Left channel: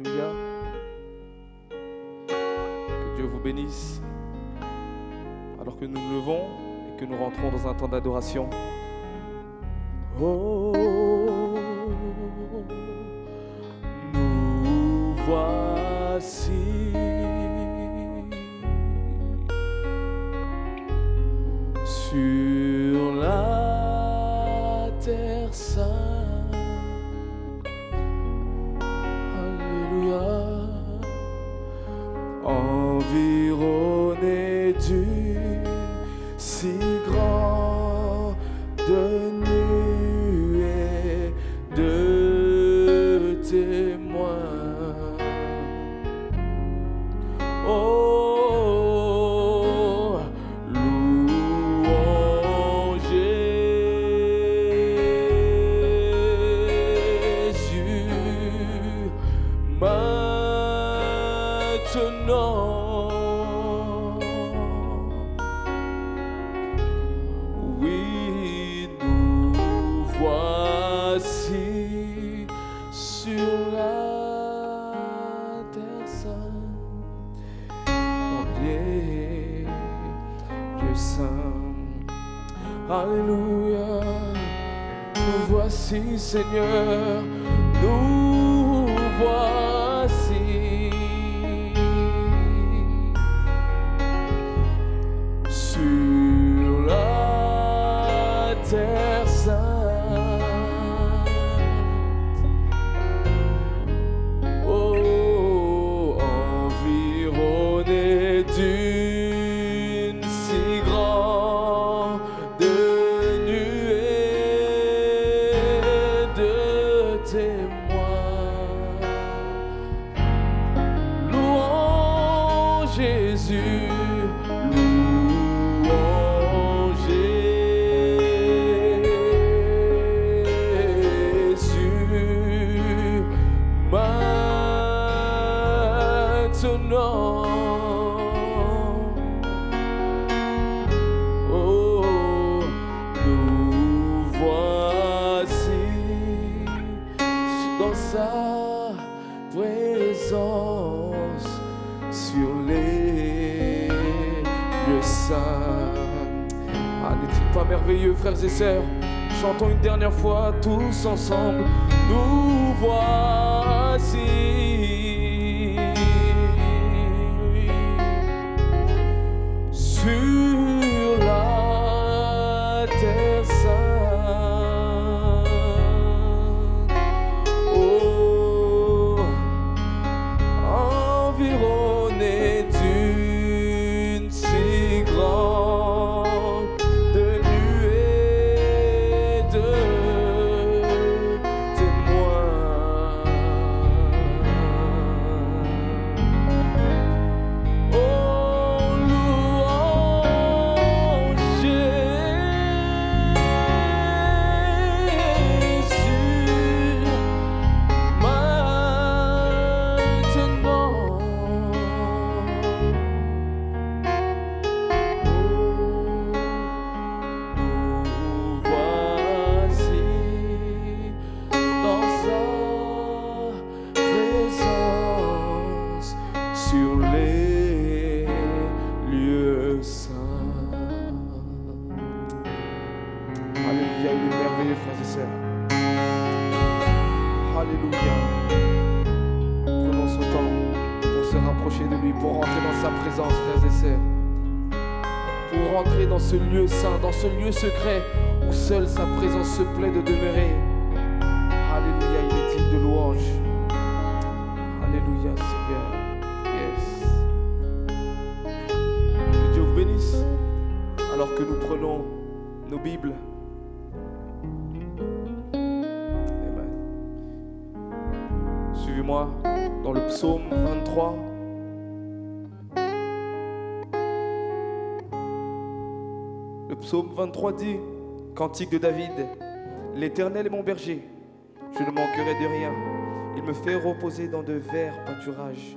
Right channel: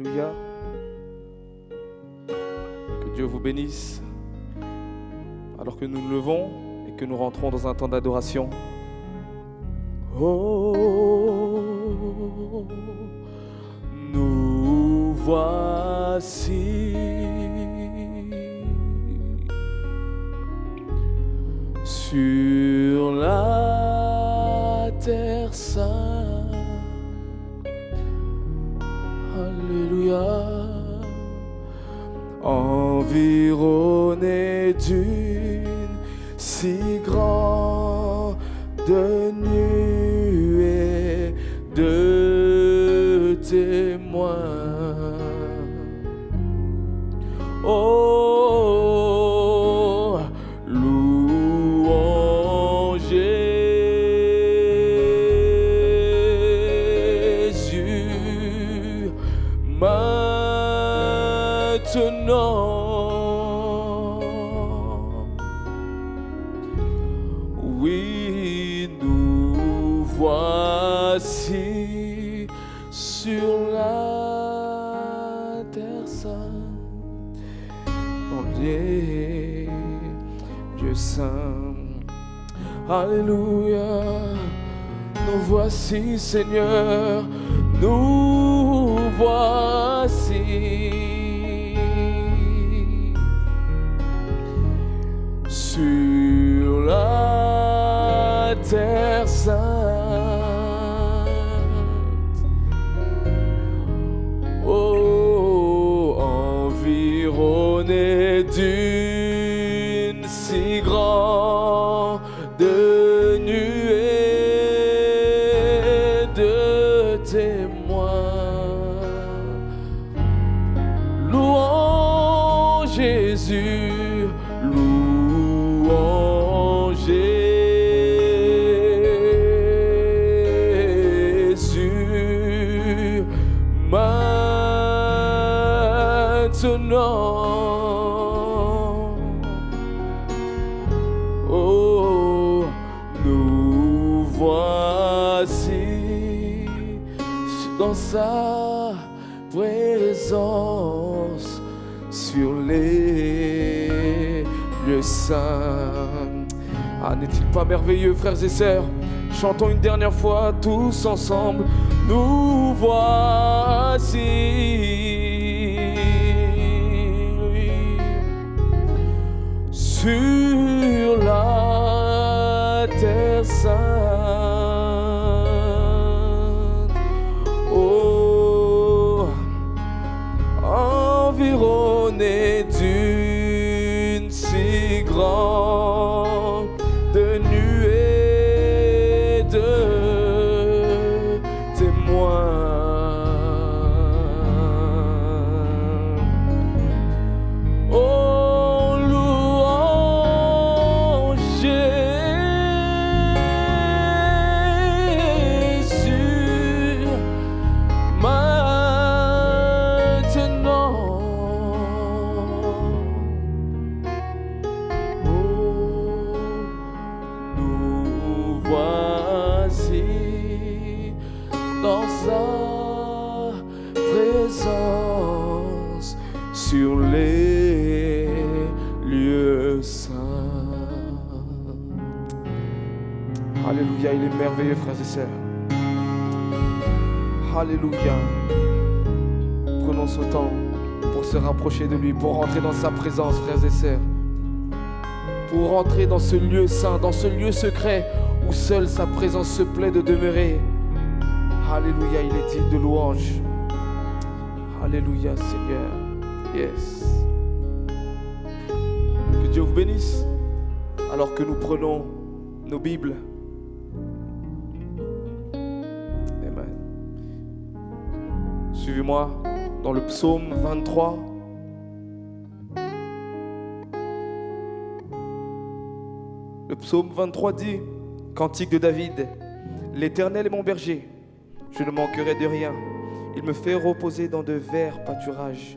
Alléluia. Que Dieu vous bénisse. Alors que nous nous levons et que nous rentrons dans un temps d'adoration. Oh, nous voici sur la terre sainte. Alléluia. Environné d'une si grande nuée de témoins. Oh, louange Jésus maintenant. Oui, nous voici sur la terre sainte, dans les lieux saints. Alléluia. Nous voici, Seigneur, nous voici sur la terre sainte. Oh, environné d'une si grande nuée de témoins. Louange Jésus, louange Jésus maintenant. Oh, nous voici dans sa présence sur les lieux saints. Ah, n'est-il pas merveilleux, frères et sœurs? Chantons une dernière fois tous ensemble. Nous voici sur la terre sainte. Oh, environné d'une si grande nuée de témoins. Oh, louange Jésus maintenant. Nous voici dans sa présence sur les lieux saints. Alléluia, il est merveilleux, frères et sœurs. Alléluia. Prenons ce temps pour se rapprocher de lui, pour rentrer dans sa présence, frères et sœurs. Pour rentrer dans ce lieu saint, dans ce lieu secret où seule sa présence se plaît de demeurer. Alléluia, il est digne de louange. Alléluia, Seigneur. Yes. Que Dieu vous bénisse alors que nous prenons nos Bibles. Amen. Suivez-moi dans le psaume 23. Le psaume 23 dit, cantique de David, l'Éternel est mon berger, je ne manquerai de rien. Il me fait reposer dans de verts pâturages,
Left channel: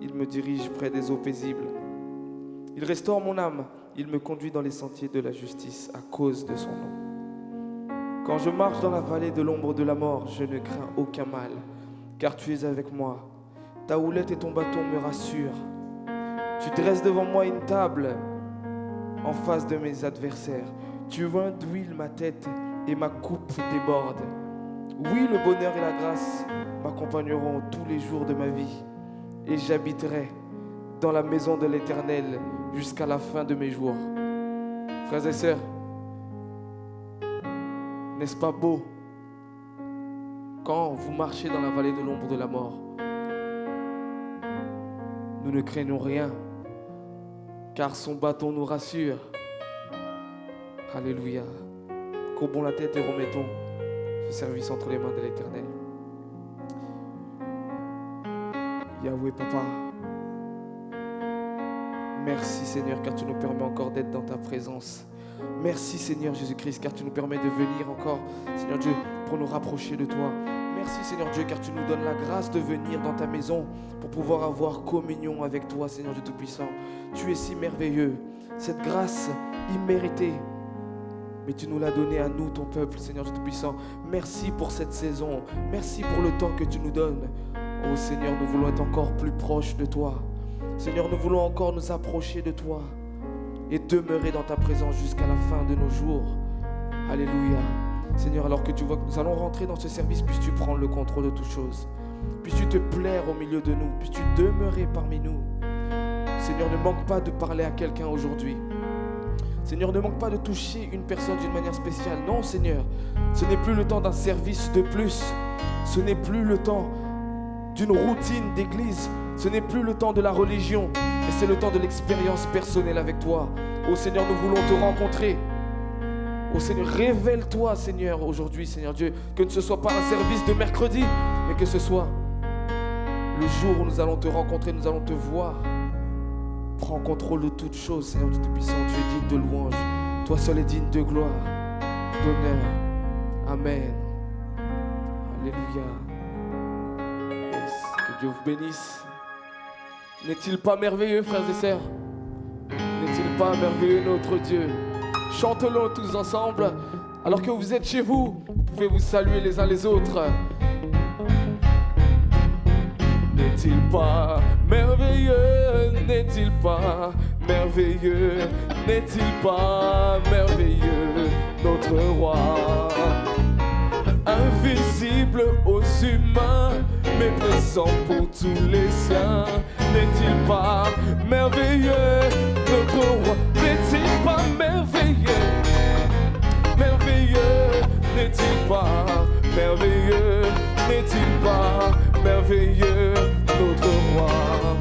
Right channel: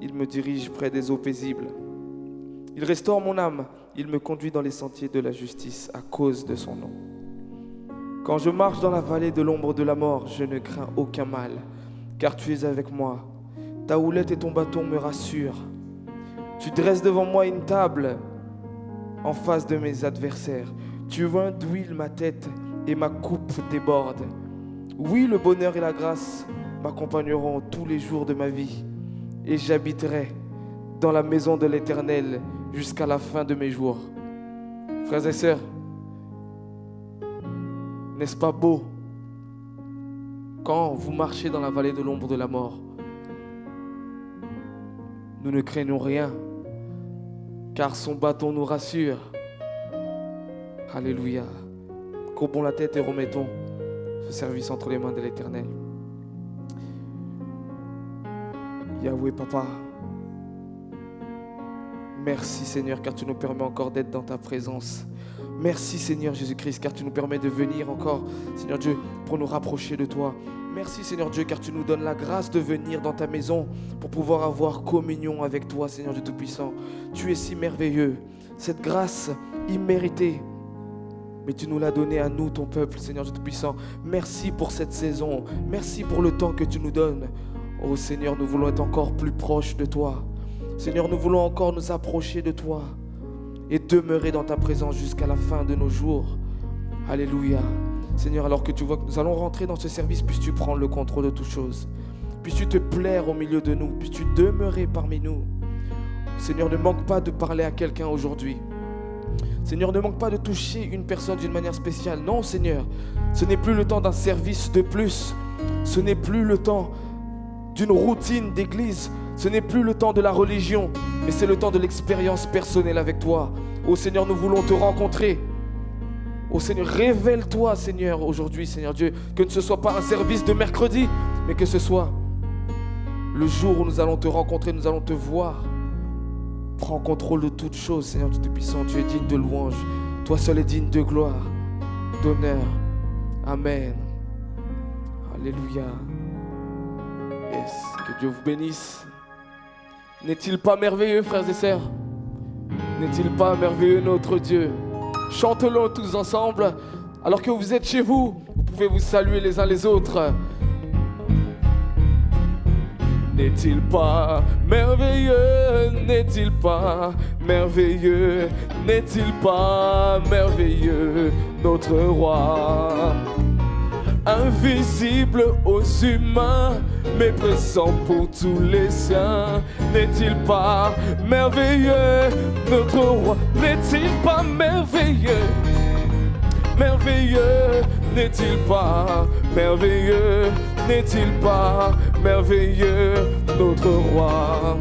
il me dirige près des eaux paisibles. Il restaure mon âme, il me conduit dans les sentiers de la justice à cause de son nom. Quand je marche dans la vallée de l'ombre de la mort, je ne crains aucun mal, car tu es avec moi. Ta houlette et ton bâton me rassurent. Tu dresses devant moi une table en face de mes adversaires. Tu oins d'huile ma tête et ma coupe déborde. Oui, le bonheur et la grâce m'accompagneront tous les jours de ma vie et j'habiterai dans la maison de l'Éternel jusqu'à la fin de mes jours. Frères et sœurs, n'est-ce pas beau quand vous marchez dans la vallée de l'ombre de la mort? Nous ne craignons rien, car son bâton nous rassure. Alléluia. Courbons la tête et remettons ce service entre les mains de l'Éternel. Yahweh, Papa, merci Seigneur, car tu nous permets encore d'être dans ta présence. Merci Seigneur Jésus-Christ, car tu nous permets de venir encore, Seigneur Dieu, pour nous rapprocher de toi. Merci Seigneur Dieu, car tu nous donnes la grâce de venir dans ta maison pour pouvoir avoir communion avec toi, Seigneur Dieu Tout-Puissant. Tu es si merveilleux, cette grâce imméritée, mais tu nous l'as donnée à nous, ton peuple, Seigneur Dieu Tout-Puissant. Merci pour cette saison, merci pour le temps que tu nous donnes. Oh Seigneur, nous voulons être encore plus proches de toi. Seigneur, nous voulons encore nous approcher de toi et demeurer dans ta présence jusqu'à la fin de nos jours. Alléluia. Seigneur, alors que tu vois que nous allons rentrer dans ce service, puisses-tu prendre le contrôle de toutes choses. Puisses-tu te plaire au milieu de nous. Puisses-tu demeurer parmi nous. Seigneur, ne manque pas de parler à quelqu'un aujourd'hui. Seigneur, ne manque pas de toucher une personne d'une manière spéciale. Non, Seigneur, ce n'est plus le temps d'un service de plus. Ce n'est plus le temps d'une routine d'église. Ce n'est plus le temps de la religion, mais c'est le temps de l'expérience personnelle avec toi. Oh Seigneur, nous voulons te rencontrer. Oh Seigneur, révèle-toi Seigneur aujourd'hui, Seigneur Dieu, que ce ne soit pas un service de mercredi, mais que ce soit le jour où nous allons te rencontrer, nous allons te voir. Prends contrôle de toutes choses, Seigneur Dieu Tout-Puissant. Tu es digne de louange. Toi seul es digne de gloire, d'honneur. Amen. Alléluia. Yes. Que Dieu vous bénisse. N'est-il pas merveilleux, frères et sœurs? N'est-il pas merveilleux notre Dieu? Chantons-le tous ensemble. Alors que vous êtes chez vous, vous pouvez vous saluer les uns les autres. N'est-il pas merveilleux? N'est-il pas merveilleux? N'est-il pas merveilleux notre roi? Invisible aux humains, mais présent pour tous les siens. N'est-il pas merveilleux notre roi? N'est-il pas merveilleux? Merveilleux, n'est-il pas merveilleux? N'est-il pas merveilleux notre roi?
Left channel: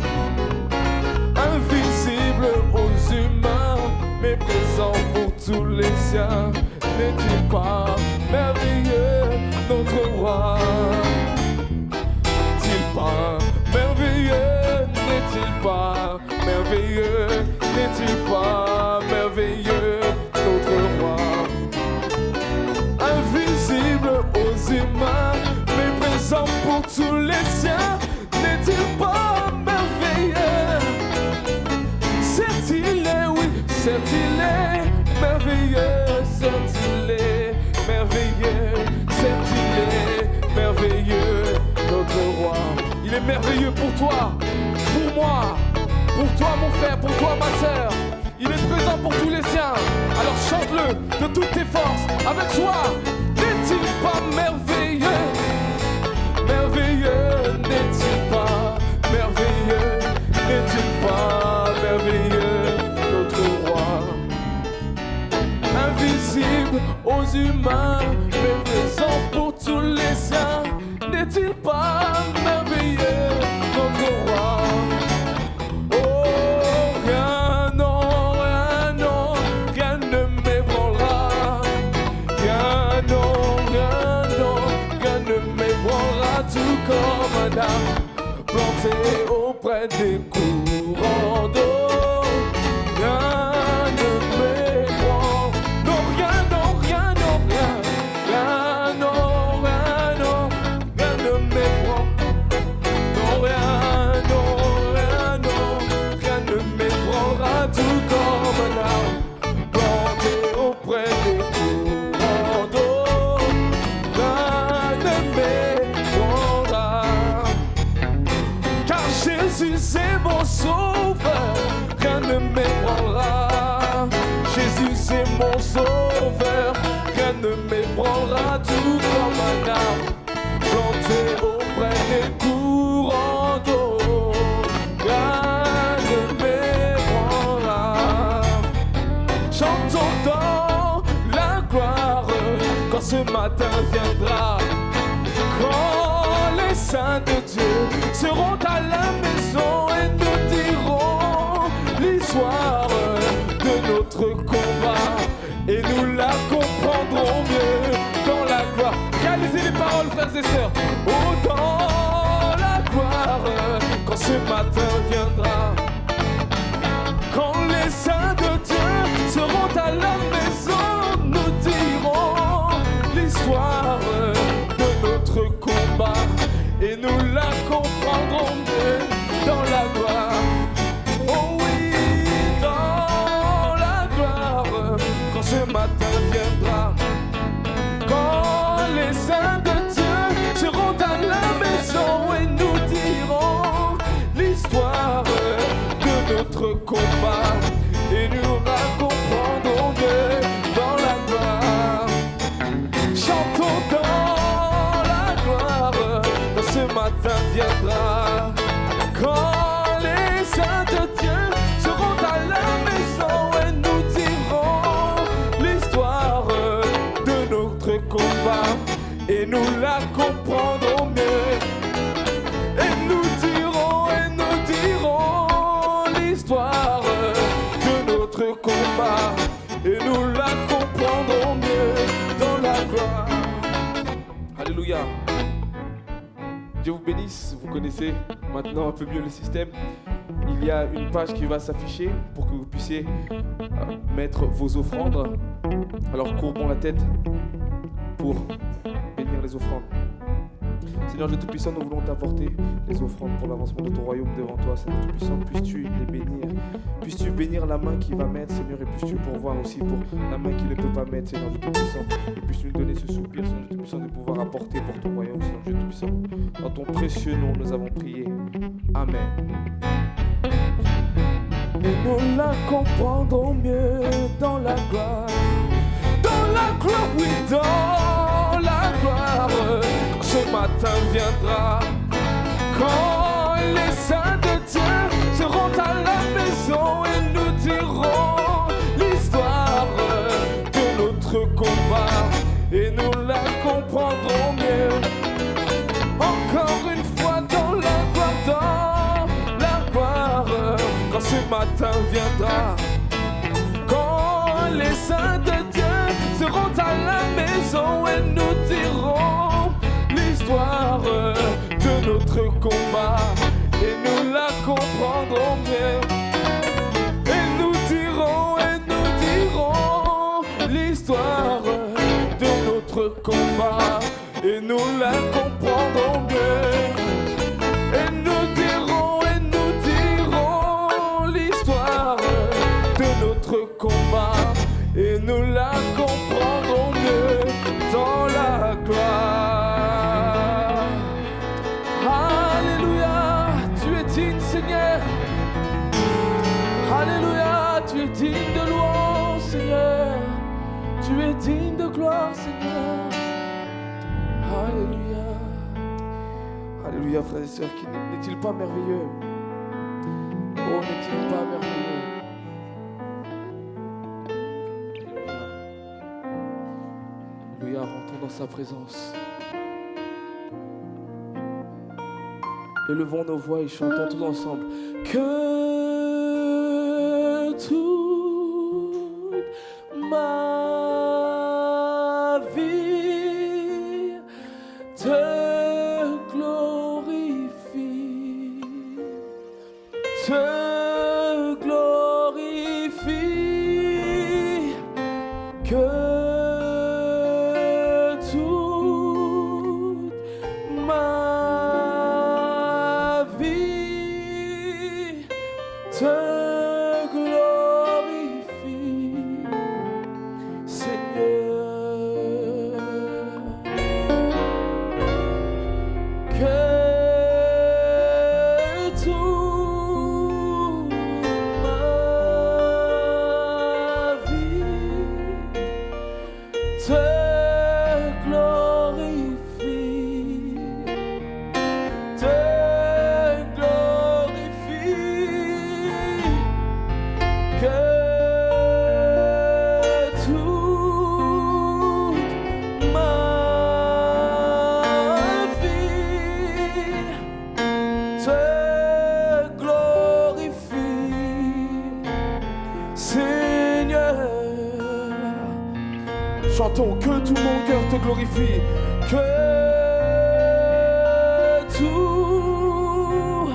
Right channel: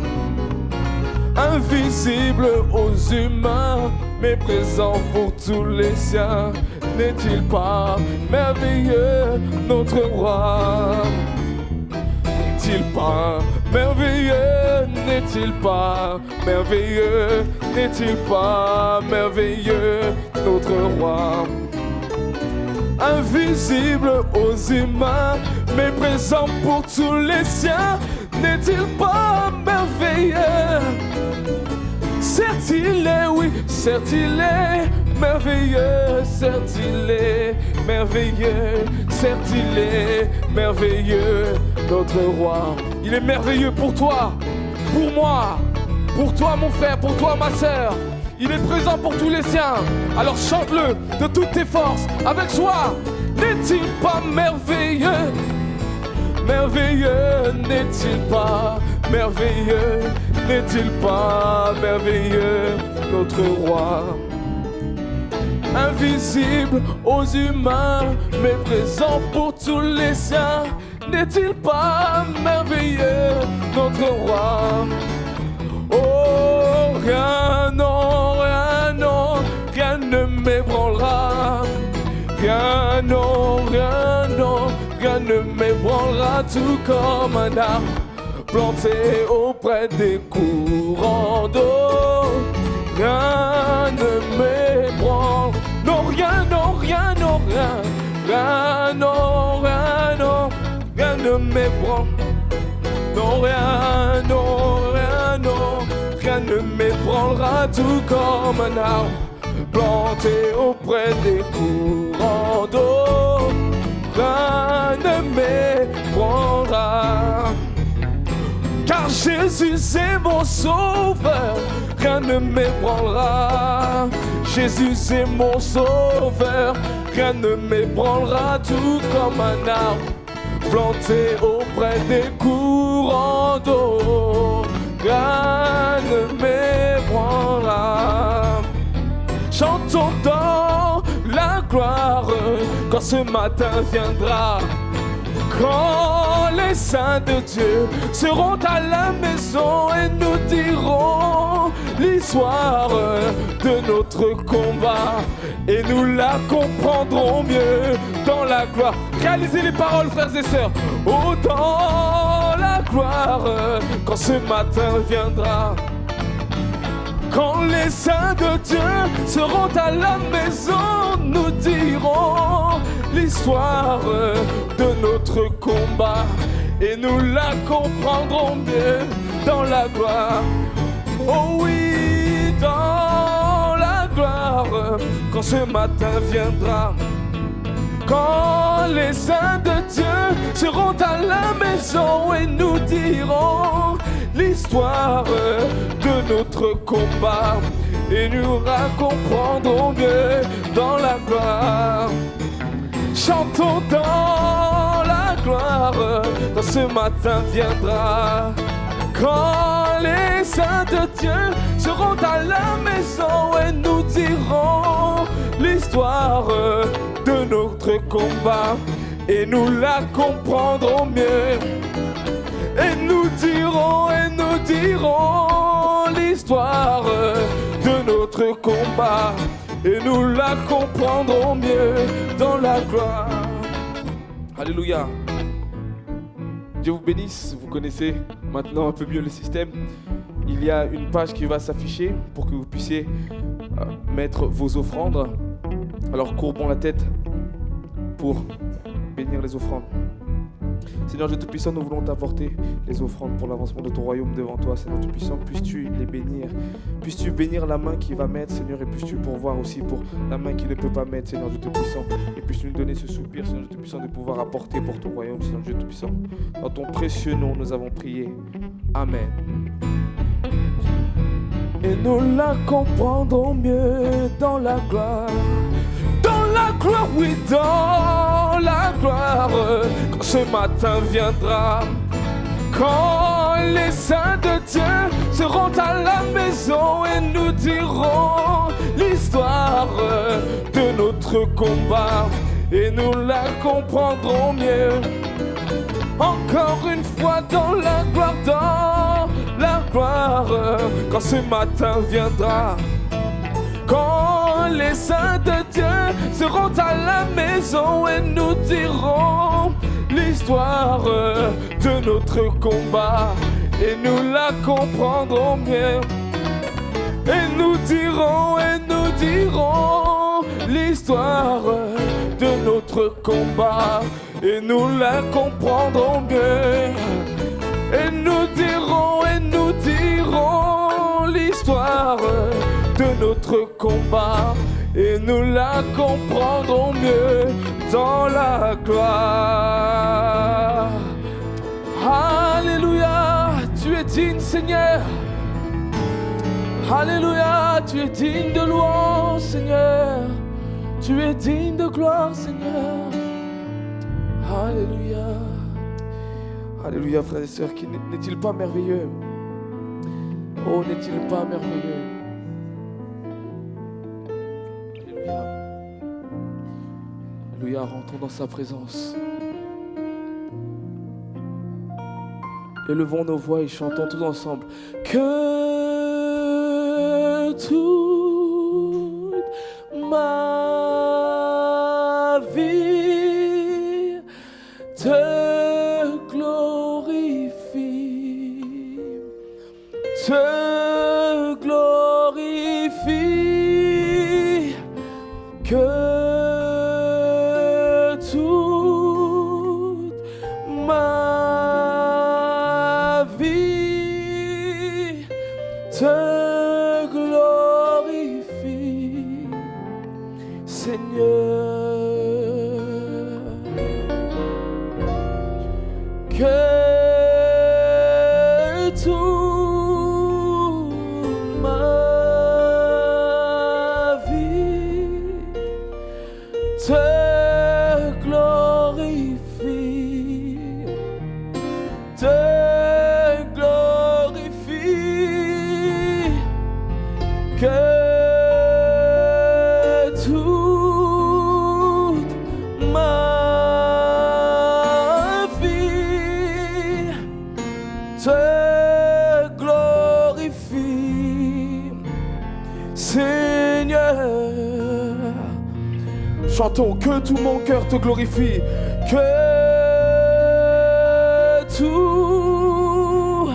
Invisible aux humains, mais présent pour tous les siens. N'est-il pas merveilleux notre roi? N'est-il pas merveilleux? N'est-il pas merveilleux? N'est-il pas merveilleux notre roi? Invisible aux humains, mais présent pour tous les siens. N'est-il pas merveilleux? Certes il est, oui, certes il est merveilleux, certes il est merveilleux, certes il est merveilleux, notre roi. Il est merveilleux pour toi, pour moi, pour toi mon frère, pour toi ma sœur. Il est présent pour tous les siens. Alors chante-le de toutes tes forces, avec joie. N'est-il pas merveilleux? Merveilleux, n'est-il pas merveilleux? N'est-il pas merveilleux, notre roi? Invisible aux humains, mais présent pour tous les siens. N'est-il pas merveilleux, notre roi? Oh, rien, non, rien, non, rien ne m'ébranlera. Rien, non, rien, non, rien ne m'ébranlera. Tout comme un arbre planté auprès des courants d'eau. Rien ne m'ébranle. Non, rien, non, rien, non, rien. Rien, non, rien, non, rien ne m'ébranle. Non, rien, non, rien, non, rien ne m'ébranlera. Tout comme un arbre planté auprès des courants d'eau. Rien ne m'ébranlera. Car Jésus c'est mon sauveur, rien ne m'ébranlera. Jésus c'est mon sauveur, rien ne m'ébranlera. Tout comme un arbre planté auprès des courants d'eau, rien ne m'ébranlera. Chantons dans la gloire quand ce matin viendra. Quand les saints de Dieu seront à la maison et nous diront l'histoire de notre combat, et nous la comprendrons mieux dans la gloire. Réalisez les paroles, frères et sœurs. Oh, dans la gloire, quand ce matin viendra. Quand les saints de Dieu seront à la maison, nous dirons l'histoire de notre combat, et nous la comprendrons mieux dans la gloire. Oh oui, dans la gloire, quand ce matin viendra. Quand les saints de Dieu seront à la maison et nous diront l'histoire de notre combat, et nous la comprendrons mieux dans la gloire. Chantons dans la gloire quand ce matin viendra. Quand les saints de Dieu seront à la maison et nous diront l'histoire de notre combat, et nous la comprendrons mieux. Et nous dirons l'histoire de notre combat, et nous la comprendrons mieux dans la gloire. Alléluia. Dieu vous bénisse. Vous connaissez maintenant un peu mieux le système. Il y a une page qui va s'afficher pour que vous puissiez mettre vos offrandes. Alors courbons la tête pour bénir les offrandes. Seigneur Dieu Tout-Puissant, nous voulons t'apporter les offrandes pour l'avancement de ton royaume devant toi, Seigneur Tout-Puissant. Puisses-tu les bénir, puisses-tu bénir la main qui va mettre, Seigneur, et puisses-tu pourvoir aussi pour la main qui ne peut pas mettre, Seigneur Dieu Tout-Puissant. Et puisses-tu nous donner ce soupir, Seigneur Dieu Tout-Puissant, de pouvoir apporter pour ton royaume, Seigneur Dieu Tout-Puissant. Dans ton précieux nom, nous avons prié. Amen. Et nous la comprendrons mieux dans la gloire. Dans la gloire, oui, dans la gloire, quand ce matin viendra. Quand les saints de Dieu seront à la maison et nous diront l'histoire de notre combat, et nous la comprendrons mieux. Encore une fois dans la gloire, quand ce matin viendra. Quand les saints de Dieu seront à la maison et nous diront l'histoire de notre combat, et nous la comprendrons mieux. Et nous dirons l'histoire de notre combat, et nous la comprendrons mieux. Et nous dirons l'histoire de notre combat, et nous la comprendrons mieux dans la gloire. Alléluia, tu es digne, Seigneur. Alléluia, tu es digne de louange, Seigneur. Tu es digne de gloire, Seigneur. Alléluia. Alléluia, frères et sœurs, n'est-il pas merveilleux? Oh, n'est-il pas merveilleux? Alléluia. Alléluia, rentrons dans sa présence. Élevons nos voix et chantons tous ensemble. Que toute ma vie te glorifie, te glorifie. Que toute ma vie te glorifie, Seigneur. Que toute Chantons, que tout mon cœur te glorifie, que tout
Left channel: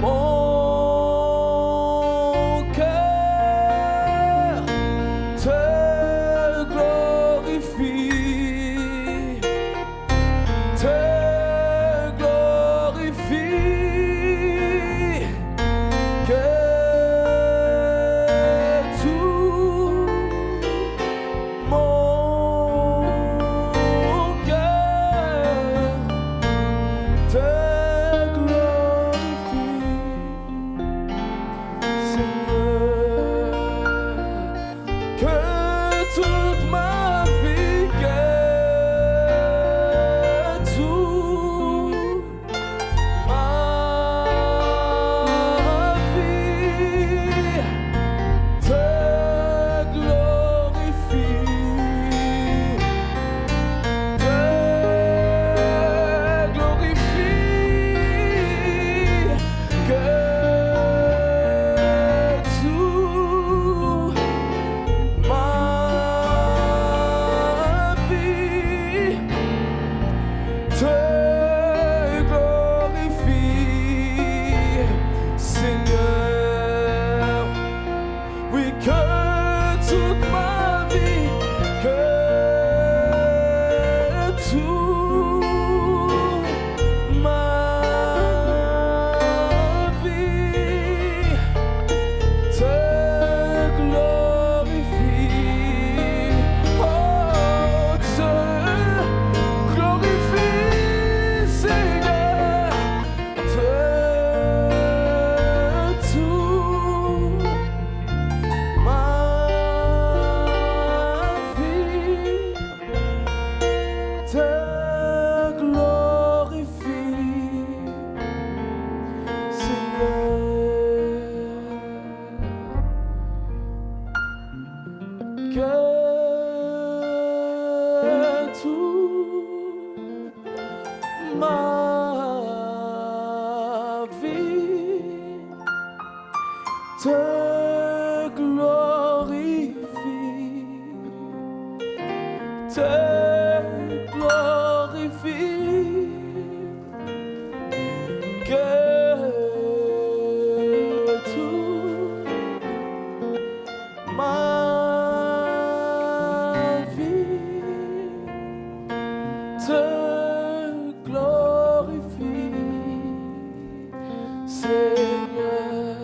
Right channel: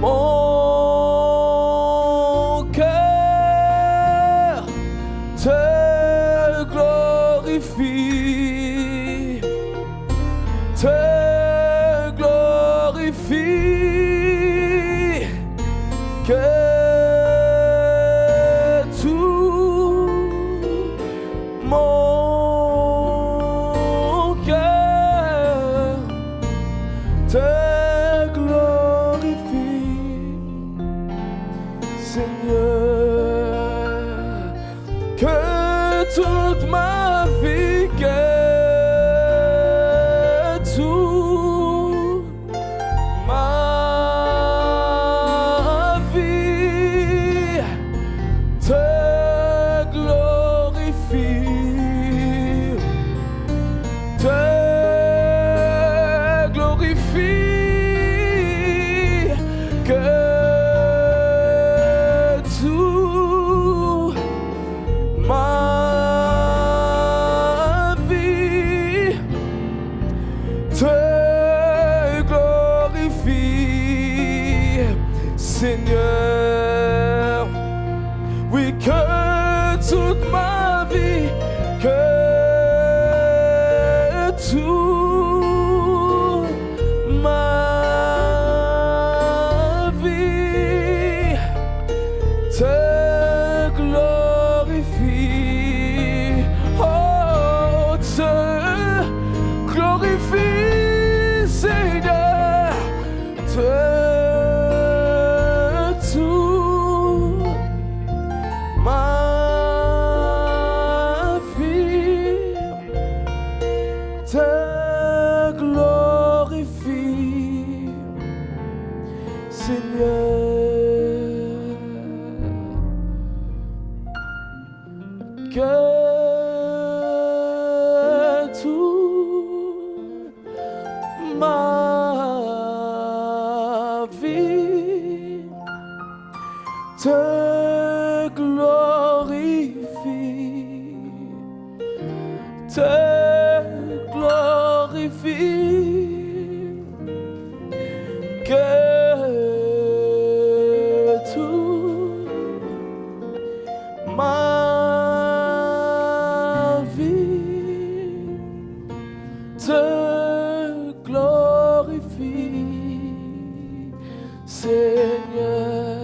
mon cœur te glorifie, te glorifie, que Seigneur, oui, que toute ma vie, que toute ma vie te glorifie, oh, te glorifie, Seigneur, te glorifie, te glorifie, que toute ma vie te glorifie, Seigneur.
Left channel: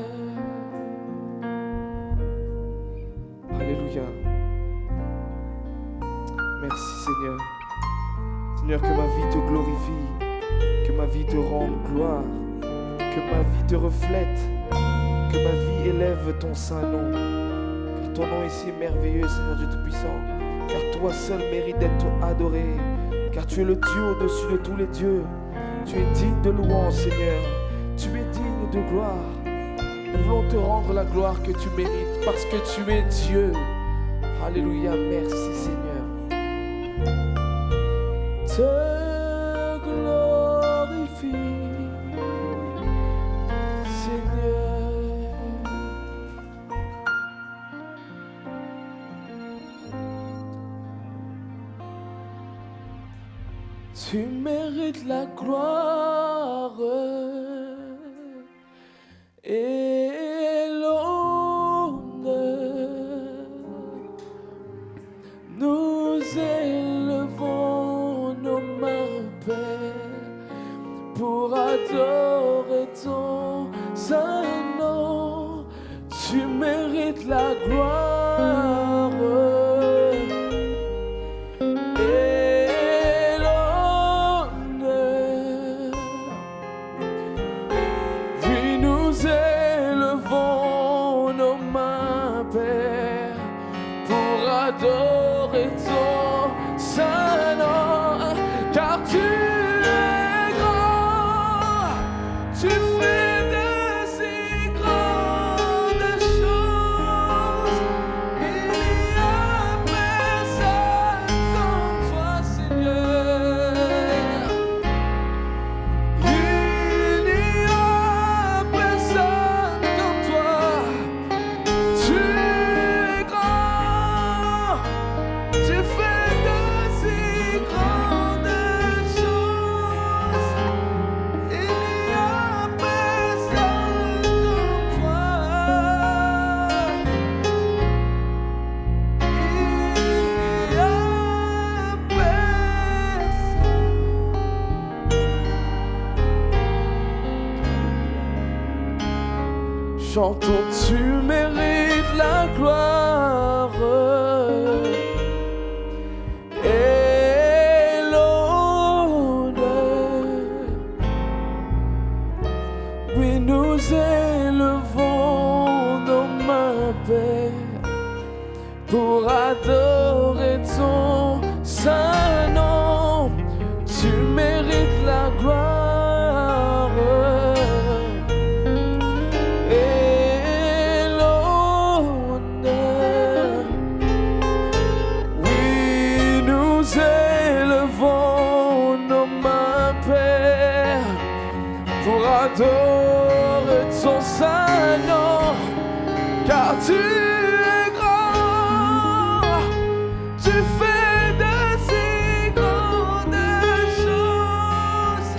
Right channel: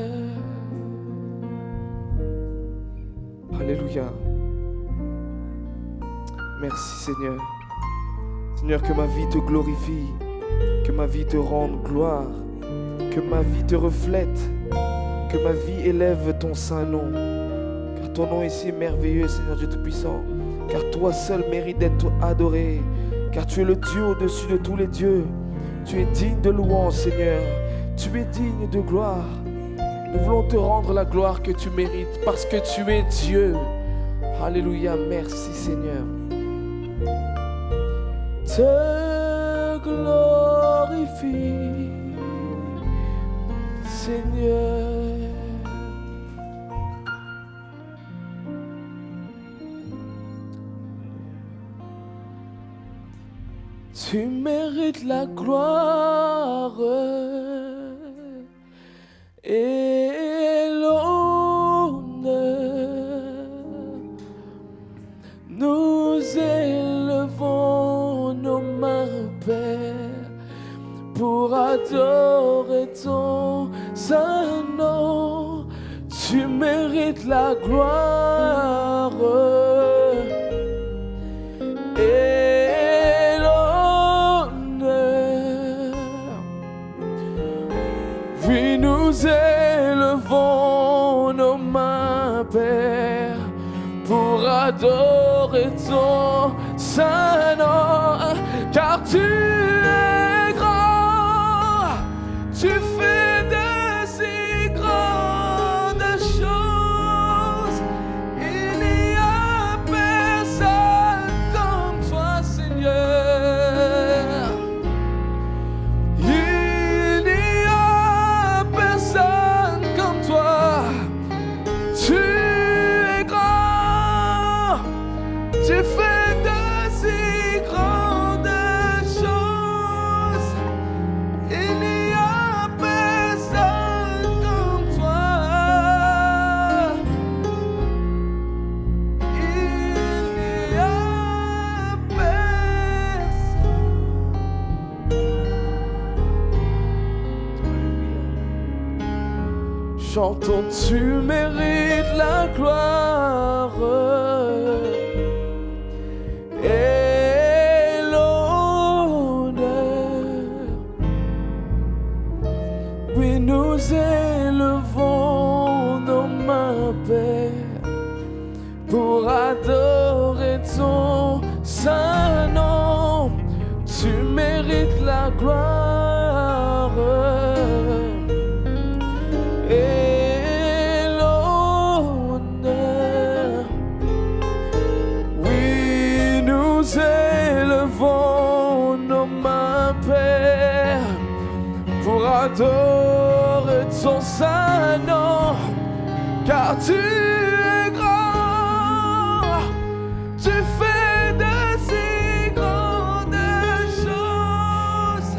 Alléluia. Merci Seigneur. Seigneur, que ma vie te glorifie, que ma vie te rende gloire, que ma vie te reflète, que ma vie élève ton saint nom. Car ton nom est si merveilleux, Seigneur Dieu Tout-Puissant. Car toi seul mérites d'être adoré. Car tu es le Dieu au-dessus de tous les dieux. Tu es digne de louange, Seigneur. Tu es digne de gloire. Nous voulons te rendre la gloire que tu mérites parce que tu es Dieu. Alléluia, merci Seigneur. Te glorifie, Seigneur. Tu mérites la gloire et l'honneur. Nous élevons nos mains, Père, pour adorer ton saint nom. Tu mérites la gloire et l'honneur. Oui, nous élevons nos mains, Père, pour adorer ton saint nom, car tu es grand, tu fais de si grandes choses. chantons, tu mérites la gloire et l'honneur. Oui, nous élevons nos mains, Père, pour adorer ton saint nom. Tu mérites la gloire et l'honneur. Oui, nous élevons nos mains, Père, pour adorer ton saint nom, car tu es grand, tu fais de si grandes choses.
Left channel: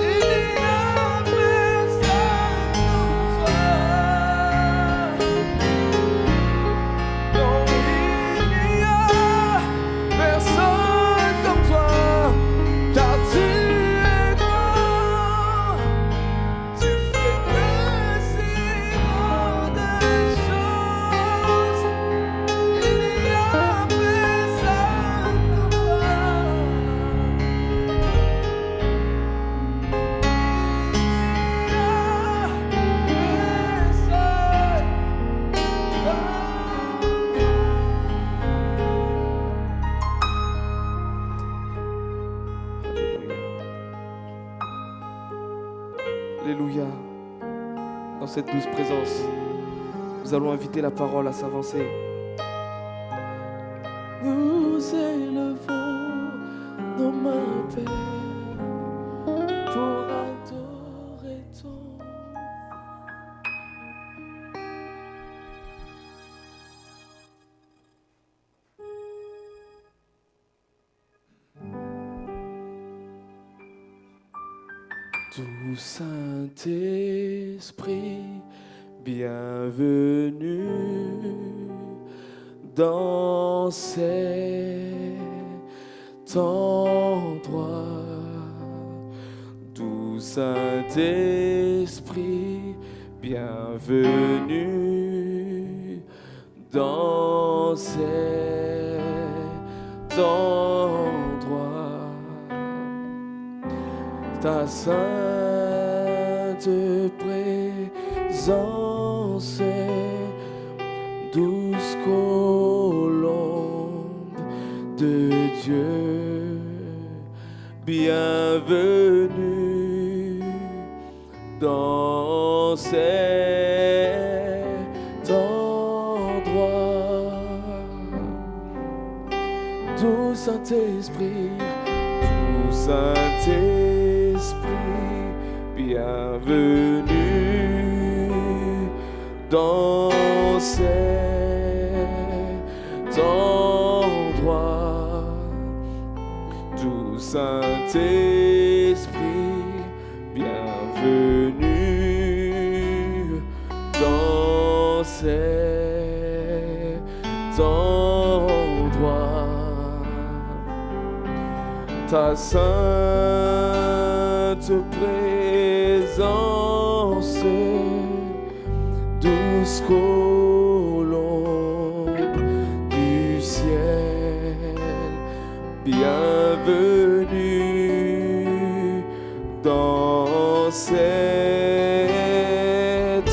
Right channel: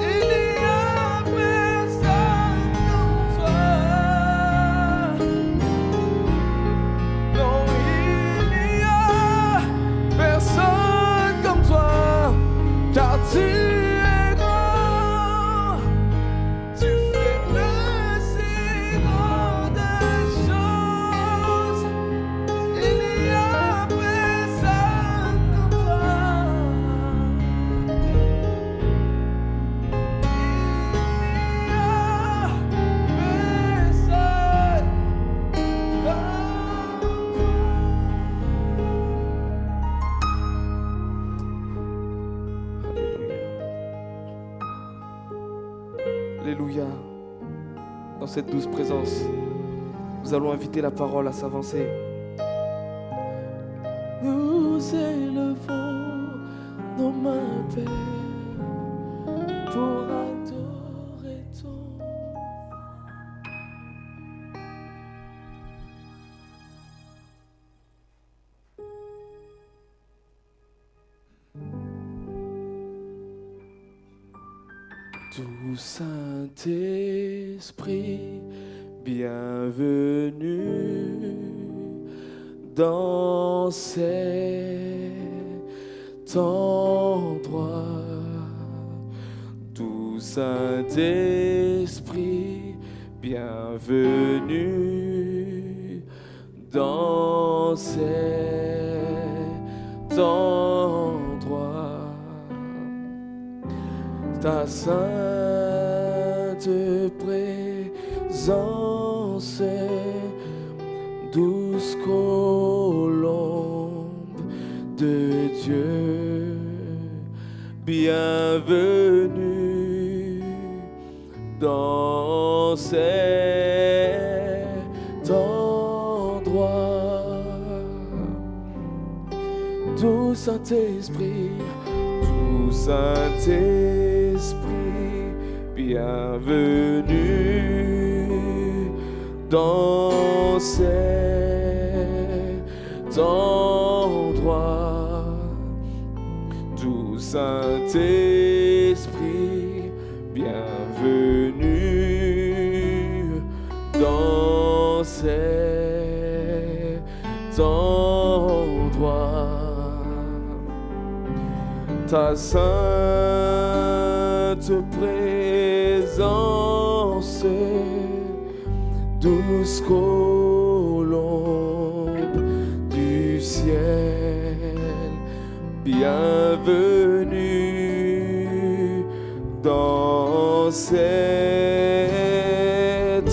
Il n'y a personne comme toi. Non, il n'y a personne comme toi, car tu es grand, tu fais de si grandes choses. Il n'y a personne comme toi. Alléluia. Dans cette douce présence, nous allons inviter la parole à s'avancer. Nous élevons nos mains, Père, pour adorer ton. Doux Saint-Esprit, bienvenue dans cet endroit. Doux Saint-Esprit, bienvenue dans cet endroit. Ta sainte présence, douce colombe de Dieu, bienvenue dans cet endroit. Doux Saint-Esprit, doux Saint-Esprit, bienvenue dans cet endroit. Doux Saint-Esprit, bienvenue dans cet endroit. Ta sainte présence, douce colombe du ciel, bienvenue dans cet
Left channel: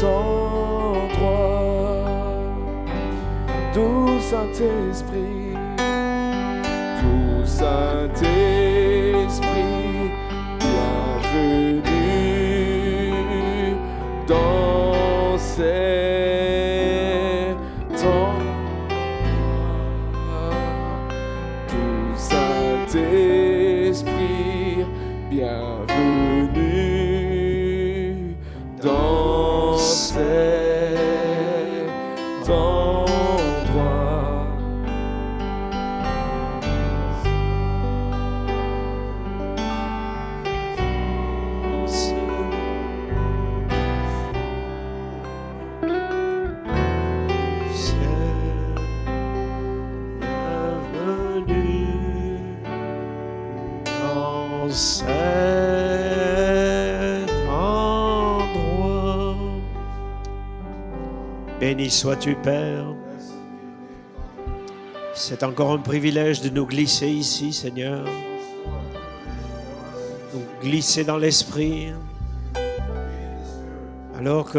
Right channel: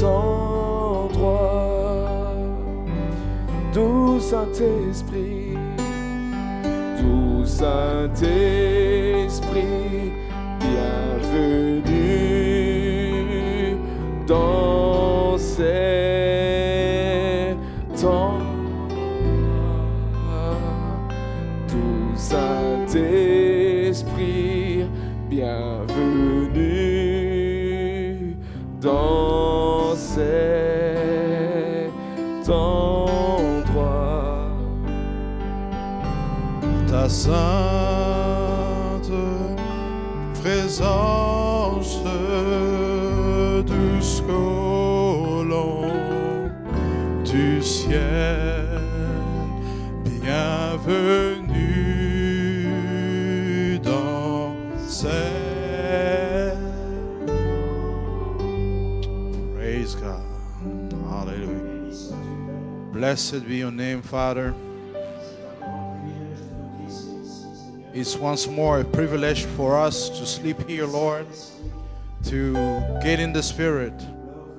endroit. Doux Saint-Esprit, doux Saint-Esprit, bienvenue dans cet endroit. Doux Saint-Esprit, bienvenue dans cet endroit. Ta sainte présence, douce colombe Béni sois-tu, Père. Blessed be your name, Father. C'est encore un privilège de nous glisser ici, Seigneur. It's once more a privilege for us to sleep here, Glisser dans Lord, l'esprit. to get in the Spirit. Alors que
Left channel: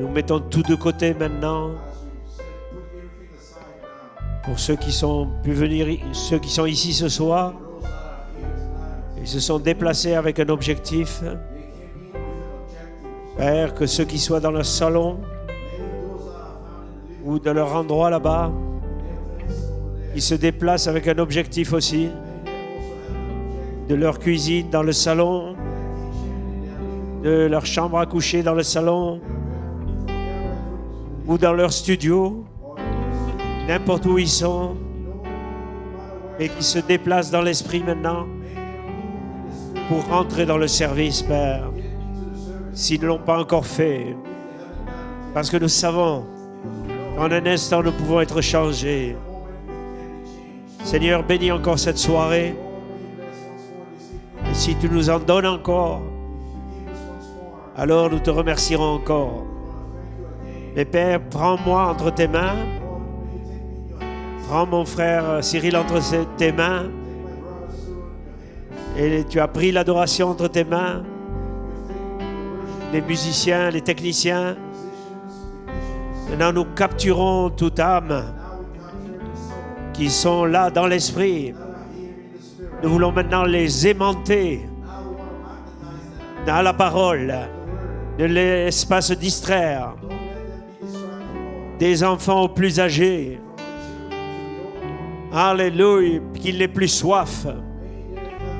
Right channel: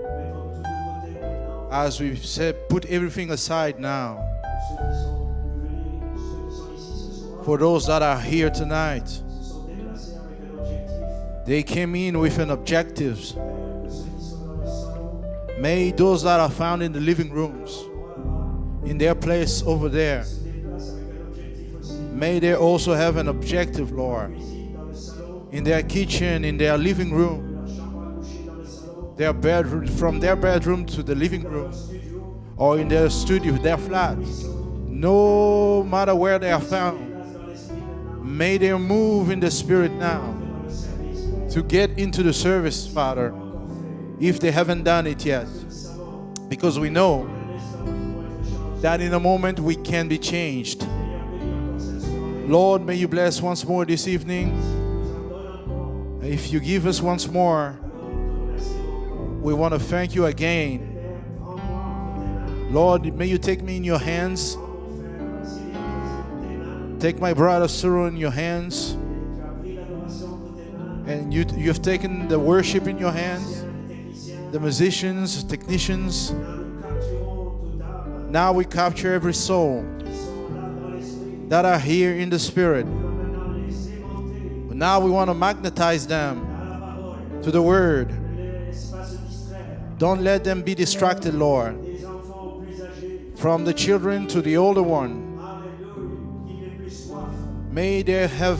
nous mettons tout de côté maintenant. As we said, put everything aside now. Pour ceux qui sont pu venir, ceux qui sont ici ce soir, For those that are here tonight, ils se sont déplacés avec un objectif. they came in with an objective. Père, que ceux qui soient dans le salon May those that are found in the living ou de leur room, endroit là-bas, in their place over there, ils se déplacent avec un objectif aussi. may they also have an objective, De leur Lord. cuisine dans le salon, In their kitchen, in their living de room, leur chambre à coucher dans le salon, their bedroom, from their bedroom to the ou living dans room, leur studio, or in their studio, their n'importe flat, où ils sont, no matter where they et are ils se found, déplacent dans l'esprit maintenant may they move in the Spirit pour now rentrer dans le service, Père, to get into the service, s'ils ne l'ont pas Father, encore fait. if they haven't done it yet, Parce que nous savons, because we know en un instant, nous pouvons être that changés. in a moment we can be changed. Seigneur, bénis encore cette soirée. Lord, may you bless once more this evening. Si tu nous en donnes encore, If you give us once more, alors nous te remercierons encore. we want to thank you Mais again. Père, prends-moi entre tes mains. Lord, may you take me in your hands. Prends mon frère Cyril entre tes mains. Take my brother Cyril in your hands. Et tu as pris l'adoration entre tes mains. And you have taken the worship in Les your hands. musiciens, les techniciens. The musicians, technicians. Maintenant, nous capturons toute âme Now we capture every soul qui sont là dans l'esprit. that are here in the Spirit. Nous voulons maintenant les aimanter Now we want to magnetize them dans la parole. to the Word. Ne les laisse pas se distraire. Don't let them be distracted, Lord. Des enfants aux plus âgés. From the children to the older one, Alléluia. Qu'il n'ait plus soif. may they have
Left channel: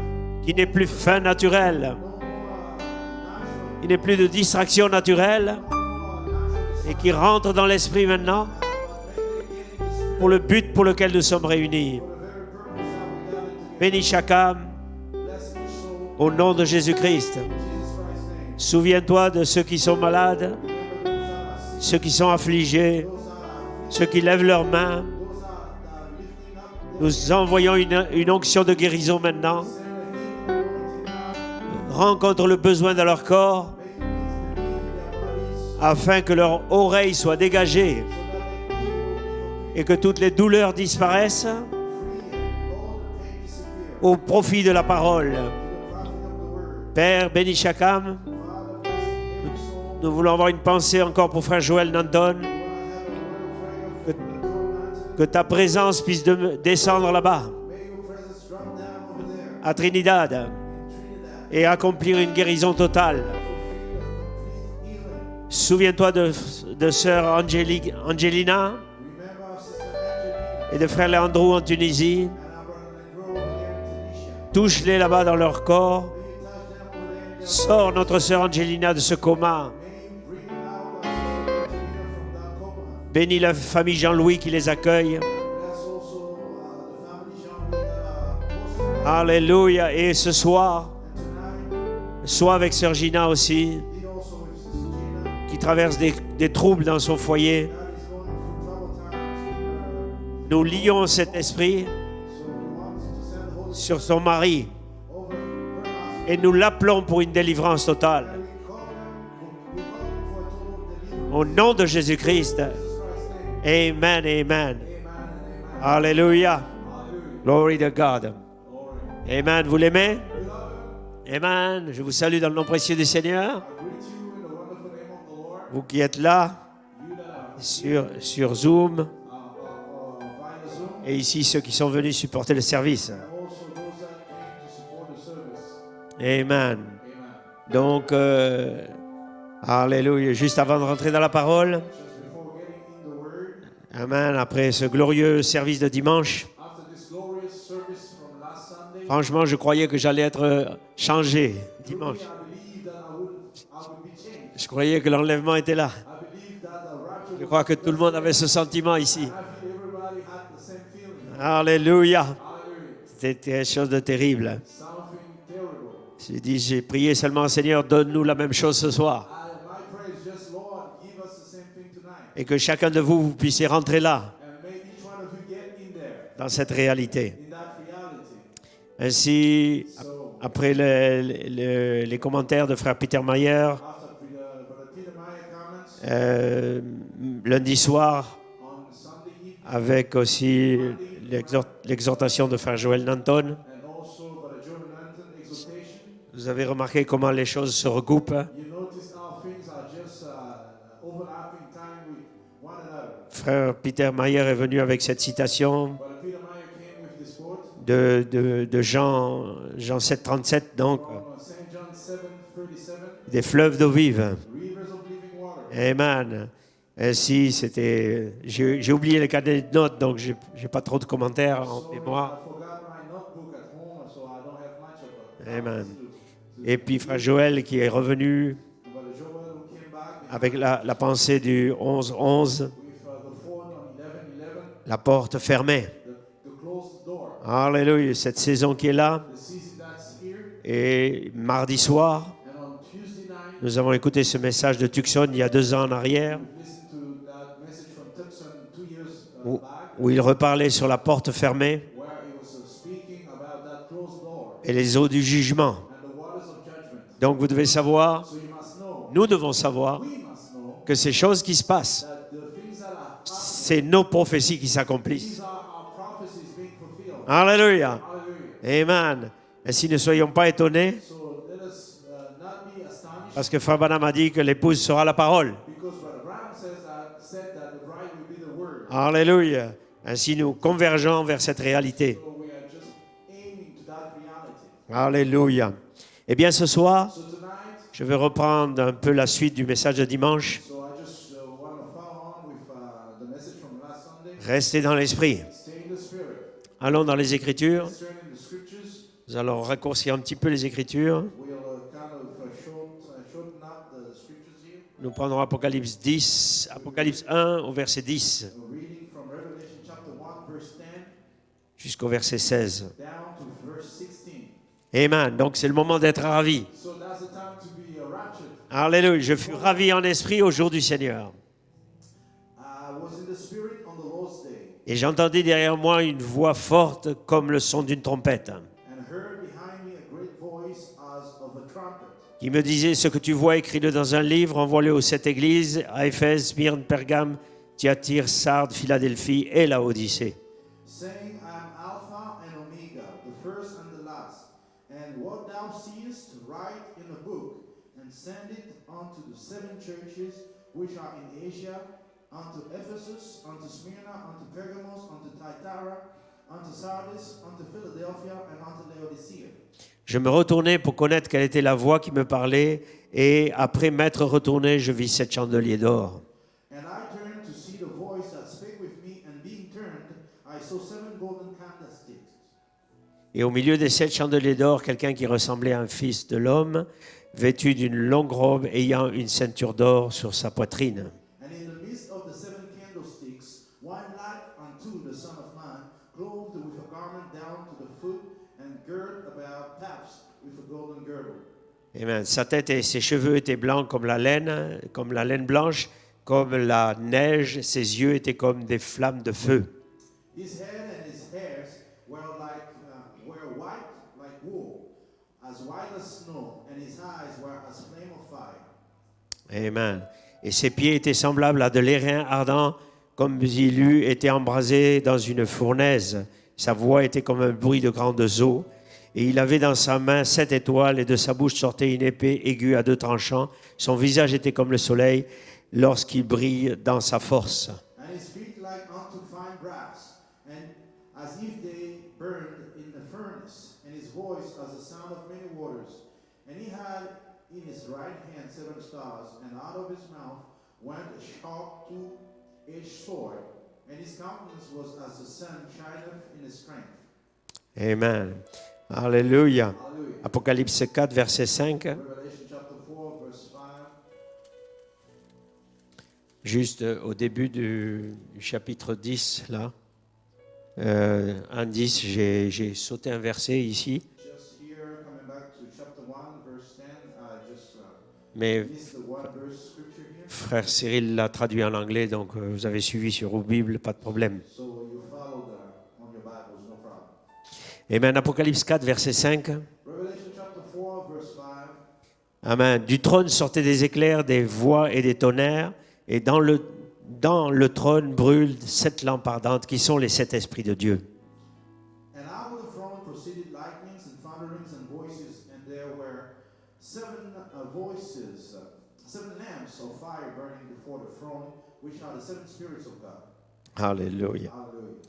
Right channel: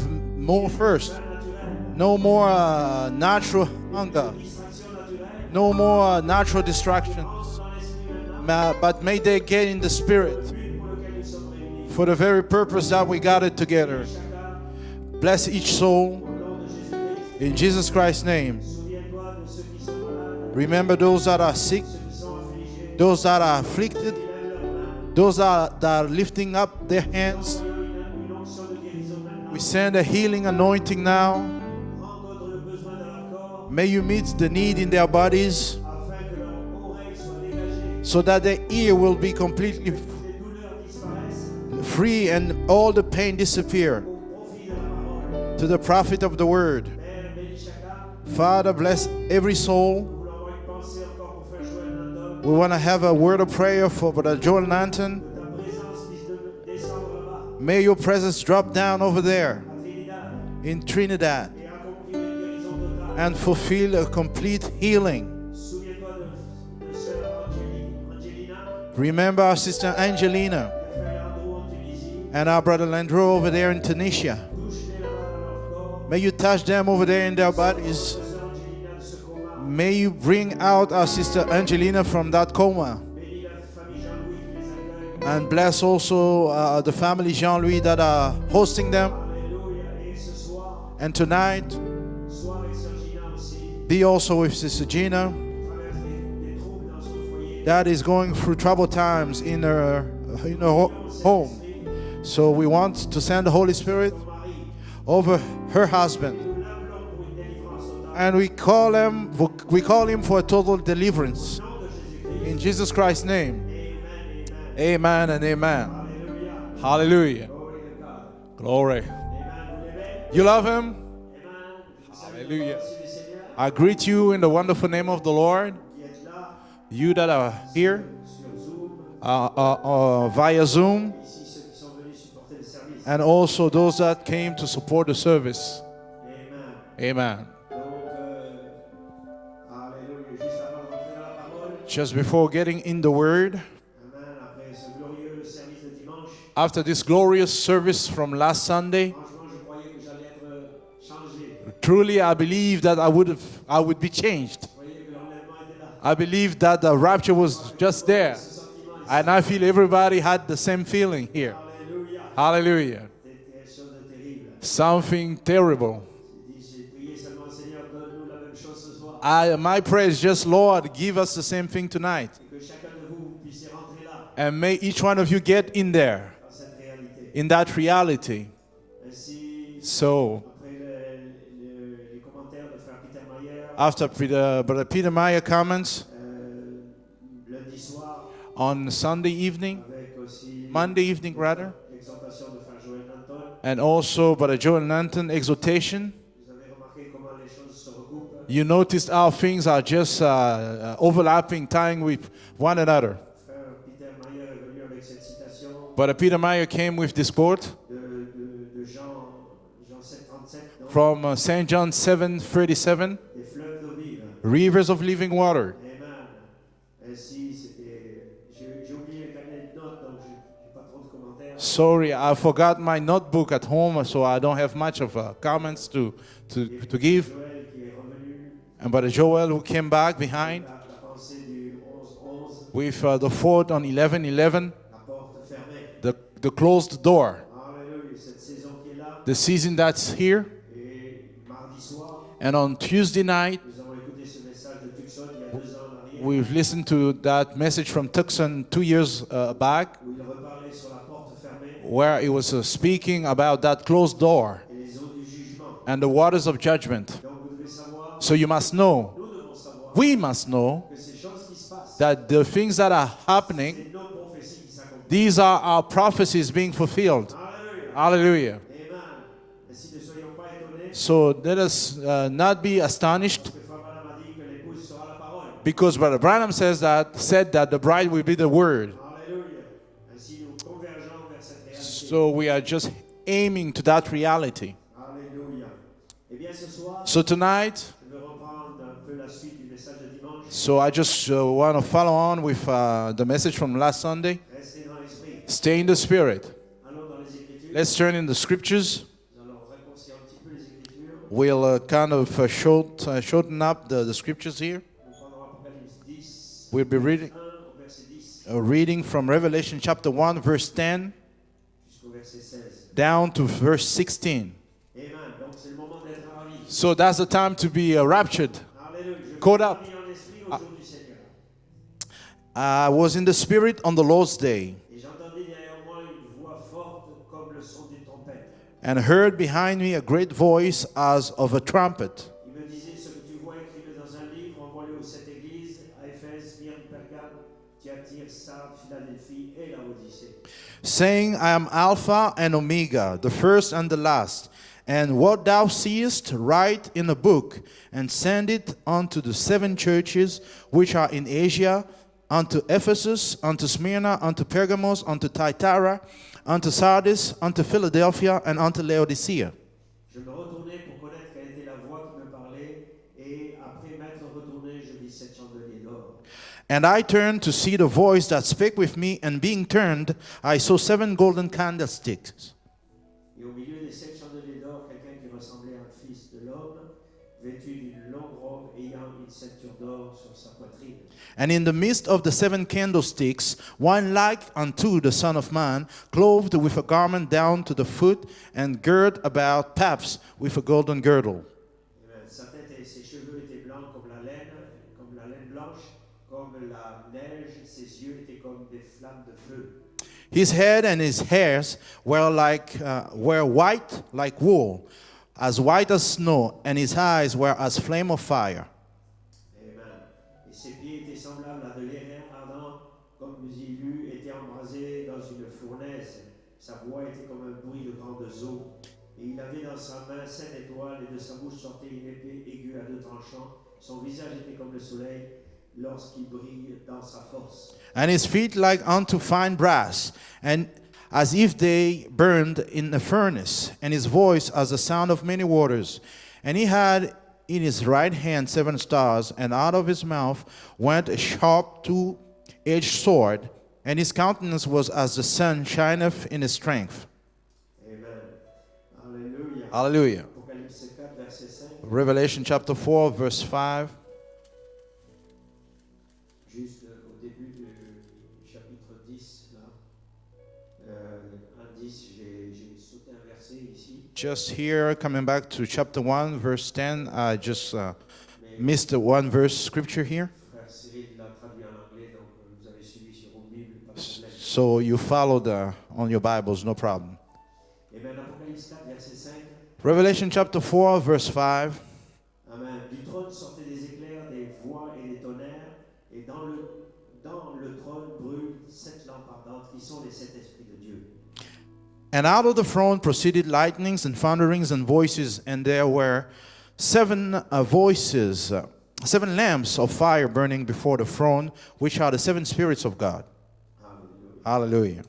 Qu'il n'ait more plus thirst. faim naturel. No more natural Il n'ait plus de hunger. distraction naturelle. No more natural Qui distraction. rentre dans l'esprit maintenant. But may they get in the Pour le Spirit but pour lequel nous sommes réunis. for the very purpose that we got it together. Bénis chaque âme Bless each soul au nom de Jésus-Christ. in Jesus Christ's name. Souviens-toi de ceux qui sont malades, Remember those that are sick, ceux qui sont affligés, those that are ceux afflicted, qui lèvent leurs mains. those that are lifting up their Nous hands. envoyons une onction de guérison maintenant. We send a healing anointing now. Rencontre le besoin de leur corps May you meet the need in their bodies afin que leur oreille soit dégagée so that their ear will be et que completely toutes les douleurs disparaissent free and all the pain disappear. au profit de la parole. To the prophet of the word. Père, bénis chaque âme. Father, bless every soul. Nous voulons avoir une pensée encore pour frère Joël Nanton. We want to have a word of prayer for Brother Joel Nanton. Que ta présence puisse descendre là-bas, May your presence drop down over there à Trinidad, in Trinidad et accomplir une guérison totale. and fulfill a complete healing. Souviens-toi de sœur Angelina Remember our sister Angelina et de frère Leandro en Tunisie. and our brother Landro over there in Tunisia. Touche-les là-bas dans leur corps. May you touch them over there in their Sors bodies. notre sœur Angelina de ce coma. May you bring out our sister Angelina from that coma. Bénis la famille Jean-Louis qui les accueille. And bless also the family Jean-Louis that are hosting them. Alléluia. Et ce soir, And tonight, sois avec sœur Gina aussi, be also with Sister Gina qui traverse des troubles dans son foyer. that is going through troubled times in her, Nous lions cet home. esprit So we want to send the Holy sur Spirit son mari over her et husband. nous l'appelons pour une délivrance totale. And we call him for a total Au deliverance. nom de Jésus-Christ. In Jesus Christ's name. Amen, amen. Amen and amen. Alléluia. Hallelujah. Glory to God. Glory. Amen. Vous l'aimez? You love him? Amen. Je vous salue dans le nom précieux du Seigneur. I greet you in the wonderful name of the Lord. Vous qui êtes là You that are here sur Zoom via Zoom, et ici ceux qui sont venus supporter le service. and also those that came to support the service. Amen. Amen. Donc, alléluia. Juste avant de rentrer dans la parole, Just before getting in the word, amen, après ce glorieux service de dimanche, after this glorious service from last Sunday, franchement, je croyais que j'allais être changé. truly I believe that I would be changed. Je croyais que l'enlèvement était là. I believe that the rapture Je was crois que tout le just monde there. avait ce sentiment ici. And I feel everybody had the same feeling here. Alléluia. Hallelujah. C'était quelque chose de terrible. Something terrible. J'ai prié seulement, Seigneur, donne-nous la même chose ce soir. My prayer is just, Lord, give us the same thing tonight. Et que chacun de vous puissiez rentrer là, And may each one of you get in there, dans cette réalité. in that reality. Ainsi, So, après les commentaires de frère Peter Mayer, after Brother Peter Meyer comments lundi soir, on Sunday evening, avec aussi Monday evening, rather, l'exhortation de frère Joël Nanton, and also Brother Joel Nanton exhortation, vous avez remarqué comment les choses se recoupent. you noticed how things are just overlapping, tying with one another. Frère Peter Mayer est venu avec cette citation Brother Peter Meyer came with this quote de Jean 7,37, donc from St. John 7:37, des fleuves d'eau vive. rivers of living water. Amen. Ainsi, j'ai oublié les carnets de notes, donc j'ai pas trop de commentaires. Sorry, I forgot my notebook at home, so I don't have much of comments Amen. to Et puis to frère give. Joël qui est revenu And Brother Joel who came back avec behind la pensée du 11-11, with the thought on 11:11, la porte fermée. the closed door. Alléluia, cette saison qui est là. The season that's here. Et mardi soir, And on Tuesday night, nous avons écouté ce message de Tucson il y a 2 ans en arrière, we've listened to that message from Tucson 2 years back, où il reparlait sur la porte fermée where it was speaking about that closed door et les eaux du jugement. and the waters of judgment. Donc vous devez savoir, So you must know, nous devons savoir we must know que ces choses qui se passent, that the things that are happening, c'est nos prophéties qui s'accomplissent. these are our prophecies being fulfilled. Alléluia. Hallelujah. Amen. Ainsi ne soyons pas étonnés, So let us not be astonished, parce que Frère Branham a dit que l'épouse sera la parole. because Brother Branham said that the bride will be the word. Alléluia. Ainsi nous convergeons vers cette réalité. So we are just aiming to that reality. Alléluia. Eh bien ce soir, So tonight, je vais reprendre un peu la suite du message de dimanche. so I just want to follow on with the message from last Sunday. Restez dans l'esprit. Stay in the spirit. Allons dans les Écritures. Let's turn in the scriptures. Nous allons raccourcir un petit peu les Écritures. We'll kind of shorten up the scriptures here. Nous prendrons Apocalypse 10, We'll be Apocalypse reading- 1 au verset 10 Reading from Revelation chapter 1, verse 10, jusqu'au verset 16. down to verse 16. Amen. Donc c'est le moment d'être ravi. So that's the time to be raptured. Alléluia. Je fus Koda. ravi en esprit au jour du Seigneur. I was in the spirit on the Lord's day, Et j'entendis derrière moi une voix forte comme le son d'une trompette, and heard behind me a great voice as of a trumpet, qui me disait: ce que tu vois, écris-le dans un livre, envoie-le aux 7 églises, à Éphèse, Smyrne, Pergame, Thyatire, Sardes, Philadelphie et Laodicée. saying, I am Alpha and Omega, the first and the last. And what thou seest, write in a book, and send it unto the 7 churches which are in Asia, unto Ephesus, unto Smyrna, unto Pergamos, unto Thyatira, unto Sardis, unto Philadelphia, and unto Laodicea. Je me retournai pour connaître quelle était la voix qui me parlait, et après m'être retourné, je vis 7 chandeliers d'or. And I turned to see the voice that spake with me, and being turned, I saw 7 golden candlesticks. Et au milieu des 7 chandeliers d'or, quelqu'un qui ressemblait à un fils de l'homme, vêtu d'une longue robe, ayant une ceinture d'or sur sa poitrine. And in the midst of the 7 candlesticks, one like unto the Son of Man, clothed with a garment down to the foot, and girt about paps with a golden girdle. Amen. Sa tête et ses cheveux étaient blancs comme la laine blanche, comme la neige. Ses yeux étaient comme des flammes de feu. His head and his hairs were white like wool, as white as snow, and his eyes were as flame of fire. Amen. Et ses pieds étaient semblables à de l'airain ardent, comme s'il eût été embrasé dans une fournaise. Sa voix était comme un bruit de grandes eaux. Et il avait dans sa main 7 étoiles, et de sa bouche sortait une épée aiguë à 2 tranchants. Son visage était comme le soleil lorsqu'il brille dans sa force. And his feet like unto fine brass, and as if they burned in a furnace, and his voice as the sound of many waters. And he had in his right hand 7 stars, and out of his mouth went a sharp 2-edged sword, and his countenance was as the sun shineth in his strength. Amen. Alléluia. Hallelujah. Apocalypse 4, verset 5. Revelation chapter 4, verse 5. Juste au début du chapitre 10, là. En 10, j'ai sauté un verset ici. Just here, coming back to chapter 1, verse 10, I just Mais missed the one verse scripture here. frère Cyril l'a traduit en anglais, donc vous avez suivi sur vos Bibles, pas de problème. So you followed on your Bibles, no problem. Amen. Apocalypse 4, verset 5. Revelation chapter 4, verse 5. Amen. Du trône sortaient des éclairs, des voix et des tonnerres, et dans le trône brûlent 7 lampes ardentes qui sont les 7 esprits de Dieu. And out of the throne proceeded lightnings and thunderings and voices, and there were 7 voices, 7 lamps of fire burning before the throne, which are the 7 spirits of God. Alléluia. Hallelujah.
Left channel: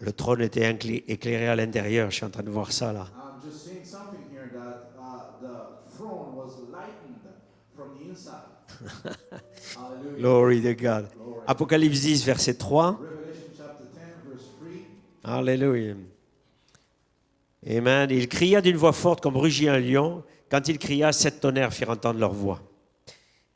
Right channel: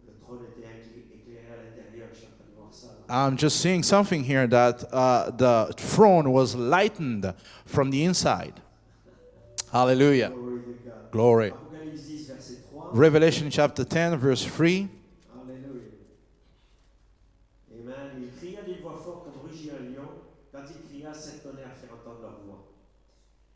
Le trône était éclairé à l'intérieur. Je suis en train de voir ça là. I'm just seeing something here that the throne was lightened from the inside. Hallelujah. Glory to God. Glory. Apocalypse 10, verset 3. Revelation chapter 10, verse 3. Alléluia. Amen. Il cria d'une voix forte comme rugit un lion. Quand il cria, 7 tonnerres firent entendre leur voix.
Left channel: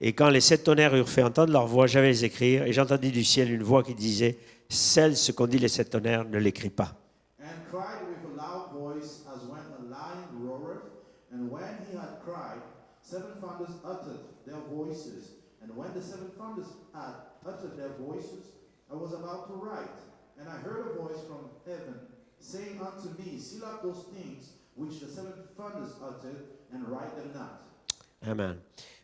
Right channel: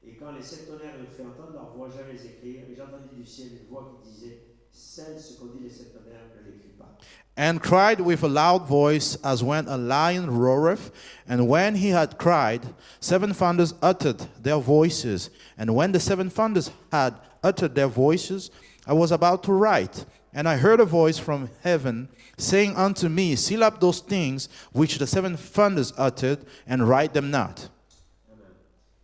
Et quand les 7 tonnerres eurent fait entendre leur voix, j'avais les écrire, et j'entendis du ciel une voix qui disait, celle ce qu'ont dit les 7 tonnerres, ne l'écris pas. And cried with a loud voice, as when a lion roareth. And when he had cried, 7 thunders uttered their voices. And when the 7 thunders had uttered their voices, I was about to write. And I heard a voice from heaven, saying unto me, seal up those things which the 7 thunders uttered, and write them not. Amen.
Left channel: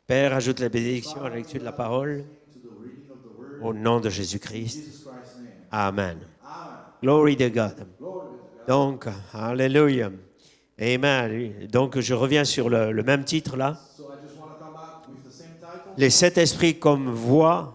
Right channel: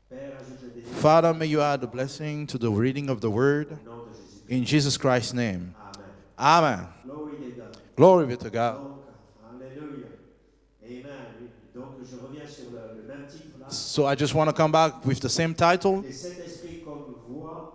Père, ajoute la bénédiction Father, avec may you la add a parole blessing to the reading of the word. au nom de In Jésus-Christ. Jesus Christ's name. Amen. Amen. Glory to God. Glory be to God. Donc, alléluia. Amen. Donc, je reviens sur le même titre là. So I just want to come back with the same title. Les 7 esprits comme voix,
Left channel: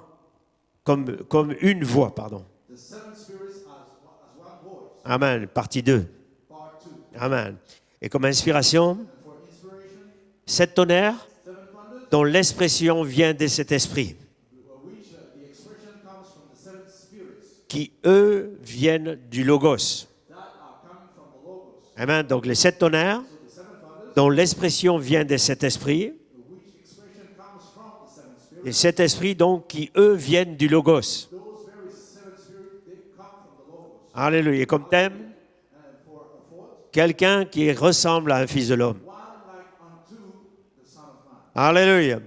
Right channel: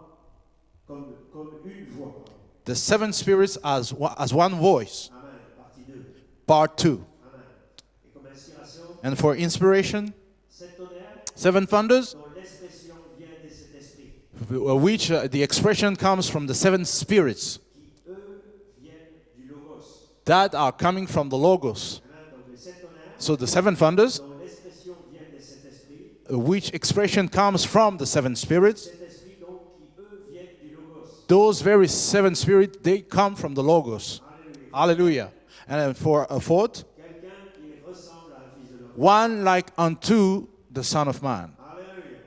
comme une voix, pardon. The 7 spirits as one voice. Amen. Partie 2. Part 2. Amen. Et comme inspiration, And for inspiration, 7 tonnerres 7 thunders, dont l'expression vient de cet esprit, which the expression comes from the 7 spirits qui eux viennent du Logos. that are coming from the Logos. Amen. Donc les 7 tonnerres So the 7 thunders, dont l'expression vient de cet esprit, which expression comes from the 7 et spirits, cet esprit donc qui eux viennent du Logos. those very 7 spirits, they come from the Logos. Alléluia. Et comme thème, Hallelujah. And for a fourth, quelqu'un qui ressemble à un fils de l'homme. one like unto the Son of Man. Alléluia.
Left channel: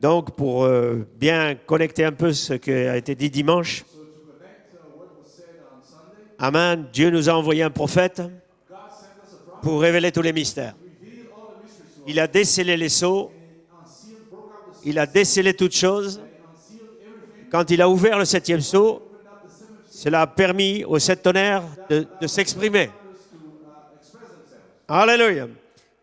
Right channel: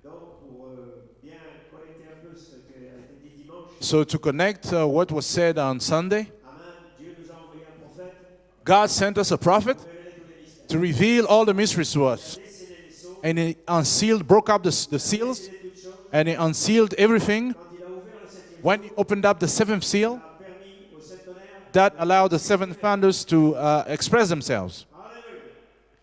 Donc, pour bien connecter un peu ce qui a été dit dimanche, So to connect what was said on Sunday, Amen, Dieu nous a envoyé un prophète God sent us a prophet pour révéler tous les mystères. to reveal all the mysteries to Il a us. décelé les sceaux, And he unsealed, broke up the il a seals, décelé toutes choses. and he unsealed everything. Quand il a ouvert le 7e When he sceau, opened up the 7th seal, cela a permis aux 7 tonnerres that de allowed the 7 s'exprimer. thunders to express themselves. Alléluia.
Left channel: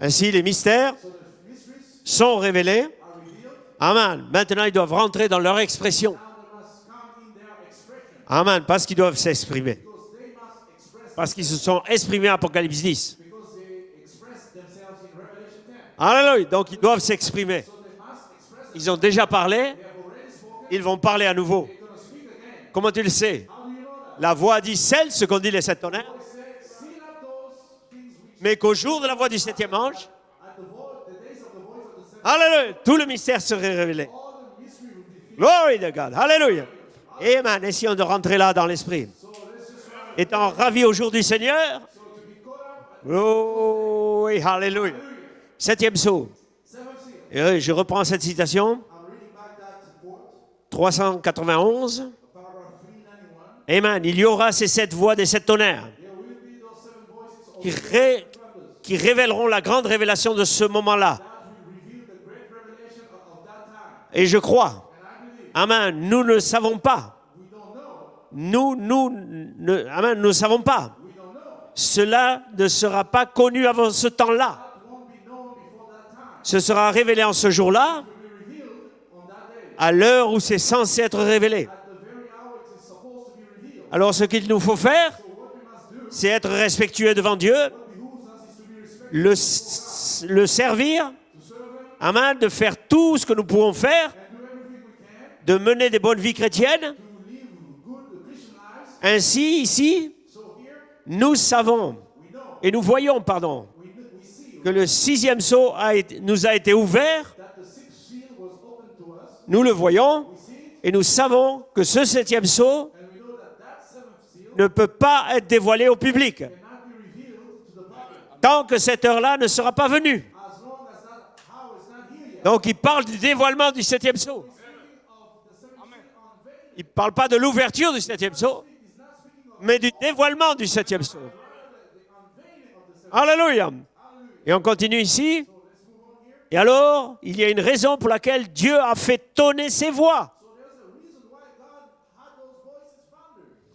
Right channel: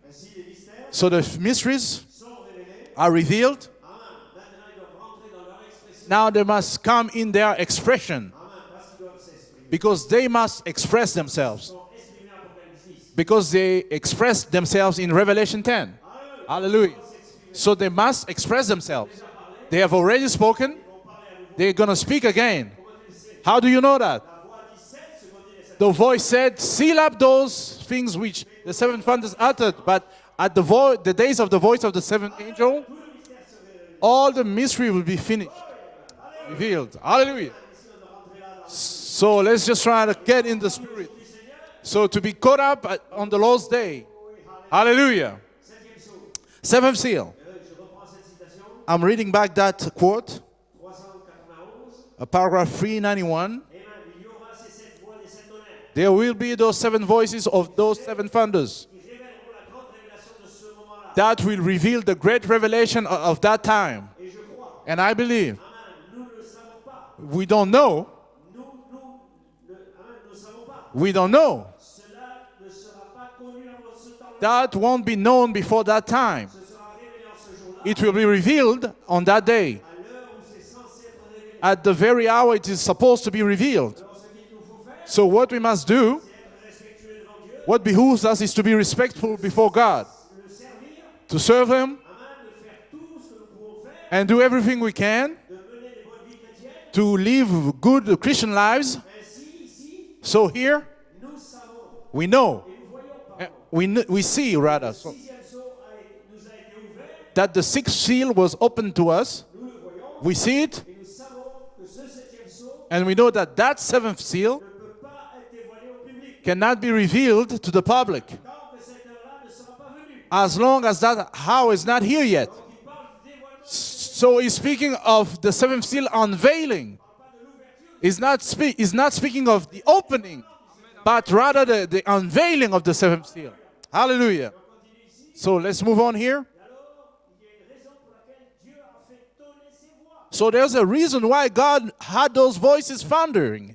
Ainsi, les mystères So the mysteries sont révélés. are revealed. Amen. Maintenant, ils doivent rentrer dans leur expression. Now they must come in their expression, Amen. Parce qu'ils doivent s'exprimer. because they must express Parce qu'ils se themselves. sont exprimés en Apocalypse 10. Because they expressed themselves in Revelation 10. Alléluia. Donc, ils Hallelujah. doivent s'exprimer. So they must express Ils ont themselves. déjà parlé. They have already spoken. Ils vont parler à nouveau. They're going to speak again. Comment tu le sais? How do you know that? La voix dit celle, ce qu'ont dit les 7 The tonnerres. voice said, seal up those things which Mais qu'au the 7 jour de la voix thunders du septième uttered. ange, But at the days of the voice of the 7th Alléluia. angel, Tout le mystère serait révélé. all the mystery will be finished. Glory to God. Alléluia. Revealed. Hallelujah. Amen. Essayons de rentrer là dans l'esprit. So let's just try to get Étant in ravis the... au jour du Seigneur. So to be caught up on the Lord's day. Oui, Alléluia. Hallelujah. 7e sceau. 7th seal. Et je reprends cette citation. I'm reading back that quote, 391. paragraph 391. Amen. Il y aura ces 7 voix des 7 tonnerres There will be those 7 voices of those 7 thunders qui révéleront la grande révélation de ce moment-là. that will reveal the great revelation of that time. Et je crois. And I believe, Amen. Nous ne savons pas. we don't know, Amen. Nous ne savons pas. we don't know. Cela ne sera pas connu avant ce temps-là. That won't be known before that time. Ce sera révélé en ce jour-là, It will be revealed on that day, à l'heure où c'est censé être révélé. at the very hour it is supposed to be revealed. Alors ce qu'il nous faut faire, So what we must do, c'est être respectueux devant Dieu, what behooves us is to be respectful before God, le servir, to serve Him amen, de faire tout ce que nous pouvons faire, and do everything we can de mener des bonnes vies chrétiennes. to live good Christian lives. Ainsi, ici, So here, nous savons we know, et nous voyons, pardon, we see que le rather, 6e sceau nous a été ouvert. that the 6th seal was opened to us. Nous le voyons We see it, et nous savons que ce 7e sceau and we know that that 7th seal ne peut pas être dévoilé au public cannot be revealed to the public tant que cette heure-là ne sera pas venue. as long as that hour is not here yet. Donc il parle du dévoilement du 7e So sceau. he's speaking of the 7th seal unveiling. Il ne parle pas de l'ouverture du 7e sceau, He's not speaking of mais du opening, dévoilement du 7e septième but sceau. rather the unveiling of the seventh seal. Alléluia. Et Hallelujah. on continue ici. So let's move on here. Et alors, il y a une raison pour laquelle Dieu a fait tonner ses voix. So there's a reason why God had those voices thundering.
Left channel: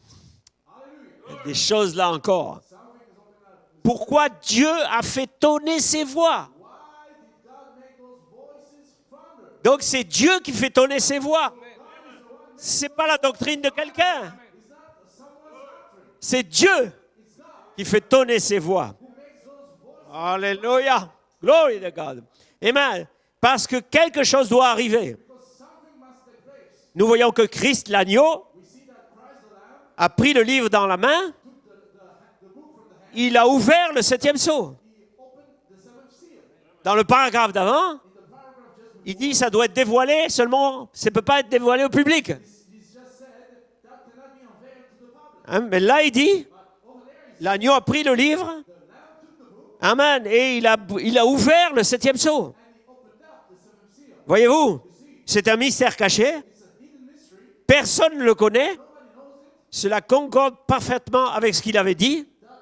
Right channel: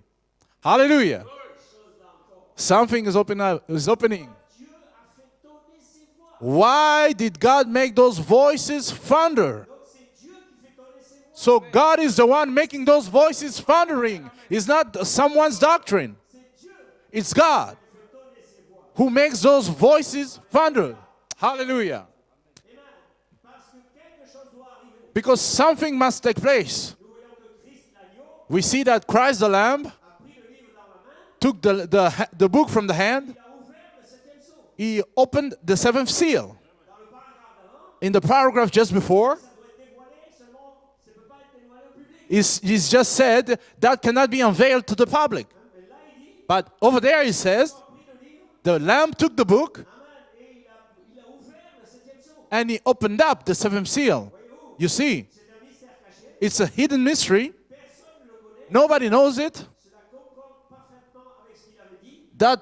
Hallelujah. Des choses là encore. Something is opening. Pourquoi Dieu a fait tonner ses voix? Why did God make those voices thunder? Donc c'est Dieu qui fait tonner ses voix. So God is the one making C'est those pas la voices doctrine de thundering. quelqu'un. It's not someone's doctrine. C'est Dieu It's God qui fait tonner ses voix. who makes those voices thunder. Alléluia. Glory to Hallelujah. God. Amen. Parce que quelque chose doit arriver. Because something must take place. Nous voyons que Christ, l'agneau, We see that Christ the Lamb a pris le livre dans la main. took the book from the hand. Il a ouvert le septième sceau. He opened the seventh seal. Dans le paragraphe d'avant, In the paragraph just il before, dit ça doit être dévoilé seulement, ça ne peut pas être dévoilé au public. he's just said that cannot be unveiled to the public. Hein, mais là, il dit, But over there he says, l'agneau a pris le livre. the Lamb took the book Amen. Et il a ouvert le septième sceau. and he opened up the seventh seal. Voyez-vous, You see, c'est un mystère caché. it's a hidden mystery. Personne ne le connaît. Nobody knows it. Cela concorde parfaitement avec ce qu'il avait dit. That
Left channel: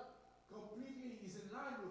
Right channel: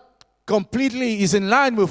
completely is in line with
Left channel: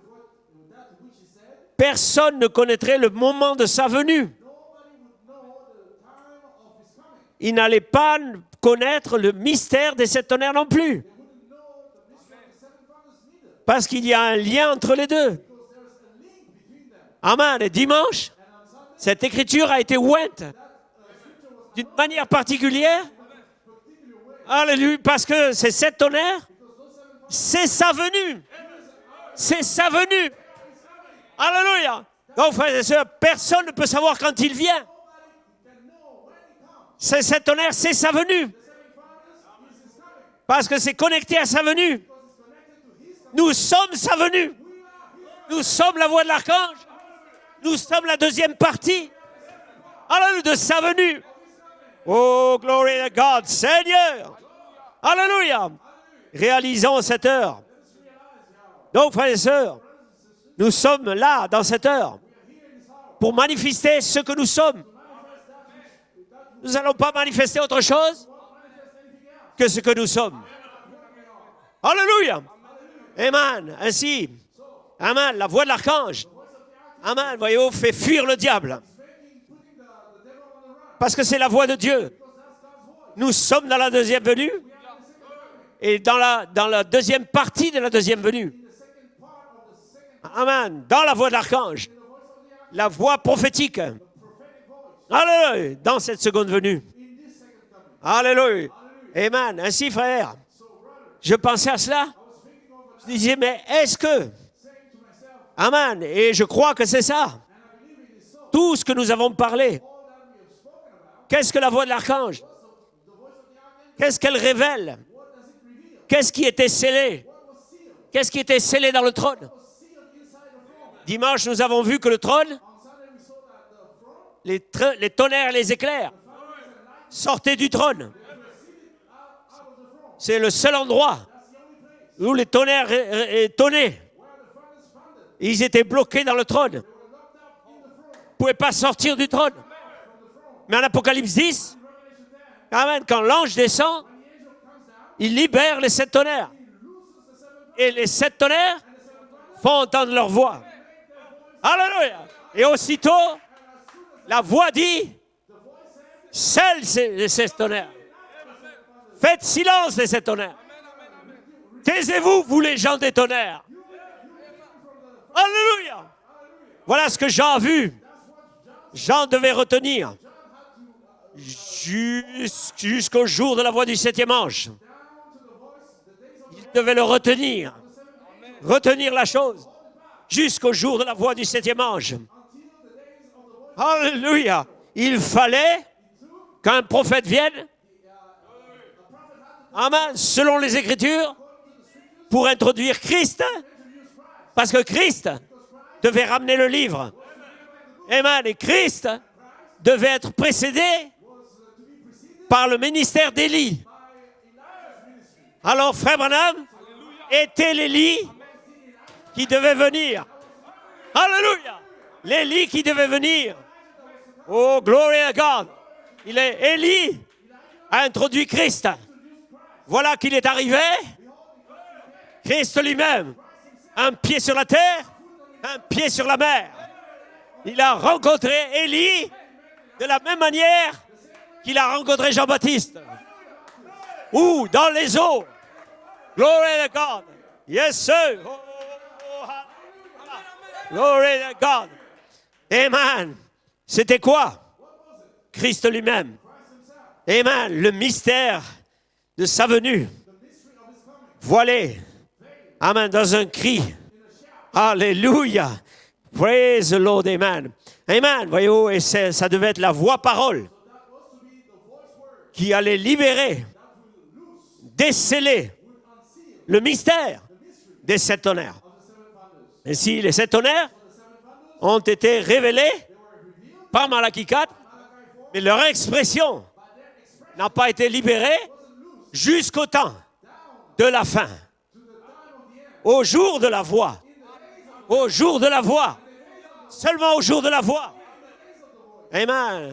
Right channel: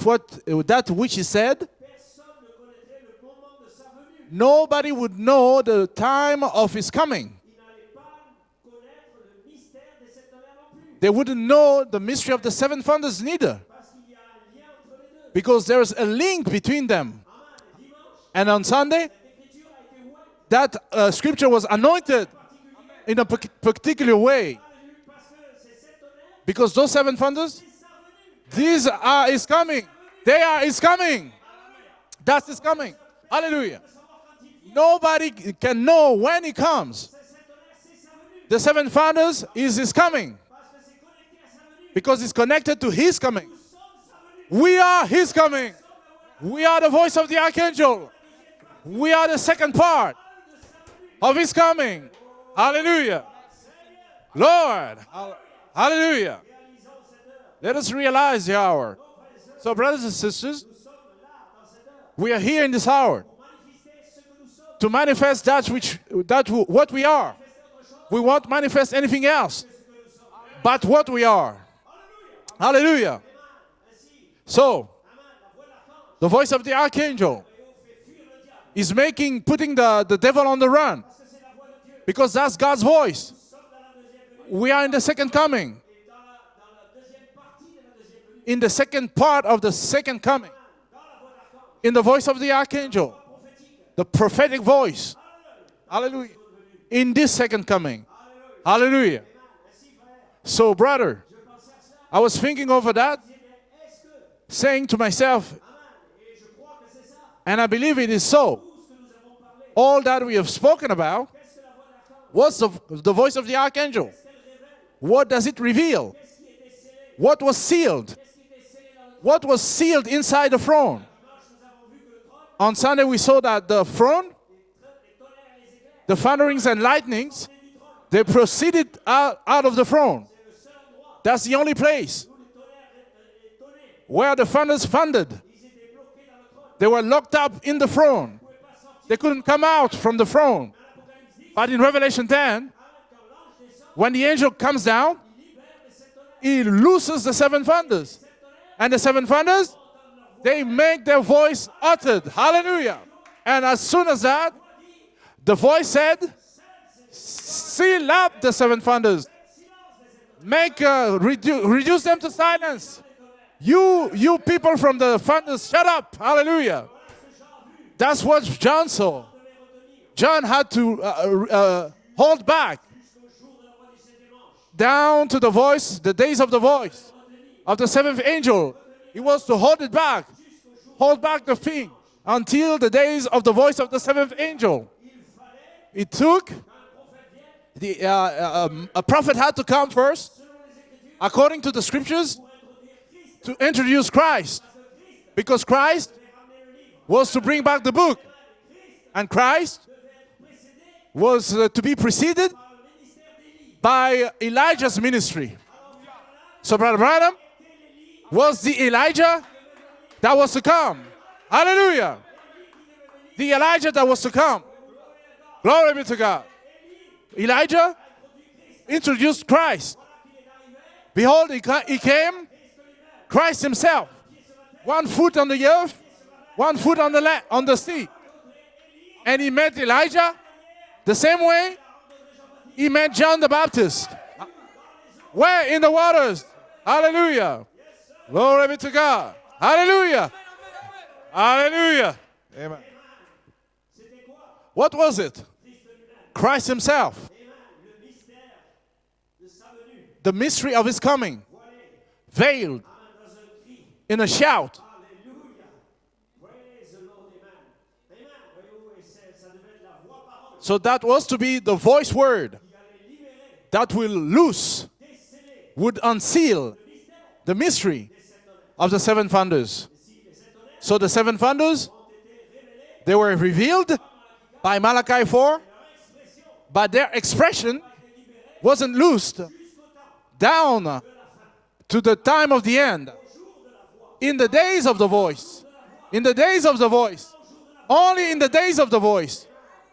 that which he said. Personne ne connaîtrait le moment de sa venue. Nobody would know the time of his coming. Il n'allait pas connaître le mystère des sept tonnerres non plus. They wouldn't know the mystery of the seven thunders neither, Parce qu'il y a un lien entre les deux. because there's a link between them. Amen. Et dimanche, And on Sunday, cette écriture a été ointe that scripture was d'une manière anointed particulière. in a particular way, Alléluia. Parce que ces sept tonnerres, because those seven thunders, c'est sa venue. these are is C'est coming. sa venue. They are is coming. Alléluia. That's Donc, frères et coming. sœurs, personne ne Hallelujah. peut savoir quand il vient. Nobody can know when he comes. Ces sept tonnerres, c'est sa venue. The seven thunders is his coming, Parce que c'est connecté à sa venue. because it's connected to his coming. Nous sommes sa venue. We are his coming. Nous sommes la voix de We l'archange. are the voice of the Nous archangel. sommes la deuxième partie. We are the second part Alléluia, de sa venue. of his coming. Oh, glory to Hallelujah. God, Seigneur. Lord. Alléluia. Hallelujah. Réalisons cette heure. Let us realize the hour. Donc, frères et So, sœurs, brothers and sisters, nous sommes là, dans cette heure, we are here in this hour pour manifester ce que nous sommes. to manifest that Nous what n'allons we pas are. manifester autre chose We won't manifest anything else que ce que nous sommes. but what we are. Alléluia. Hallelujah. Amen. Ainsi, So, amen, la voix de l'archange, the voice of the amen, archangel voyez-vous, fait fuir le diable. is putting the devil on the run, Parce que c'est la voix de Dieu. because that's God's voice. Nous sommes dans la deuxième venue. We are in the second coming, Et dans la deuxième partie de la deuxième venue. in the second part of the second coming, Amen. Dans la voix de l'archange. in the voice of the La archangel, voix prophétique. the prophetic voice, Alléluia. Dans Alléluia. cette seconde venue. in this second coming. Alléluia. Hallelujah. Amen. Ainsi, frère, So, brother, je pensais à cela. I was thinking over Je that, disais, mais est-ce que... saying to myself, Amen. Et je crois que c'est ça. and I believe it is so, Tout ce que nous avons parlé. all that we have spoken about, Qu'est-ce que la voix de l'archange? what's the voice of the archangel? Qu'est-ce qu'elle révèle? What does it reveal? Qu'est-ce qui était scellé? What was sealed? Qu'est-ce qui était scellé dans le trône? What was sealed inside the throne? Dimanche, nous avons vu que le trône, On Sunday, we saw that the throne, les tonnerres, les éclairs, the thunderings and lightnings, sortaient du trône. they proceeded out of the throne. C'est le seul endroit That's the only place où les tonnerres tonnaient. where the thunders thundered. Ils étaient bloqués dans le trône. Ils They were locked up in the throne. ne pouvaient pas sortir They du couldn't trône. come out from the throne. Mais en Apocalypse 10, But in Revelation 10, amen, quand l'ange descend, when the angel comes down, il libère les sept tonnerres. he looses the seven Et les thunders. sept tonnerres And the seven thunders, font entendre leur voix. they make their voice Alléluia. uttered. Et Hallelujah. aussitôt, And as soon as la that, voix dit, the voice said, scelle ces sept tonnerres. seal up the seven thunders. Faites silence les sept tonnerres. Make, reduce them to Taisez-vous, vous les silence. gens des tonnerres. You people from the thunders, Hallelujah. shut up. Hallelujah. Voilà ce que Jean a vu. That's what John saw. Jean devait retenir. John had to hold back Jusqu'au jour de la voix du septième ange. down to the voice, the days of the Il voice devait le retenir. of the seventh angel. Retenir la He was to chose hold it back. jusqu'au jour de la Hold voix back du the septième feet ange. until the days of the voice of the seventh Alléluia. angel. Il fallait It took qu'un prophète vienne, a prophet had to come amen, first, selon les Écritures, according to the scriptures, pour introduire Christ. introduce Christ, Parce que Christ because Christ devait ramener le livre. was to bring back the book, Amen. Et Christ and Christ devait être précédé was to be preceded par le ministère d'Élie. by Elijah's ministry. Alors, frère Branham So Brother Branham était l'Élie was the Elijah qui devait venir. that was to come. Alléluia. Hallelujah. L'Élie qui devait The venir. Elijah that was to come. Oh, glory à God. Glory be to God. Élie Elijah a introduit Christ. introduced Christ. Voilà qu'il est arrivé, Behold, he came, Christ lui-même, Christ himself, un pied sur la terre, one foot on the un earth, pied sur la mer. one foot on the Il a sea. rencontré Élie And he met de la Elijah même manière the same way qu'il a rencontré he Jean-Baptiste. met John the Baptist. Où? Dans les eaux. Where? In the waters. Glory to God. Hallelujah. Yes, sir. Glory be to God. Hallelujah. Glory to God. Hallelujah. Amen. C'était quoi? What was it? Christ lui-même. Christ himself. Amen. Le mystère de sa venue. The mystery of his coming. Voilé. Veiled Amen. Dans un cri. in a shout. Alléluia. Praise the Lord. Amen. Amen. Voyez-vous, et ça devait être la voix-parole So that was to be the voice word qui allait libérer, that will loose, déceler would unseal le mystère the mystery des sept tonnerres. of the seven thonders. Et si les sept tonnerres So the seven thonders, ont été révélés they were revealed par Malachi 4, by Malachi 4, et leur expression but their n'a expression pas été libérée wasn't loosed jusqu'au temps down de la fin, to the time of the end. au jour de la voix, In the days of the au voice. jour de la voix, In the days of the voice. seulement au jour de la voix. Only in the days of the voice. Amen.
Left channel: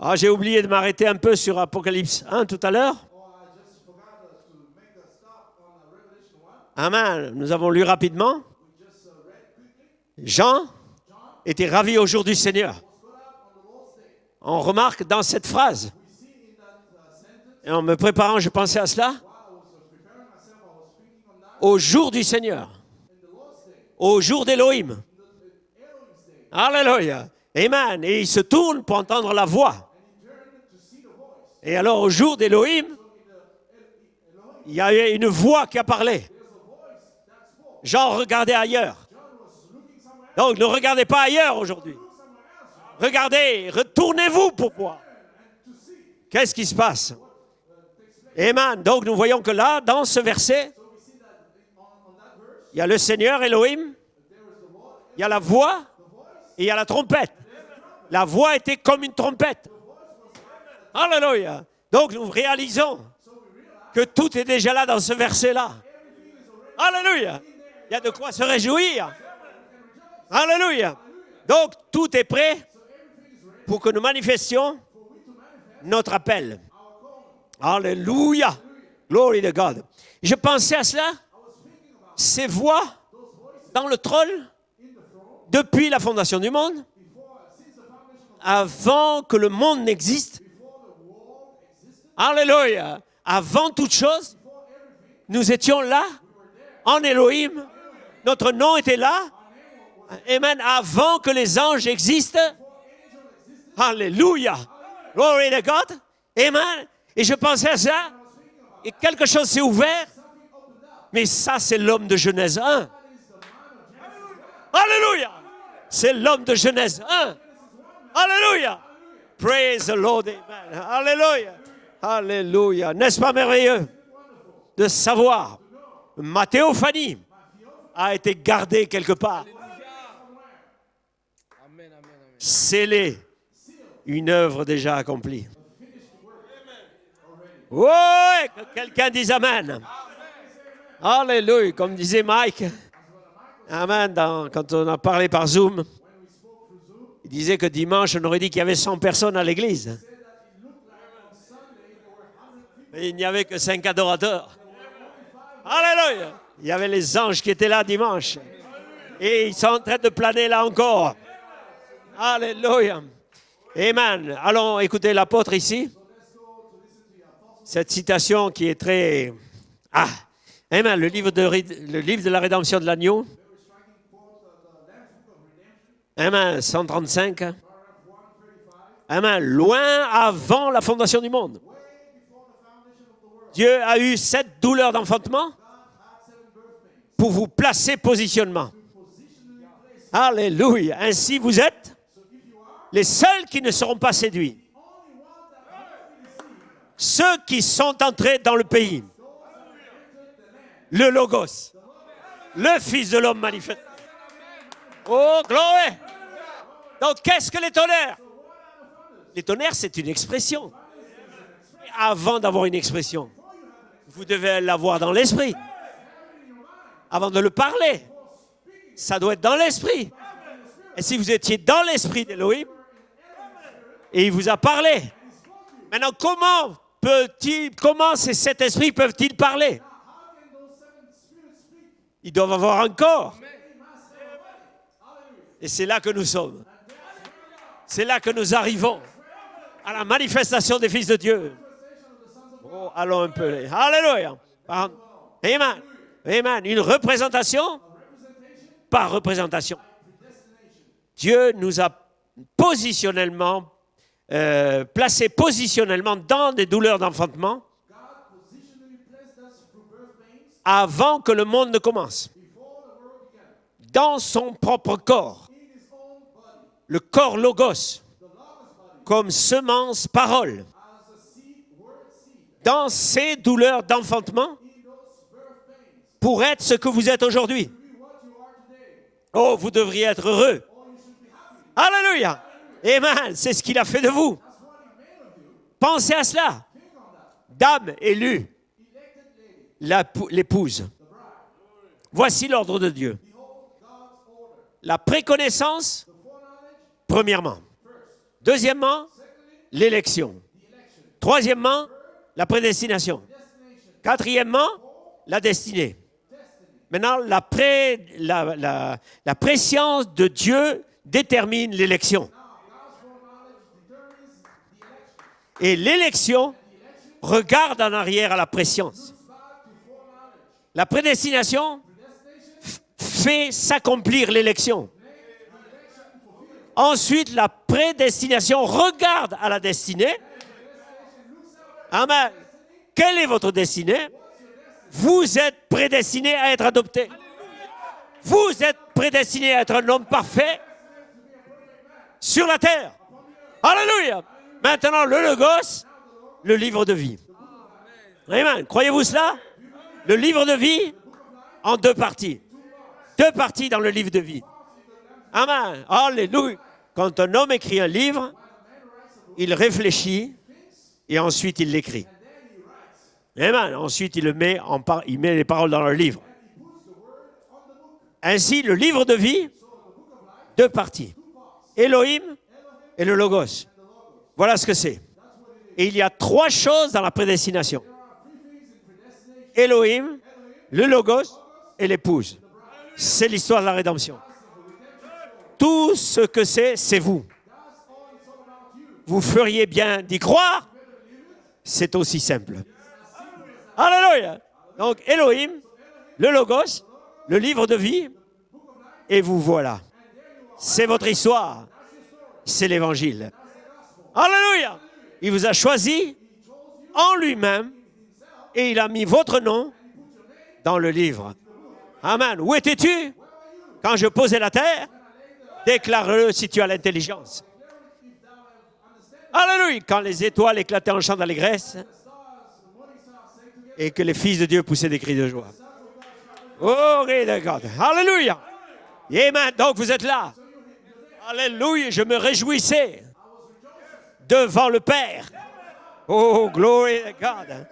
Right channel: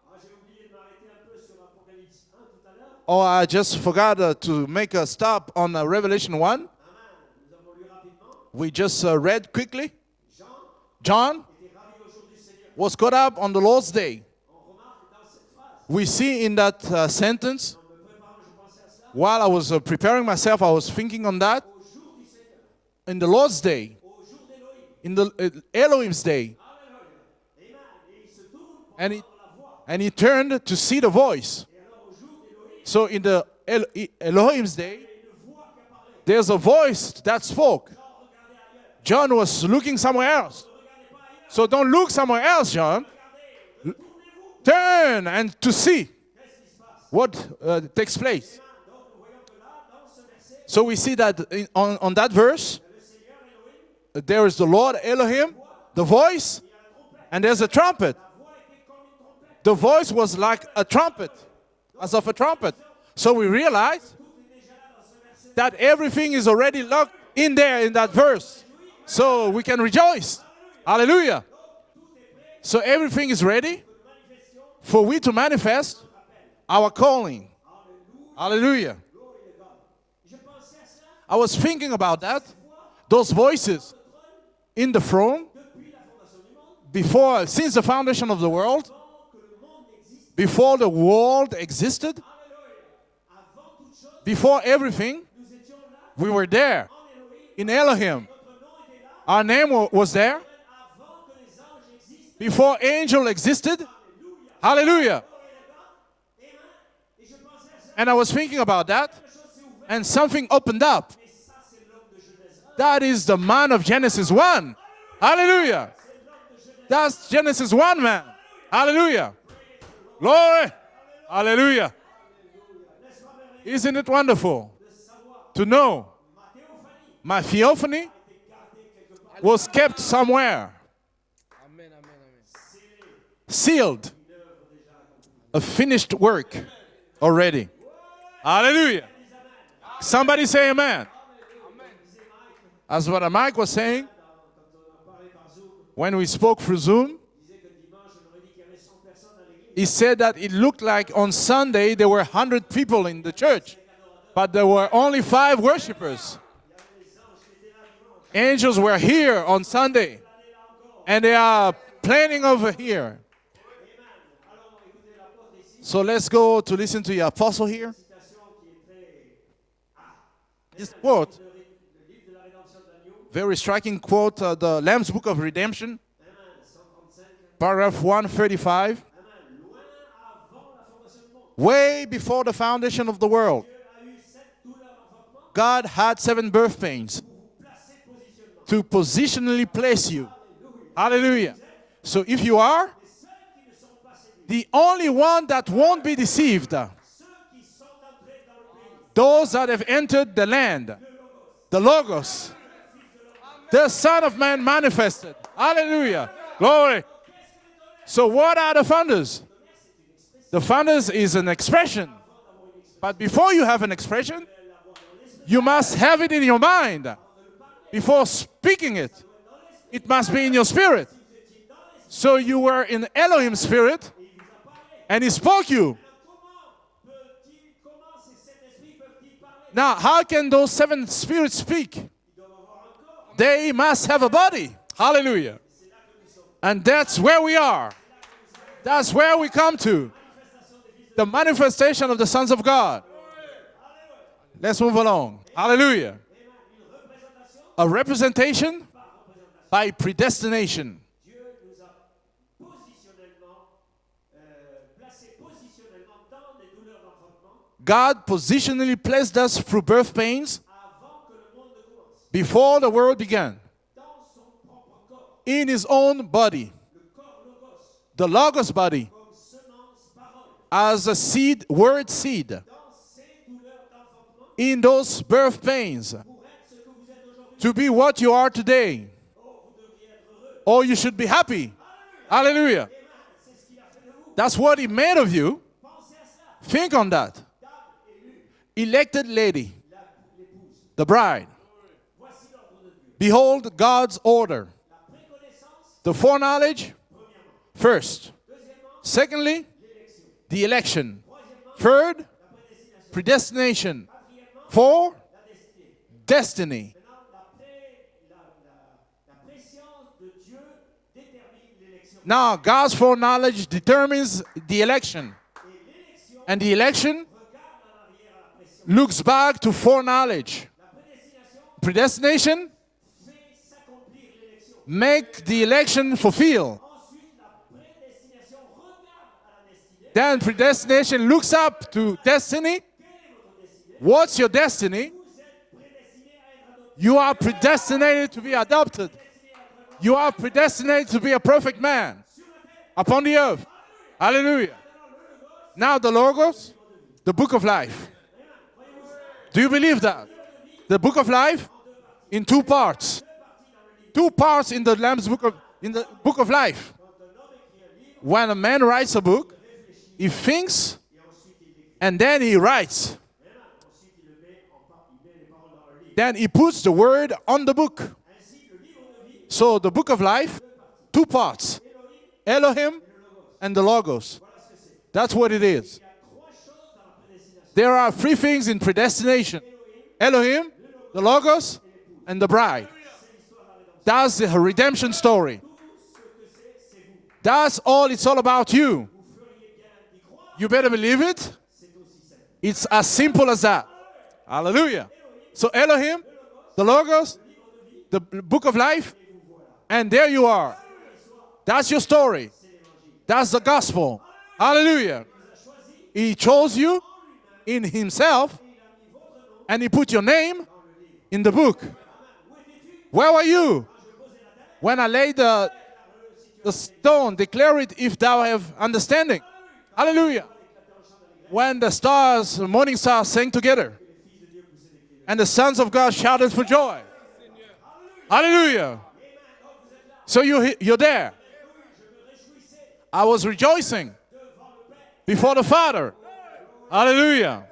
Ah, j'ai oublié de m'arrêter un peu sur Apocalypse 1 tout à l'heure. Oh, I just forgot to make a stop on Revelation 1. Amen. Nous avons lu rapidement. We just read quickly. Jean John était ravi au jour du Seigneur. was caught up on the Lord's day. On remarque dans cette phrase, We see in that sentence, et en me préparant, je pensais à cela, while I was preparing myself, I was thinking on that. au jour du Seigneur, In the Lord's day, au jour d'Élohim. in the Elohim's day. Alléluia. Amen. Et il se tourne pour entendre la voix. And he turned to see the voice. Et alors, au jour d'Élohim, So in the Elohim's il y a day, eu une voix qui a parlé. there's a voice that spoke. Jean regardait ailleurs. John was looking somewhere else. Donc, ne regardez pas ailleurs. So don't aujourd'hui. look somewhere else, John. Regardez, retournez-vous. Pourquoi? Turn and to see Qu'est-ce qui se passe? what takes place. Amen. Donc, nous voyons que là, dans ce verset, So we see that on that verse, il y a le Seigneur Elohim, there is the Lord il y a la Elohim, voix the voice, et il y a la trompette. and there's a trumpet. La voix était comme une trompette. The voice was like a trumpet. Alléluia. Donc, As of nous a trumpet. réalisons So we realize que tout est déjà là dans ce verset-là. that everything is already Hallelujah. locked in there in Il y a de that quoi se verse. réjouir. So we can rejoice. Alléluia. Hallelujah. Donc, tout est prêt So everything is ready pour que nous manifestions for we to manifest notre appel. our calling. Alléluia. Hallelujah. Glory to God. Je pensais à cela, I was thinking about ces that. voix Those voices dans le trône in the throne depuis la fondation du monde, since the foundation of the world, avant que le monde n'existe. before the world existed, Alléluia. Avant toute chose, before everything, nous étions là, we were there en Elohim. in Elohim. Notre nom était là. Our name was there Amen. Avant que les anges existent. before angel existed. Alléluia. Hallelujah. Glory to God. Amen. Et je pensais à ça. And I was thinking about Et that, quelque chose s'est ouvert. and something opened up. Mais ça, c'est l'homme de Genèse 1. That is the man of Genesis 1. Alléluia. Hallelujah. C'est l'homme de Genèse 1. That's Genesis 1, man. Alléluia. Hallelujah. Praise the Lord. Glory. Alléluia. Hallelujah. Alléluia. N'est-ce pas merveilleux Isn't it wonderful de savoir to know ma théophanie my theophany a été gardée quelque part, was kept somewhere, scellée, sealed, une œuvre déjà accomplie. a finished work already? Oh, Alléluia. quelqu'un dit Amen. Somebody say amen. Alléluia. Comme disait Mike, As what Mike was saying, Amen, quand on a parlé par Zoom, when we spoke through Zoom, il disait que dimanche, on aurait dit qu'il y avait 100 personnes à he l'église. said that it looked like on Sunday there were 100 people Il in n'y the avait que church, 5 adorateurs. but there were only 5 Alléluia. worshipers. Il y avait les anges qui étaient là dimanche. Angels were Et here ils on sont en train de Sunday, planer là encore. and they are planning over Hallelujah. here. Amen. Allons écouter l'apôtre ici. So let's go to listen to the apostle here. Cette citation qui est très... Ah, Amen. Le Quote. livre de la rédemption de l'agneau. Very striking quote, the Lamb's Book of Redemption, Amen. 135. paragraph 135. Amen. Loin avant la fondation du monde. Way before the foundation of the world, Dieu a eu 7 douleurs d'enfantement God had 7 birth pains pour vous placer positionnement. to positionally place you. Alléluia. Ainsi Hallelujah. vous êtes So if you are les seuls qui ne seront pas séduits. the only one that won't be deceived, Ceux qui sont entrés dans le pays. those that have entered the land, Le Logos. the Logos, Le Fils de l'homme manifeste. the Son of Man manifested. Oh, glory. Hallelujah. Glory. Donc, qu'est-ce que les tonnerres? So what are the thunders? Les tonnerres, c'est une The expression. thunders is an expression. Avant d'avoir une But expression, before you have an vous expression, devez l'avoir dans l'esprit. you must have it in your mind. Avant de le parler, Before speaking it, ça doit être dans l'esprit. it must be in your spirit. Si vous étiez dans l'esprit So you d'Élohim, were in Elohim's spirit, et il vous a parlé. and he spoke you. Maintenant, comment ces sept esprits peuvent-ils parler? Now, how can those 7 spirits speak? Ils doivent avoir un corps. They must have a body. Hallelujah. Et c'est là que nous sommes. And that's where we are. C'est là que nous arrivons. That's where we come La to. manifestation des fils de The Dieu. manifestation of the sons of God. Allons un peu. Alléluia. Let's move along. Amen. Hallelujah. Amen. Une représentation A representation par représentation. by predestination. Dieu nous a placés positionnellement dans des douleurs d'enfantement God positionally placed us through birth pains avant que le monde ne commence. before the world began. Dans son propre corps. In his own body. Le corps logos. The Logos body. Comme semence, parole. As a seed, word seed. Dans ces douleurs d'enfantement. In those birth pains. Pour être ce que vous êtes aujourd'hui. To be what you are today. Oh, vous devriez être heureux. Oh, you should be happy. Alléluia. Hallelujah. Amen. C'est ce qu'il a fait de vous. That's what he made of you. Pensez à cela. Think on that. Dame élue, Elected lady. l'épouse. The bride. Voici l'ordre de Dieu. Behold God's order. La préconnaissance, The foreknowledge, premièrement. first. Deuxièmement, Secondly, l'élection. the election. Troisièmement, Third, la prédestination. predestination. Quatrièmement, Four, la destinée. destiny. Maintenant, la préscience de Dieu détermine l'élection. Now, God's foreknowledge determines the election. Et l'élection And the election regarde en arrière à la préscience. looks back to foreknowledge. La prédestination Predestination fait s'accomplir l'élection. make the election fulfill. Ensuite, la prédestination regarde à la destinée. Then predestination looks up to Amen. destiny. Quelle est votre destinée? What's your destiny? Vous êtes prédestiné à être adopté. You are predestinated to Vous be êtes adopted. prédestiné à être un homme You are parfait predestinated to be a perfect man sur la terre. upon the earth. Alléluia. Hallelujah. Maintenant, le Logos, Now the Logos, le livre de vie. the book of life. Amen. Croyez-vous cela? Do you believe Le that? livre de vie The book of life en deux parties. in 2 parts. Deux parties dans le livre de 2 vie. parts in the Lamb's book Amen. of, in the book of Alléluia. life. Quand un homme écrit un livre, When a man writes a book, il he réfléchit thinks et ensuite il l'écrit. and then he writes. Amen. Ensuite, il met les paroles dans le livre. Then he puts the word on the book. Ainsi, le livre de vie, So the book of life, deux parties. 2 parts. Elohim Elohim et le Logos. and the Logos. Voilà ce que c'est. That's what it Et is. il y a trois choses dans la prédestination. There are 3 things in predestination. Elohim, Elohim, le the Logos Logos, et l'épouse. and the bride. C'est l'histoire de la rédemption. That's the redemption story. Tout ce que c'est vous. That's all it's all about you. Vous feriez bien d'y croire. You better believe it. C'est aussi simple. It's as simple as that. Alléluia. Hallelujah. Donc, Elohim, So Elohim, le Logos, the Logos, le livre de vie, the book of life, et vous voilà. and there you are. C'est votre histoire. That's your story. C'est l'évangile. That's the gospel. Alléluia. Hallelujah. Il vous a choisi He chose you en lui-même in himself, et il a mis votre nom and he put your name dans le livre. in the book. Amen. Où étais-tu Where were you quand je posais la terre? when I laid the Déclare-le si tu as stone? l'intelligence. Declare it if thou have understanding. Alléluia. Quand les Alléluia. étoiles éclataient en chant d'allégresse When the stars, the morning stars sang together, et que les fils de Dieu poussaient des cris de and joie. the sons of God shouted for joy. Glory to God. Alléluia. Hallelujah. Amen. Donc vous êtes là. So you're there. Alléluia. Je me réjouissais I was rejoicing devant le Père. before the Father. Oh, glory. to Hallelujah. God.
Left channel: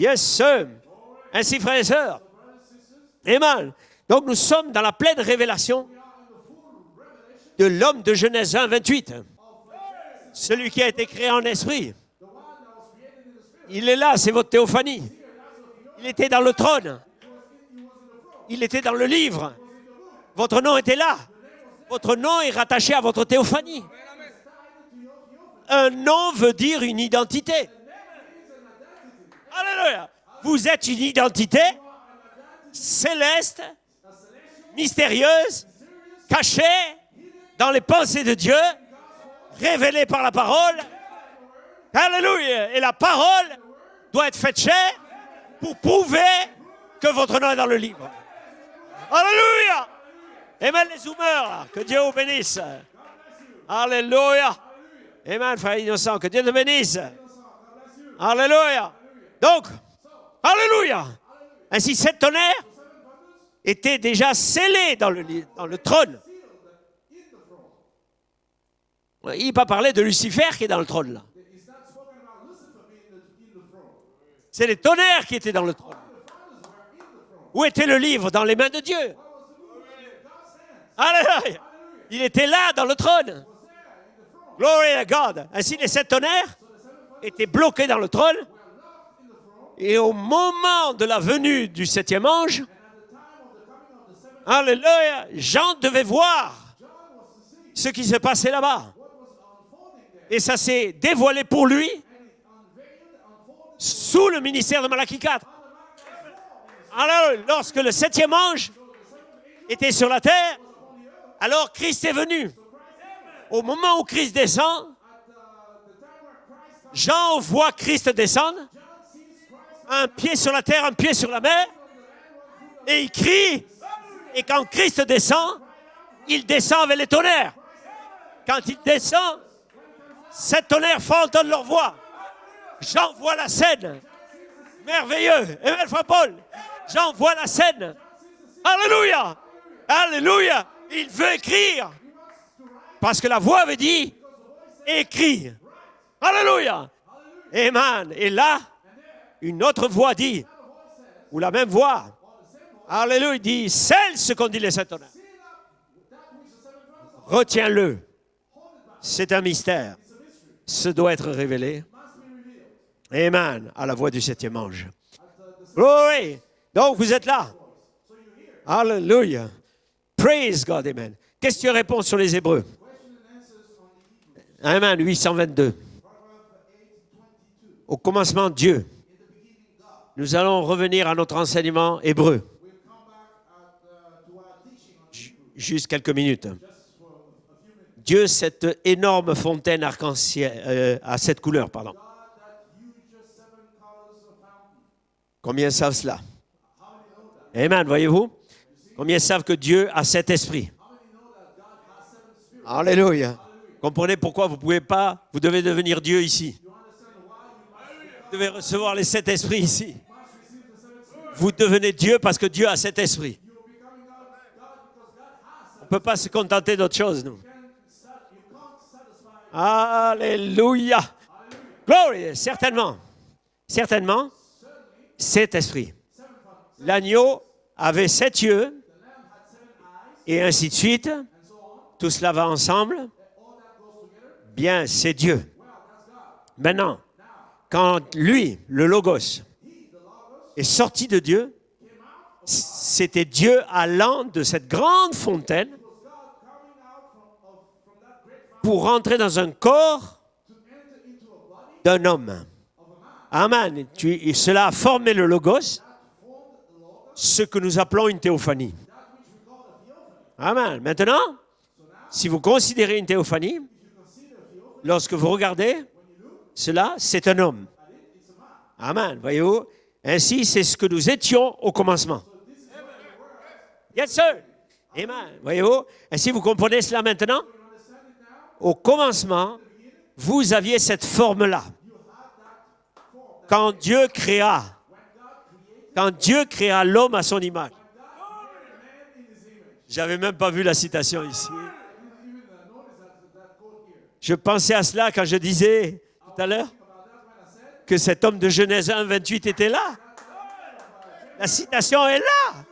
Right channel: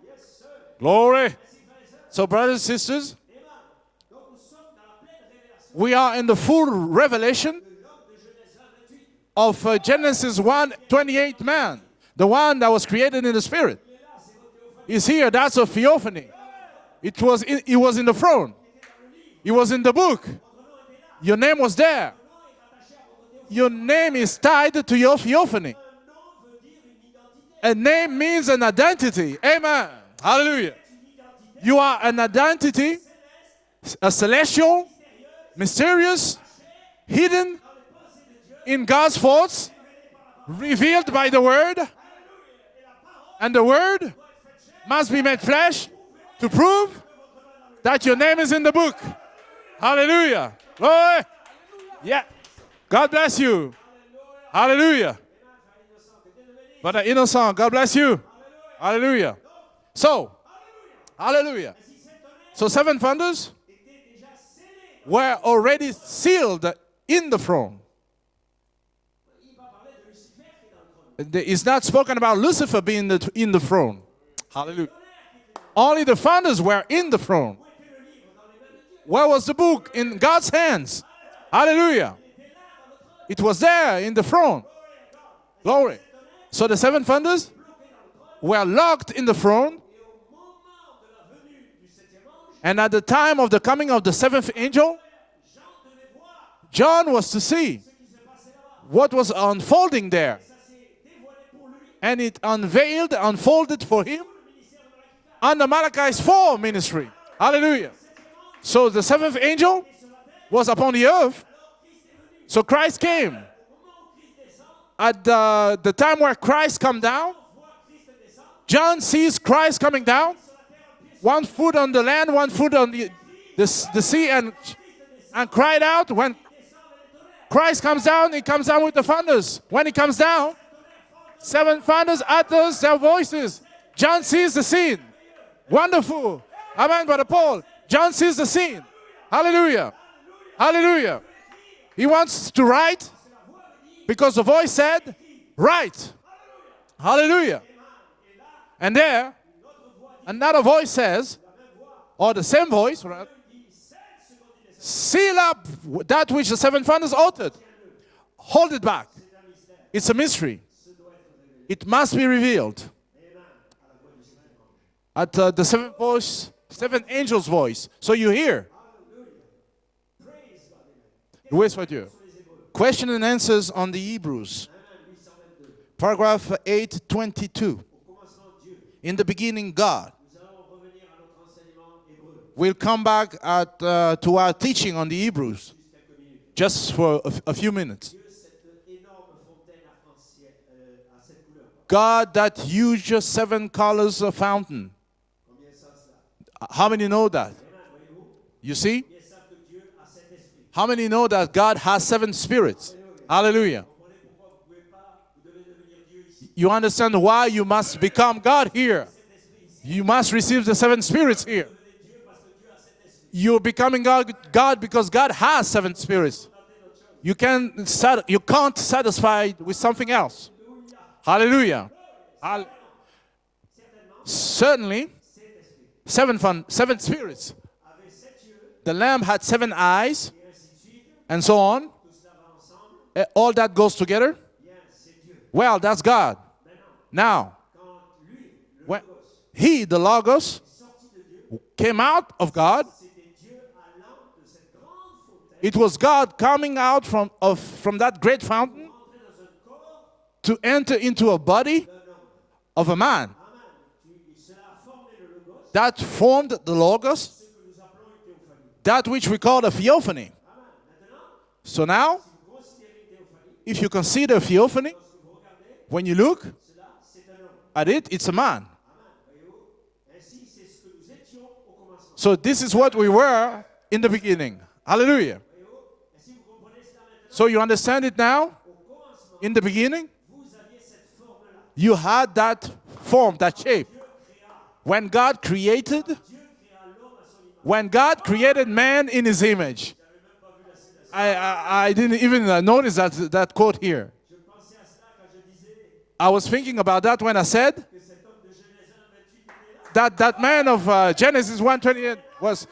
Yes, sir. Glory. Ainsi, frères et sœurs. So, brothers and sisters, Amen. Donc nous sommes dans la pleine révélation we are in the full revelation de l'homme de Genèse 1, 28. of Genesis Celui 1, qui a été créé 28 en man. esprit. The one that was created in the Spirit. Il est là, c'est votre théophanie. Is here. That's a Il theophany. était dans le trône. He was in the throne. Il était dans le livre. He was in the book. Votre nom était là. Your name was there. Votre nom est rattaché à votre Your théophanie. name is tied to your theophany. Un nom veut dire une identité. A name means an identity. Amen. Alléluia. Vous Hallelujah. êtes une identité You are an identity, céleste, a celestial, mystérieuse, mysterious, cachée hidden dans les pensées de Dieu, in God's thoughts, révélée par la parole. revealed by the word, Alléluia. Et la parole and the word doit être faite chair, must be made flesh prouver to prove que votre nom est dans le livre. that your name is in the book. Alléluia. Hallelujah. Amen, les Glory. honneurs. Que Dieu vous Yeah. bénisse. God bless you. Alléluia. Hallelujah. Amen, frère innocent. Que Dieu te bénisse. Brother Innocent, God bless you. Alléluia. Hallelujah. Donc, So, alléluia. hallelujah. Ainsi, sept tonnerres So 7 thunders étaient déjà scellés dans were dans le already trône. sealed in the throne. Il n'est pas parlé de Lucifer qui est dans le trône. Là. It's not spoken about Lucifer being in the throne. C'est les tonnerres qui étaient dans le trône. Only the thunders were in the throne. Où était le livre? Dans les mains de Dieu. Where was the book? In God's hands. Alléluia. Hallelujah. Il était là dans le trône. It was there in the throne. Glory to God. Ainsi Glory. les 7 tonnerres So the seven thunders étaient bloqués dans le trône. were locked in the throne. Et au moment de la venue du 7e ange, And at the time of the coming of the seventh angel, Alléluia, Jean devait voir John was to see ce qui se passait là-bas. what was unfolding there. Et ça s'est dévoilé pour lui And it unfolded for him sous le ministère de Malachie 4. under Malachi's 4 ministry. Alors, lorsque Hallelujah. le 7e ange So the seventh angel était sur la terre, was upon the earth. alors Christ est venu. So Christ came. Au moment où Christ descend, At the time where Christ comes down, Jean voit Christ descendre, John sees Christ coming un down, pied sur la terre, un pied sur la one mer, foot on the land, one foot on et il crie. the sea, and Quand Christ descend, cried out. When il descend avec les tonnerres. Christ comes down, he comes Quand down il with the descend, thunders. When he comes down, 7 tonnerres entendent leur seven voix. thunders utters their Jean voit la voices. scène. John sees the scene. Merveilleux. Et Wonderful. Amen, Jean Brother voit la Paul. scène. John sees the scene. Alléluia. Hallelujah. Alléluia. Hallelujah. Il veut écrire. He wants to write Parce que la voix avait dit, because the voice said, écris. write. Alléluia. Hallelujah. Amen. Et là, And there, une autre voix dit, another voice says, ou la même voix, or the same voice, Alléluia, il dit, scelle ce qu'ont dit les 7 tonnerres. seal up that which the seven thunders uttered. Retiens-le. Hold it back. C'est un mystère. It's a mystery. Ce doit être révélé. It must be revealed. Amen. À la voix du 7e ange. At the seventh Oui. voice, Donc, seventh vous êtes là. angel's voice. So you hear. Alléluia. Praise God. Amen. Oui, Question-réponse c'est sur les Hébreux. Question and answers on the Hebrews. Amen. 822. Paragraph 822. Au commencement, Dieu. In the beginning, God. Nous allons revenir à notre enseignement hébreu. We'll come back to our teaching on the Hebrews Juste quelques minutes. just for a few minutes. Dieu, cette énorme fontaine arc-en-ciel, à 7 couleurs, pardon. God, that huge seven colors fountain. Combien savent cela? How many know that? Amen, voyez-vous? You see? Combien savent que Dieu a 7 esprits? How many know that God has seven spirits? Alléluia. Hallelujah. Comprenez pourquoi vous devez devenir Dieu ici. You understand why you must Vous become devez God recevoir here. les 7 esprits ici. You must receive the seven spirits Vous here. devenez Dieu parce que Dieu a 7 esprits. You're becoming God because God has On seven ne peut pas se spirits. contenter d'autre chose. You can't satisfy with something else. Alléluia. Hallelujah. Glory. Certainement. Certainement, Certainly, 7 esprits. seven L'agneau spirits. avait 7 yeux The lamb had 7 eyes, et ainsi de suite. and so on. Tout cela va ensemble. All that goes together. Bien, c'est Dieu. Well, that's God. Maintenant, Now, quand lui, le Logos, he, the Logos, est sorti de Dieu, came out of God. c'était Dieu allant de cette grande fontaine It was God coming out from that great fountain pour rentrer dans un corps to enter into a body d'un homme. of a man. Amen. Et cela a formé le Logos, That formed the Logos, ce que nous appelons une théophanie. that which we call a theophany. Amen. Maintenant, So now, si vous considérez une théophanie, if you consider a theophany, lorsque vous regardez, when you look cela, c'est un homme. at it, it's a man. Amen. Voyez-vous? Ainsi, c'est ce que nous étions au commencement. So this is what we were in the Yes, sir. beginning. Hallelujah. Voyez-vous? Ainsi, vous comprenez cela maintenant? So you understand it now? Au commencement, In the beginning, vous aviez cette forme-là. you had that form, that Quand shape. Dieu créa, When God created, l'homme à son image. when God created man in his image. J'avais même pas vu la citation ici. I didn't even notice that quote here. Je pensais à cela quand je disais I was tout à l'heure thinking about that when I said que cet homme de Genèse 1, 28 était là. that man of Genesis La citation 1:28 est là. was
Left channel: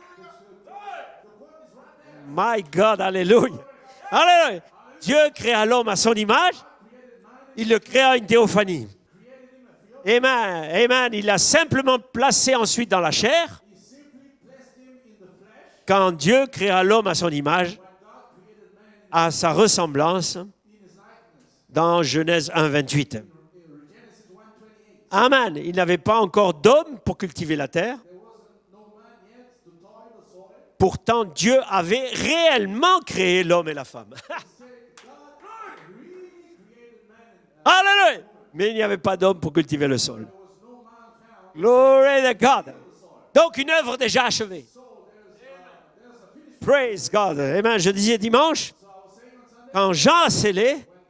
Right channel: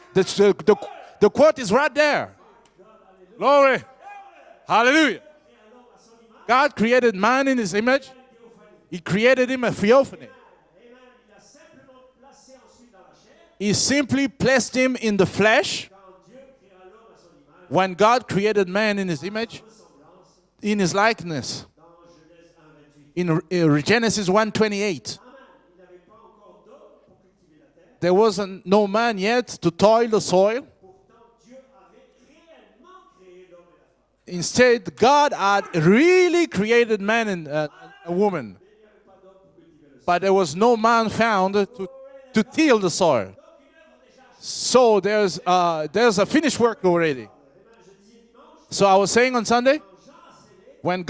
the quote is right there. My God, alléluia. Glory. Alléluia. Hallelujah. Dieu créa l'homme à son image. God created man in his Il le image. créa une théophanie. He created him a theophany. Amen. Amen. Il l'a simplement placé ensuite dans la chair. He simply placed him in the flesh. Quand Dieu créa l'homme à son image, When God created man in his à sa image, ressemblance, in his likeness, dans Genèse 1, 28. in Genesis 1:28. Amen. Il n'avait pas encore d'homme pour cultiver la terre. There wasn't no man yet to toil the soil. Pourtant, Dieu avait réellement créé l'homme et la femme. Instead, God had really created man and Alléluia. woman. Mais il n'y avait pas d'homme pour cultiver le But sol. there was no man found Glory to to God. till the soil. Donc, une œuvre déjà achevée. So there's a finished work Praise already. God. Amen. Je disais dimanche, So I was saying on Sunday, quand Jean a scellé, when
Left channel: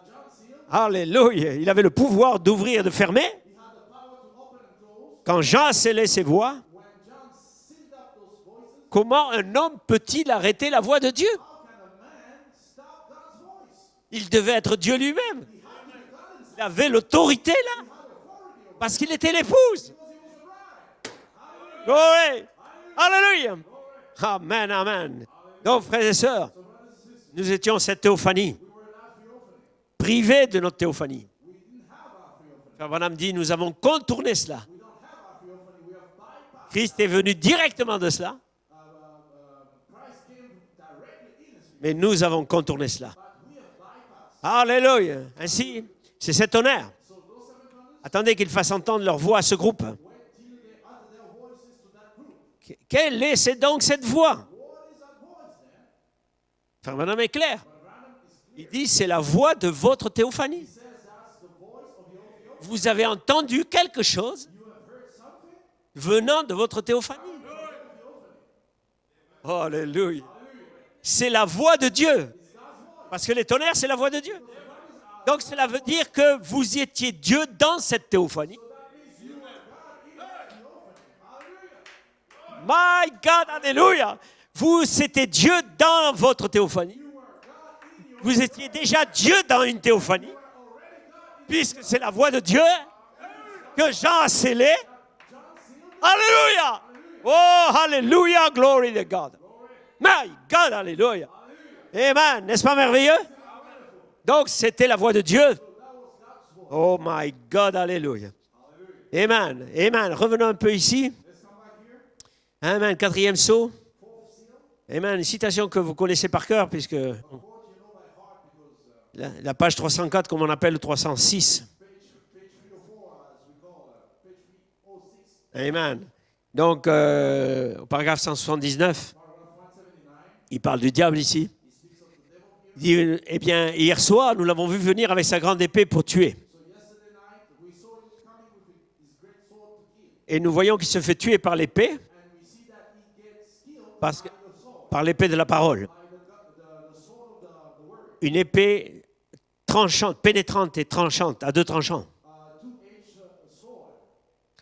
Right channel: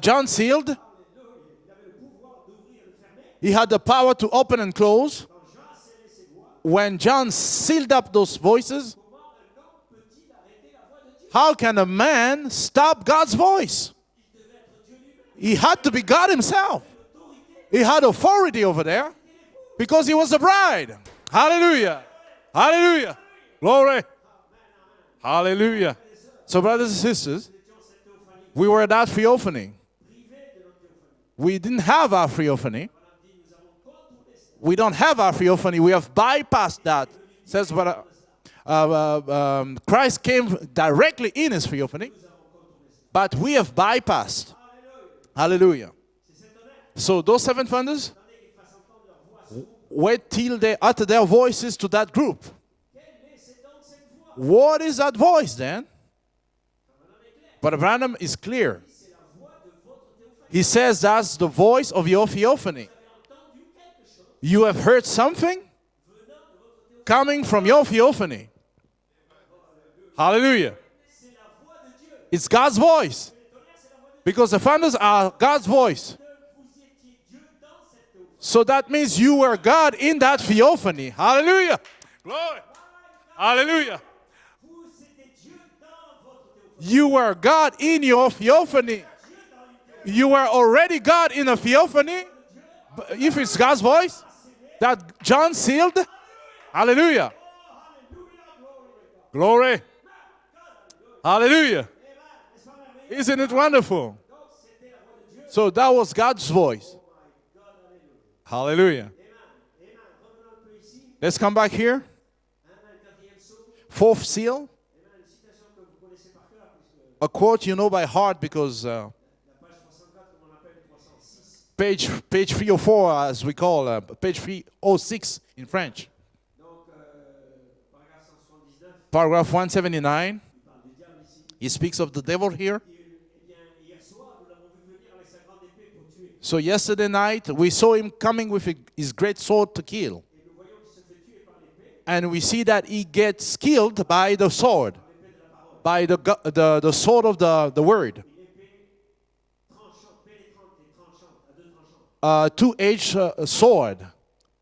John sealed, alléluia, il avait le pouvoir d'ouvrir et de fermer. he had the power to open and close. Quand Jean a scellé ses voix, When John sealed up those voices, comment un homme peut-il arrêter la voix de Dieu? how can a man stop God's voice? Il devait être Dieu lui-même. He had to be God Il himself. avait l'autorité là. He had authority over Parce there qu'il était l'épouse. because he was the bride. Hallelujah. Glory. Hallelujah. Alléluia. Glory. Amen, amen. Donc, Hallelujah. frères et sœurs, So, brothers and sisters, nous étions cette théophanie, we were at that theophany. privés de notre théophanie. We didn't have our theophany. Branham dit, nous avons contourné cela. We don't have our theophany. We have bypassed Christ that. est venu directement de cela Christ came directly in his et theophany, nous avons contourné cela. but we have bypassed. Alléluia. Hallelujah. C'est cet honneur. So those seven thunders, Attendez qu'ils fassent entendre leur voix à ce groupe. wait till they utter their voices to that group. Quelle est donc cette voix? What is that voice then? Frère Branham est clair. But Branham is clear. Il dit, c'est la voix de votre théophanie. He says that's the voice of your theophany. Vous avez entendu quelque chose You have heard something venant de votre théophanie. coming from your theophany. Alléluia. Hallelujah. C'est la voix de Dieu. It's God's Parce voice. que les tonnerres, c'est la voix de Dieu. Because the thunders are Donc cela God's veut voice. dire que vous étiez Dieu dans cette théophanie. So that means you were God in that theophany. Hallelujah. My God, Hallelujah. alléluia. Vous, c'était Dieu dans votre théophanie. You were God in your Vous étiez theophany. déjà Dieu dans une théophanie. You were already God in a Puisque c'est la theophany. voix de Dieu If it's God's que voice Jean a scellée. that John sealed, Alléluia. hallelujah. Oh, alléluia, glory to God. Glory. My God, alléluia. Hallelujah. Amen. N'est-ce pas merveilleux? Isn't it wonderful? Donc, c'était la voix de Dieu. So that was God's voice. Oh my God, alléluia. Hallelujah. Amen. Amen. Revenons un peu ici. Let's come back here. Amen. Quatrième saut. Fourth seal. Amen. Une citation que vous connaissez par cœur, puisque A quote you know by heart because la page 304, comme on appelle, ou 306. page 304, as we call page 306 in Amen. French. Donc, au paragraphe 179, Paragraph 179. il parle du diable ici. He speaks of the devil here. Il dit, eh bien, hier soir, nous l'avons vu venir avec sa grande épée pour tuer. So yesterday night we saw him coming with his great sword to kill, Et nous voyons qu'il se fait tuer par l'épée, and we see that he gets killed by the sword, par l'épée de la parole. by the sword of the word, Une épée tranchante, pénétrante et tranchante, à deux tranchants. two-edged sword.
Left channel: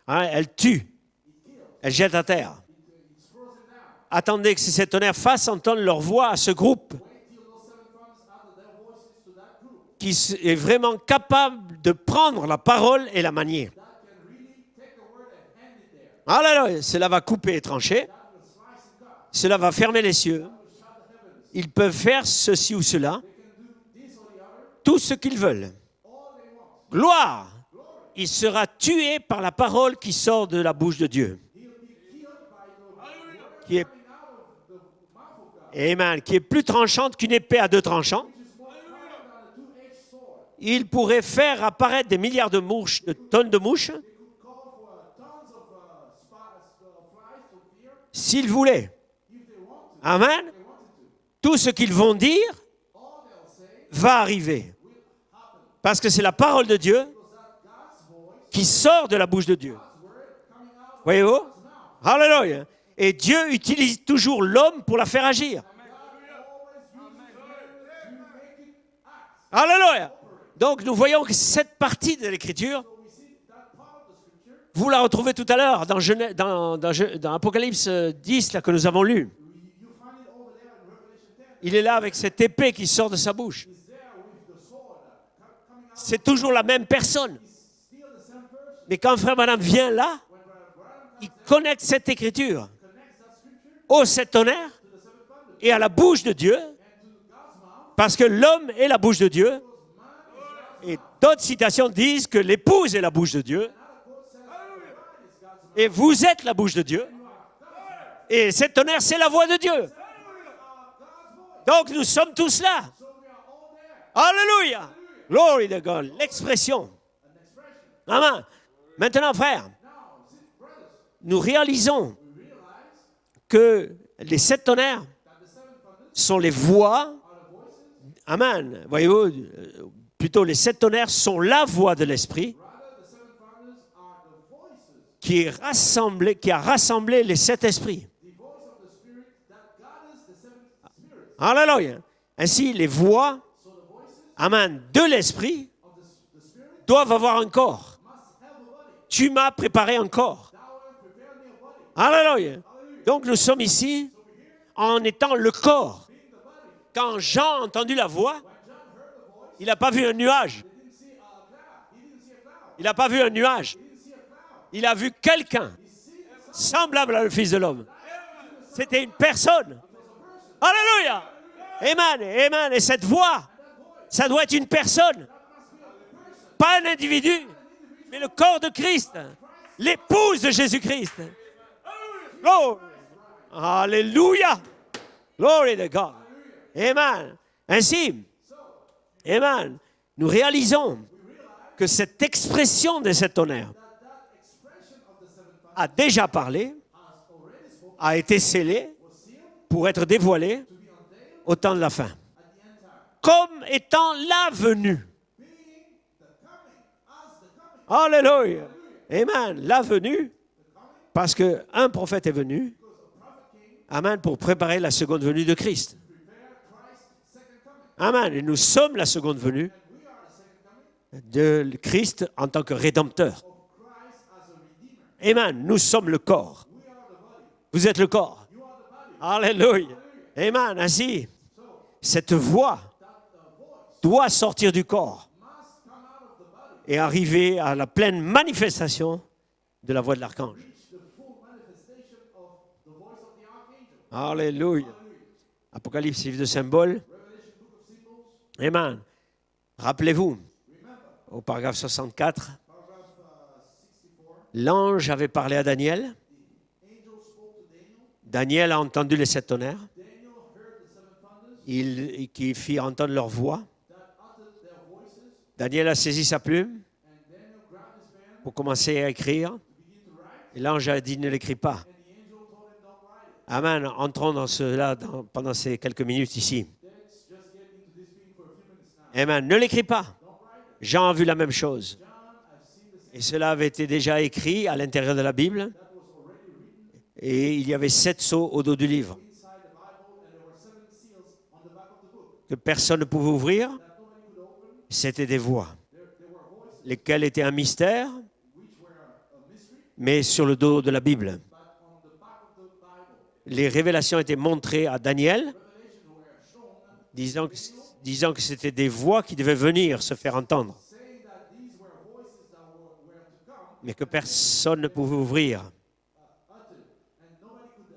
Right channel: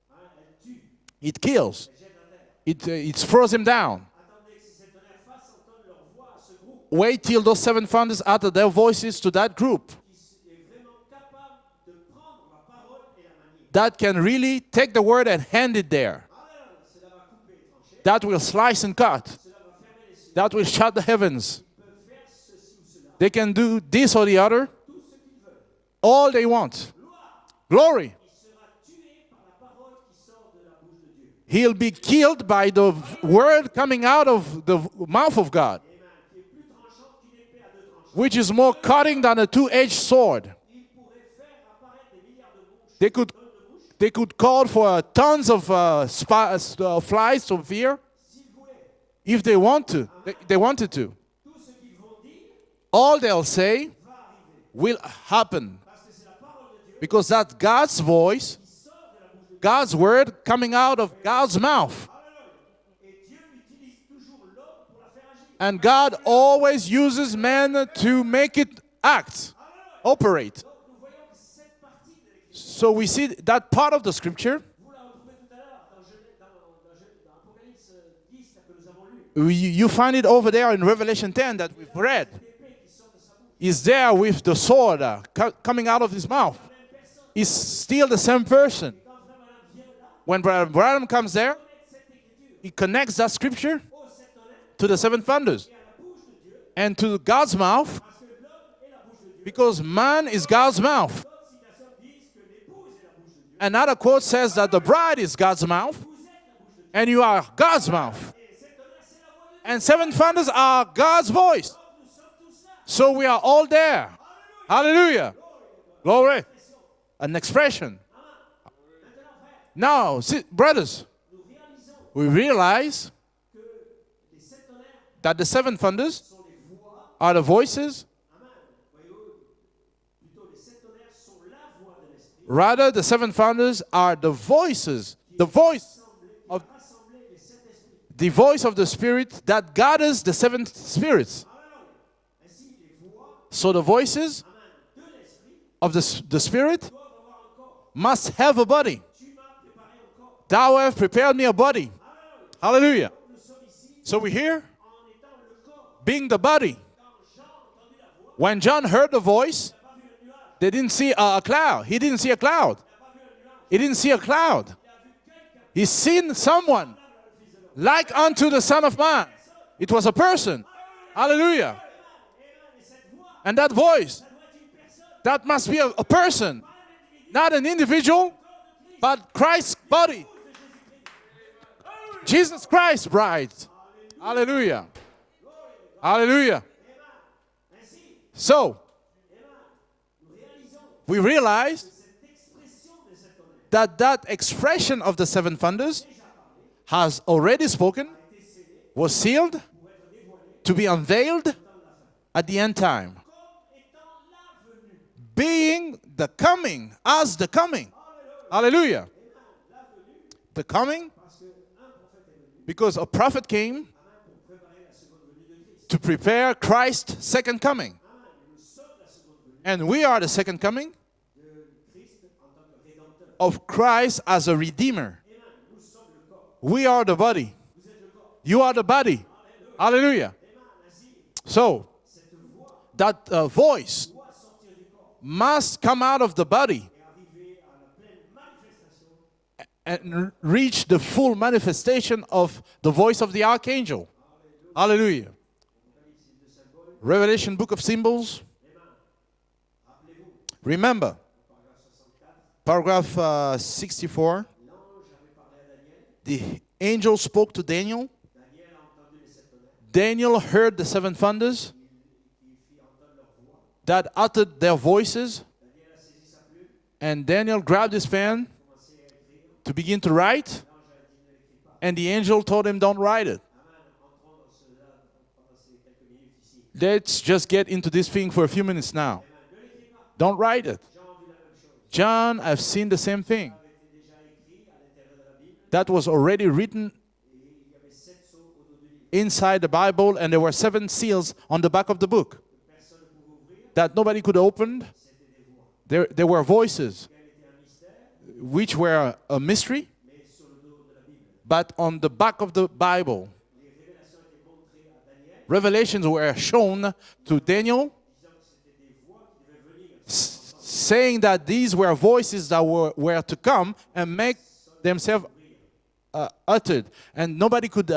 Hein, elle tue, It kills. elle jette à terre. It throws him down. Attendez que ces sept tonnerres fassent entendre leur voix à ce groupe Wait till those seven thunders utter their voices to that group qui est vraiment capable de prendre la parole et la manier. that can really take the word and hand it there. Alors, cela va couper et trancher. That will slice and cut. Cela va fermer les cieux. That will shut the heavens. Ils peuvent faire ceci ou cela, They can do this or the other, tout ce qu'ils veulent. all they want. Gloire! Glory. Il sera tué par la parole qui sort de la bouche de Dieu. He'll be killed by the word Yeah. coming out of the mouth of God, Amen. Qui est plus tranchante qu'une épée à deux tranchants. which is more cutting than a two-edged sword. Il pourrait faire apparaître des milliards de mouches, They de could- tonnes de mouches, They could call for tons of flies to fear s'ils voulaient. if they want to. Amen. If they wanted to. Tout ce qu'ils vont dire All they'll say va arriver. will happen Parce que c'est la parole de Dieu because that's God's voice, qui sort de la bouche de Dieu. God's word coming out of Voyez-vous? God's mouth. Alléluia. Et Dieu utilise toujours l'homme pour la faire agir. And God always uses man to make it act, Alléluia. operate. Donc nous voyons que cette partie de l'Écriture, So we see that part of the scripture. vous la retrouvez tout à l'heure dans Apocalypse 10 là, que nous avons lu. You find it over there in Revelation 10 that Il est là we avec read. cette épée qui sort de sa bouche. He's there with the sword coming out of C'est his toujours mouth. la même personne. He's still the same person. Et quand Frère Branham vient là, When Brother Branham comes there, connecte cette écriture he connects that scripture aux sept tonnerres to the seven thunders et à la bouche de Dieu, and to God's mouth, parce que l'homme est la bouche de Dieu. because man is God's mouth. D'autres citations disent que l'épouse est la bouche de Dieu Another quote says that the bride is God's et mouth vous êtes la bouche de Dieu. and you are God's mouth. Et sept tonnerres, c'est la voix de Dieu. And seven thunders are God's voice. Donc nous sommes tous là. So we are all there. Alléluia. Hallelujah. Glory to God. Glory. L'expression. An expression. Amen. Maintenant, frère, Now, see, brothers, nous réalisons we realize que les sept tonnerres that the seven thunders sont les voix. are the voices. Amen. Voyez-vous, plutôt les sept tonnerres sont la voix de l'Esprit Rather, the seven thunders are the voices, qui a rassemblé les sept esprits. the voice of the Spirit that gathers the seven spirits. Alléluia. Ainsi, les voix, So the voices amen, de l'Esprit of the Spirit doivent avoir un corps. must have a body. Tu m'as préparé un corps. Thou hast prepared me a body. Alléluia. Hallelujah. Donc nous sommes ici So we're here, en étant le corps. being the body. Quand Jean a entendu la voix, When John heard the voice, il n'a pas vu un nuage. they didn't see a cloud. He didn't see a cloud. Il n'a pas vu un nuage. He didn't see a cloud. Il a vu quelqu'un He seen someone semblable à le Fils de l'homme. like unto the Son of C'était une Man. personne. It was a person. Alléluia. Hallelujah. Amen. Amen. Et cette voix, And that voice, ça doit être une personne, that must be a person, pas un individu. not an Le individual, corps de Christ. but Christ's body. L'épouse de Jésus-Christ. Jesus Oh. Christ's bride. Alléluia. Hallelujah. Glory to God. Hallelujah. Amen. Ainsi, So, amen. Nous réalisons we realize que cette expression de cet honneur that expression of the seven a thunders déjà parlé, has already spoken, a été scellée was sealed pour être dévoilée to be unveiled au temps de la fin. at the end time, Comme étant la venue. being the coming, as the coming. Alléluia. Hallelujah. Amen. La venue, The coming, parce qu'un prophète est venu, because a prophet came amen, pour préparer la seconde venue de Christ. to prepare Christ's second coming. Amen. Et nous sommes la seconde venue And we are the second coming de Christ en tant que rédempteur. of Christ as a redeemer. Amen. Nous sommes le corps. We are the body. Vous êtes le corps. You are the body. Alléluia. Hallelujah. Amen. Ainsi, So, cette voix that voice doit sortir du corps must come out of the body et arriver à la pleine manifestation de la voix de and l'archange. reach the full manifestation of the voice of the archangel. Alléluia. Hallelujah. Apocalypse, livre de symboles. Revelation, book of symbols. Amen. Rappelez-vous, Remember, au paragraphe 64, paragraph 64, l'ange avait parlé à Daniel. the angel spoke to Daniel. Daniel a entendu les sept tonnerres. Daniel heard the seven thunders Qui fit entendre leur voix. that uttered their voices, Daniel a saisi sa plume and Daniel grabbed his pen pour commencer à écrire. to begin to write, L'ange a dit ne l'écris pas. and the angel told him, don't write it. Amen. Entrons dans cela pendant ces quelques minutes ici. Let's just get into this thing for a few minutes now. Amen. Ne l'écris pas. Don't write it. Jean a vu la même chose. John, I've seen the same thing. Cela avait été déjà écrit à l'intérieur de la Bible That was already written et il y avait 7 sceaux au dos du livre inside the Bible, and there were 7 seals on the back of the book que personne ne pouvait ouvrir. that nobody could open. C'était des voix, There were voices lesquelles étaient un mystère, which were a mystery, mais sur le dos de la Bible. but on the back of the Bible, Les révélations étaient montrées à Daniel, revelations were shown to Daniel, disant que c'était des voix qui devaient venir se faire entendre, saying that these were voices that were to come mais que and make personne ne pouvait themselves ouvrir. uttered, and nobody could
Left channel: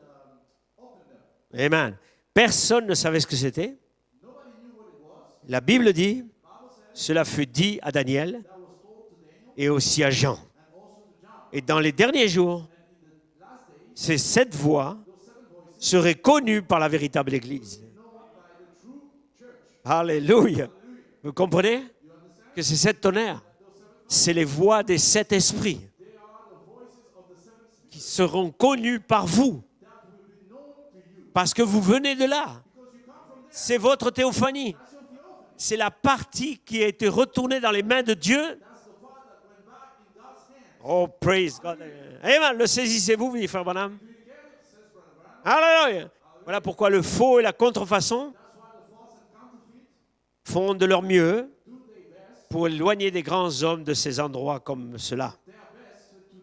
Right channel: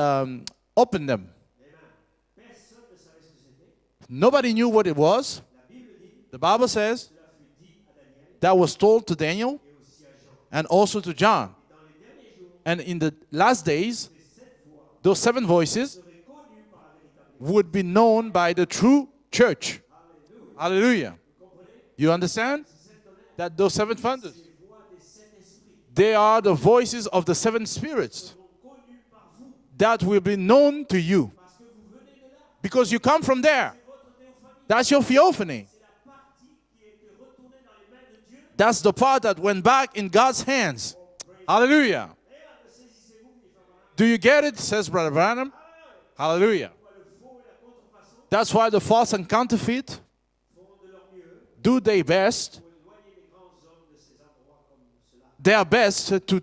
open them. Amen. Personne ne savait ce que c'était. Nobody knew what it was. La Bible dit, The Bible says cela fut dit à Daniel that was told to Daniel et aussi à Jean. and also to John. Et dans les derniers jours, And in the last days, ces 7 voix those 7 voices seraient connues par la véritable would Église. be known by the true church. Alléluia. Hallelujah. Vous comprenez You understand que ces 7 tonnerres, that those 7 thunders, c'est les voix des 7 esprits, they are the voices of the 7 spirits seront connues par vous that will be known to you parce que vous venez de là. because you come from there. C'est votre théophanie. That's your theophany. C'est la partie qui a été retournée dans les mains de Dieu. That's the part that went back in God's hands. Oh, praise Hallelujah. God. Amen. Le saisissez-vous, frère Branham? Do you get it? Says Brother Branham. Alléluia. Voilà Hallelujah. pourquoi le faux et la contrefaçon That's why the false and counterfeit font de leur mieux do their best, pour éloigner des grands hommes de ces endroits comme cela. their best to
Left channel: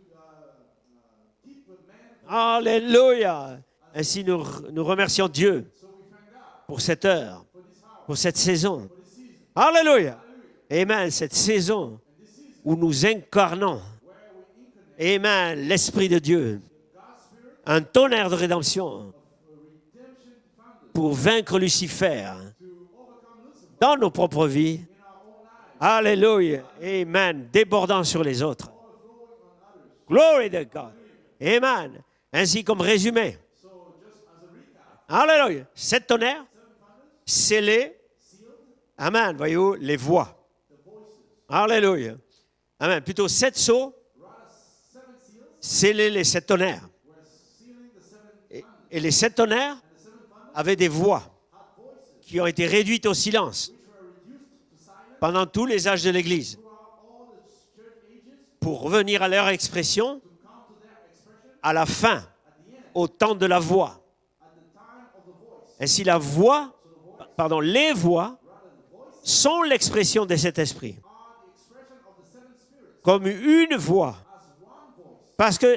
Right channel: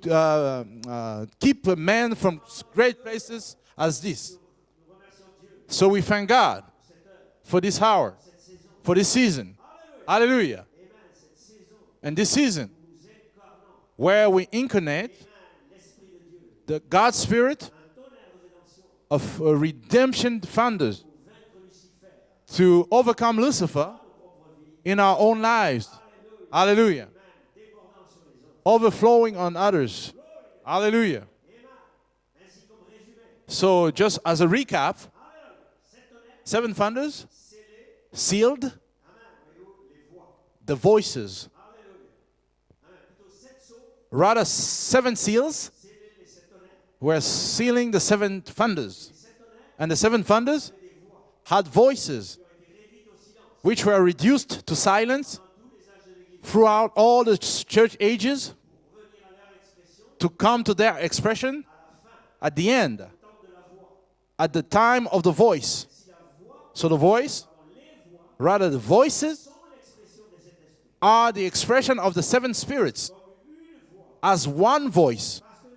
keep a man from great Alléluia. places as Ainsi, this. nous remercions Dieu So we thank God pour cette heure, for this hour, pour cette saison. for this season. Alléluia. Hallelujah. Amen. Cette saison And this season où nous incarnons, where we incarnate Amen, l'Esprit de Dieu, the God Spirit un tonnerre de rédemption of redemption thunders pour vaincre Lucifer to overcome Lucifer dans nos propres vies. in our own lives, Alléluia. Hallelujah. Amen. Débordant sur les autres. overflowing on others. Glory to God. Hallelujah. Amen. Ainsi comme résumé. So just as a recap, Alléluia. 7 tonnerres 7 thunders, scellés. sealed, Amen. Voyez-vous, les voix. the voices. Alléluia. Amen. Plutôt 7 sceaux, Rather 7 seals scellés les 7 tonnerres. were sealing the 7 thunders. Et les 7 tonnerres And the 7 thunders avaient des voix had voices qui ont été réduites au silence which were reduced to silence pendant tous les âges de l'Église throughout all the church ages pour revenir à leur expression to come to their expression à la fin, at the end, au temps de la voix. at the time of the voice. Et si la voix, So the voice, les voix rather the voices, sont l'expression de cet esprit. are the expression of the seven spirits Comme une voix. as one voice. Parce que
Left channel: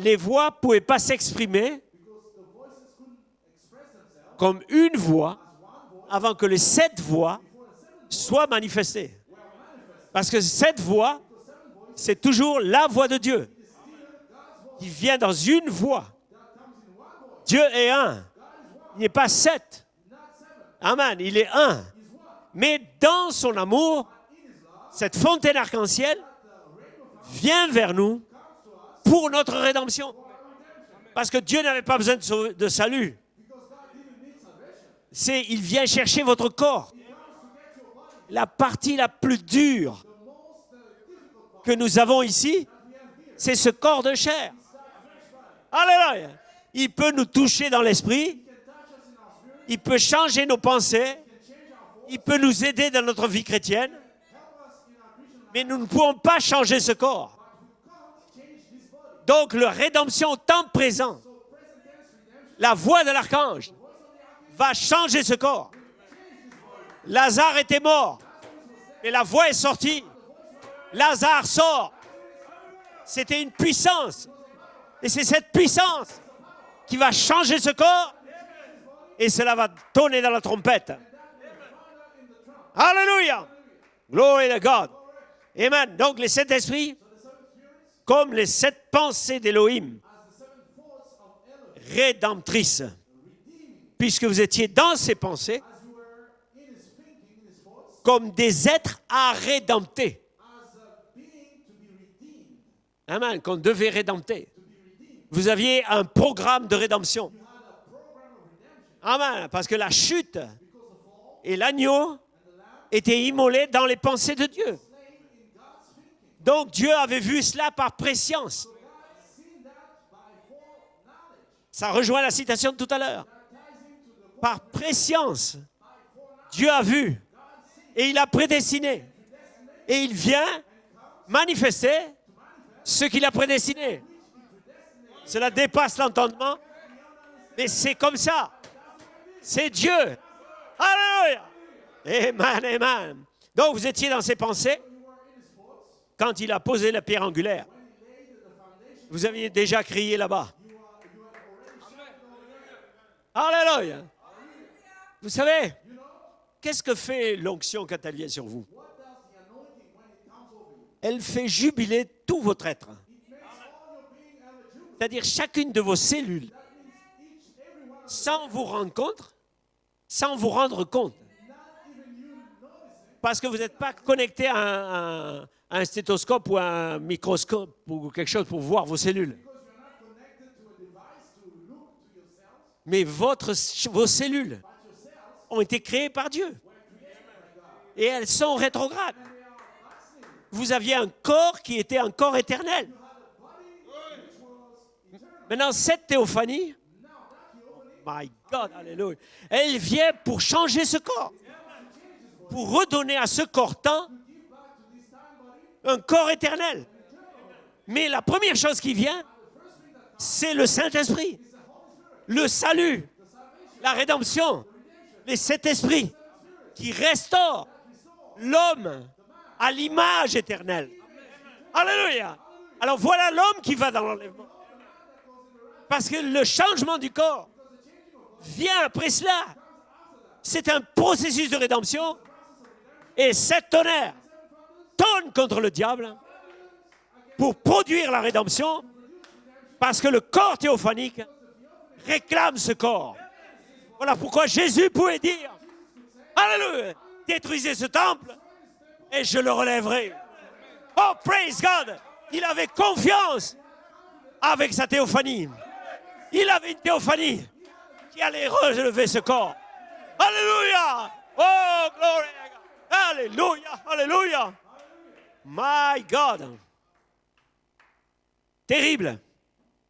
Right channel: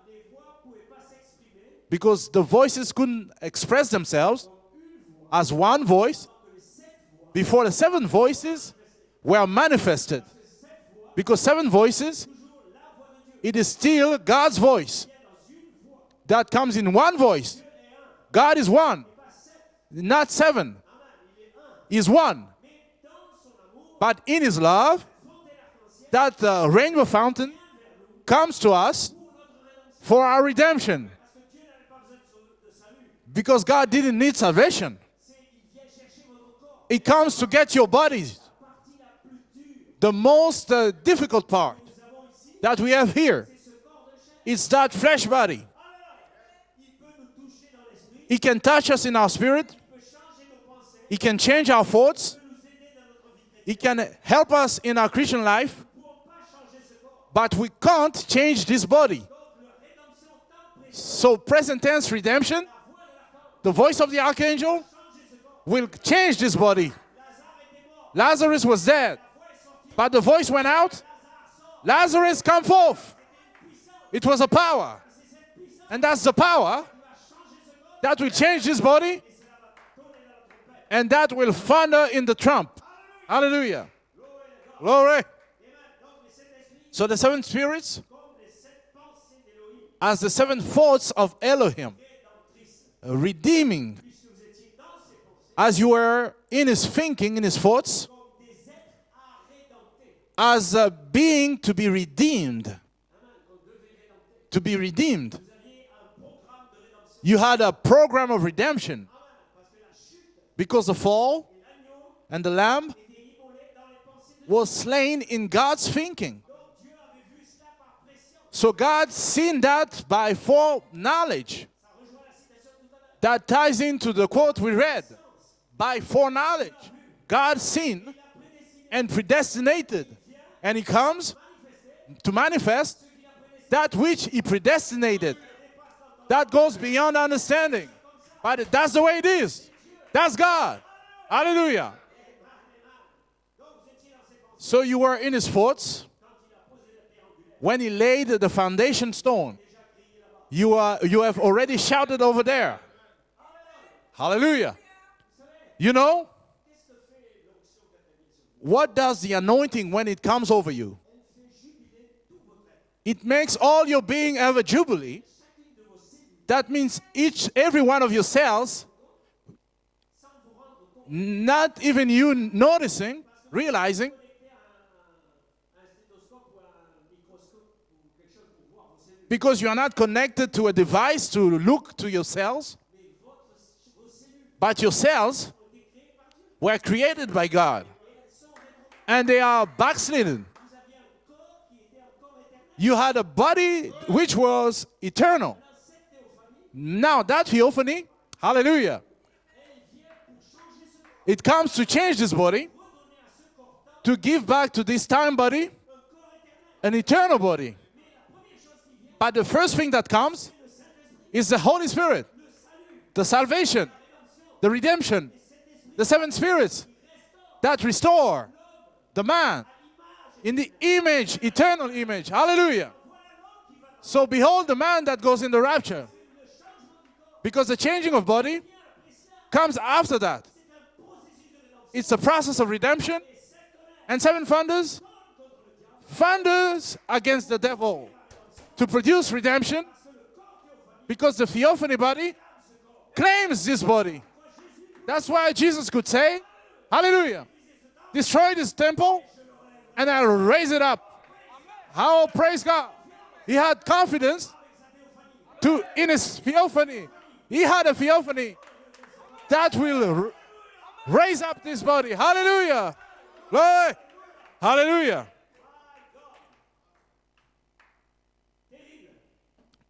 les voix ne pouvaient pas s'exprimer Because the voices couldn't express themselves comme une voix as one voice avant que les 7 voix before the seven soient voices manifestées. were manifested. Parce que cette voix, Because seven c'est voices, toujours la voix de Dieu. it is still God's Il voice vient dans une voix. that comes in one voice. Dieu est un. God is Il one, n'est pas 7. not seven. Amen. Il est un. He is one. Mais dans son amour, But in His love, cette fontaine arc-en-ciel that rainbow fountain vient vers nous comes to us pour notre rédemption. for our redemption. Parce que Dieu n'avait pas besoin de salut. Because God didn't need salvation. Il vient chercher votre corps. It comes to get your bodies. La partie la plus dure The most difficult que part nous avons ici, that we have here, c'est ce corps de chair. it's that flesh body. Alléluia. Il peut nous toucher dans l'esprit. He can touch us in our spirit. Il peut changer nos pensées. He can change our Il thoughts. peut nous aider dans notre vie He chrétienne. can help us in our Christian Mais life. nous ne pouvons pas changer ce corps. But we can't change this body. Donc, la rédemption au temps présent, So present tense redemption, la voix de l'archange, the voice of the va archangel changer ce corps. will change this body. Lazare était mort. Lazarus was Et dead, la voix est sortie. but the voice went out. Lazare sort. Lazarus, come forth. C'était une puissance. It was a power. Et c'est cette puissance And that's the power qui va changer ce corps. that will change this body, Et cela va tonner dans la trompette. and that will thunder in the trump. Alléluia. Hallelujah. Glory to God. Glory. Amen. Donc les 7 esprits, So the seven spirits, comme les 7 pensées d'Élohim, as the seven thoughts of Elohim, rédemptrices. redeeming, Puisque vous étiez dans ses pensées, as you were in his thinking, in his thoughts, comme des êtres à rédempter. as a being to be redeemed. Amen. Qu'on devait rédempter. To be redeemed. Vous aviez un programme de rédemption. You had a program of redemption. Amen. Parce que la chute Because the fall et l'agneau and the lamb étaient immolés dans les pensées de was Dieu. slain in God's thinking. Donc Dieu avait vu cela par préscience. So God seen that by foreknowledge. Ça rejoint la citation de tout à l'heure. That ties into the Par quote we read. préscience, By Dieu foreknowledge. a vu God seen et il a prédestiné. and predestinated. Et il vient And he comes manifester to manifest ce qu'il a prédestiné. that which he predestinated. Cela dépasse That l'entendement. goes beyond Et understanding. c'est comme ça. But that's the way it is. C'est Dieu. That's God. Alléluia. Hallelujah. Amen, amen. Donc vous étiez dans ses pensées So you were in his thoughts quand il a posé la pierre angulaire. when he laid the foundation Vous aviez stone. déjà crié là-bas. You have already shouted over there. Alléluia. Hallelujah. Vous savez, You know, qu'est-ce que fait l'onction quand elle vient sur vous? what does the anointing when it comes over you? Elle fait jubiler tout votre être. It makes all your being have a jubilee. C'est-à-dire chacune de vos cellules. That means every one of your Sans vous cells, rendre compte. Sans vous rendre compte. not even you noticing, Parce que vous n'êtes pas realizing, connecté à un stéthoscope ou à un microscope ou quelque chose pour voir vos cellules. because you are not connected to a device to look to your cells, Mais vos cellules but your cells ont été créées par Dieu. were created by God. Et elles sont rétrogrades. And they are backslidden. Vous aviez un corps qui était un corps éternel. You had a body which was eternal. Maintenant, cette théophanie, Now that theophany, my God, hallelujah, elle vient pour changer ce corps. it comes to change this body, Pour redonner à ce corps-temps to give back to this time body un corps éternel. an eternal body. Mais la première chose qui vient, But the first thing that comes c'est le Saint-Esprit. is the Holy Spirit, Le salut, the salvation, la rédemption. the redemption, Et cet esprit the seven spirits qui restaure that restore l'homme the man à l'image in the éternelle. image, eternal Hallelujah. image. Hallelujah. Alors voilà l'homme qui va dans So le behold the man that goes in the rapture. Parce que le changement du corps Because the changing of body vient après cela. comes after that. C'est un processus de rédemption. It's a process of redemption. Et sept tonnerres And seven thunders, tonnent contre le diable thunders against pour the devil produire la rédemption. to produce redemption. Parce que le corps théophanique Because the theophany body réclame ce corps. claims this Voilà body. pourquoi Jésus pouvait That's dire why Jesus could say, Alléluia, Hallelujah. détruisez ce temple destroy this temple et je le relèverai. and I'll raise it up. Oh, praise God! Oh, Il praise avait God. confiance He had confidence avec sa théophanie. in his Il avait une theophany. théophanie He had a qui allait theophany relever ce corps. that will Alléluia! raise up this body. glory. Hallelujah. Alléluia! Glory. Alléluia! Hallelujah. My God! Terrible.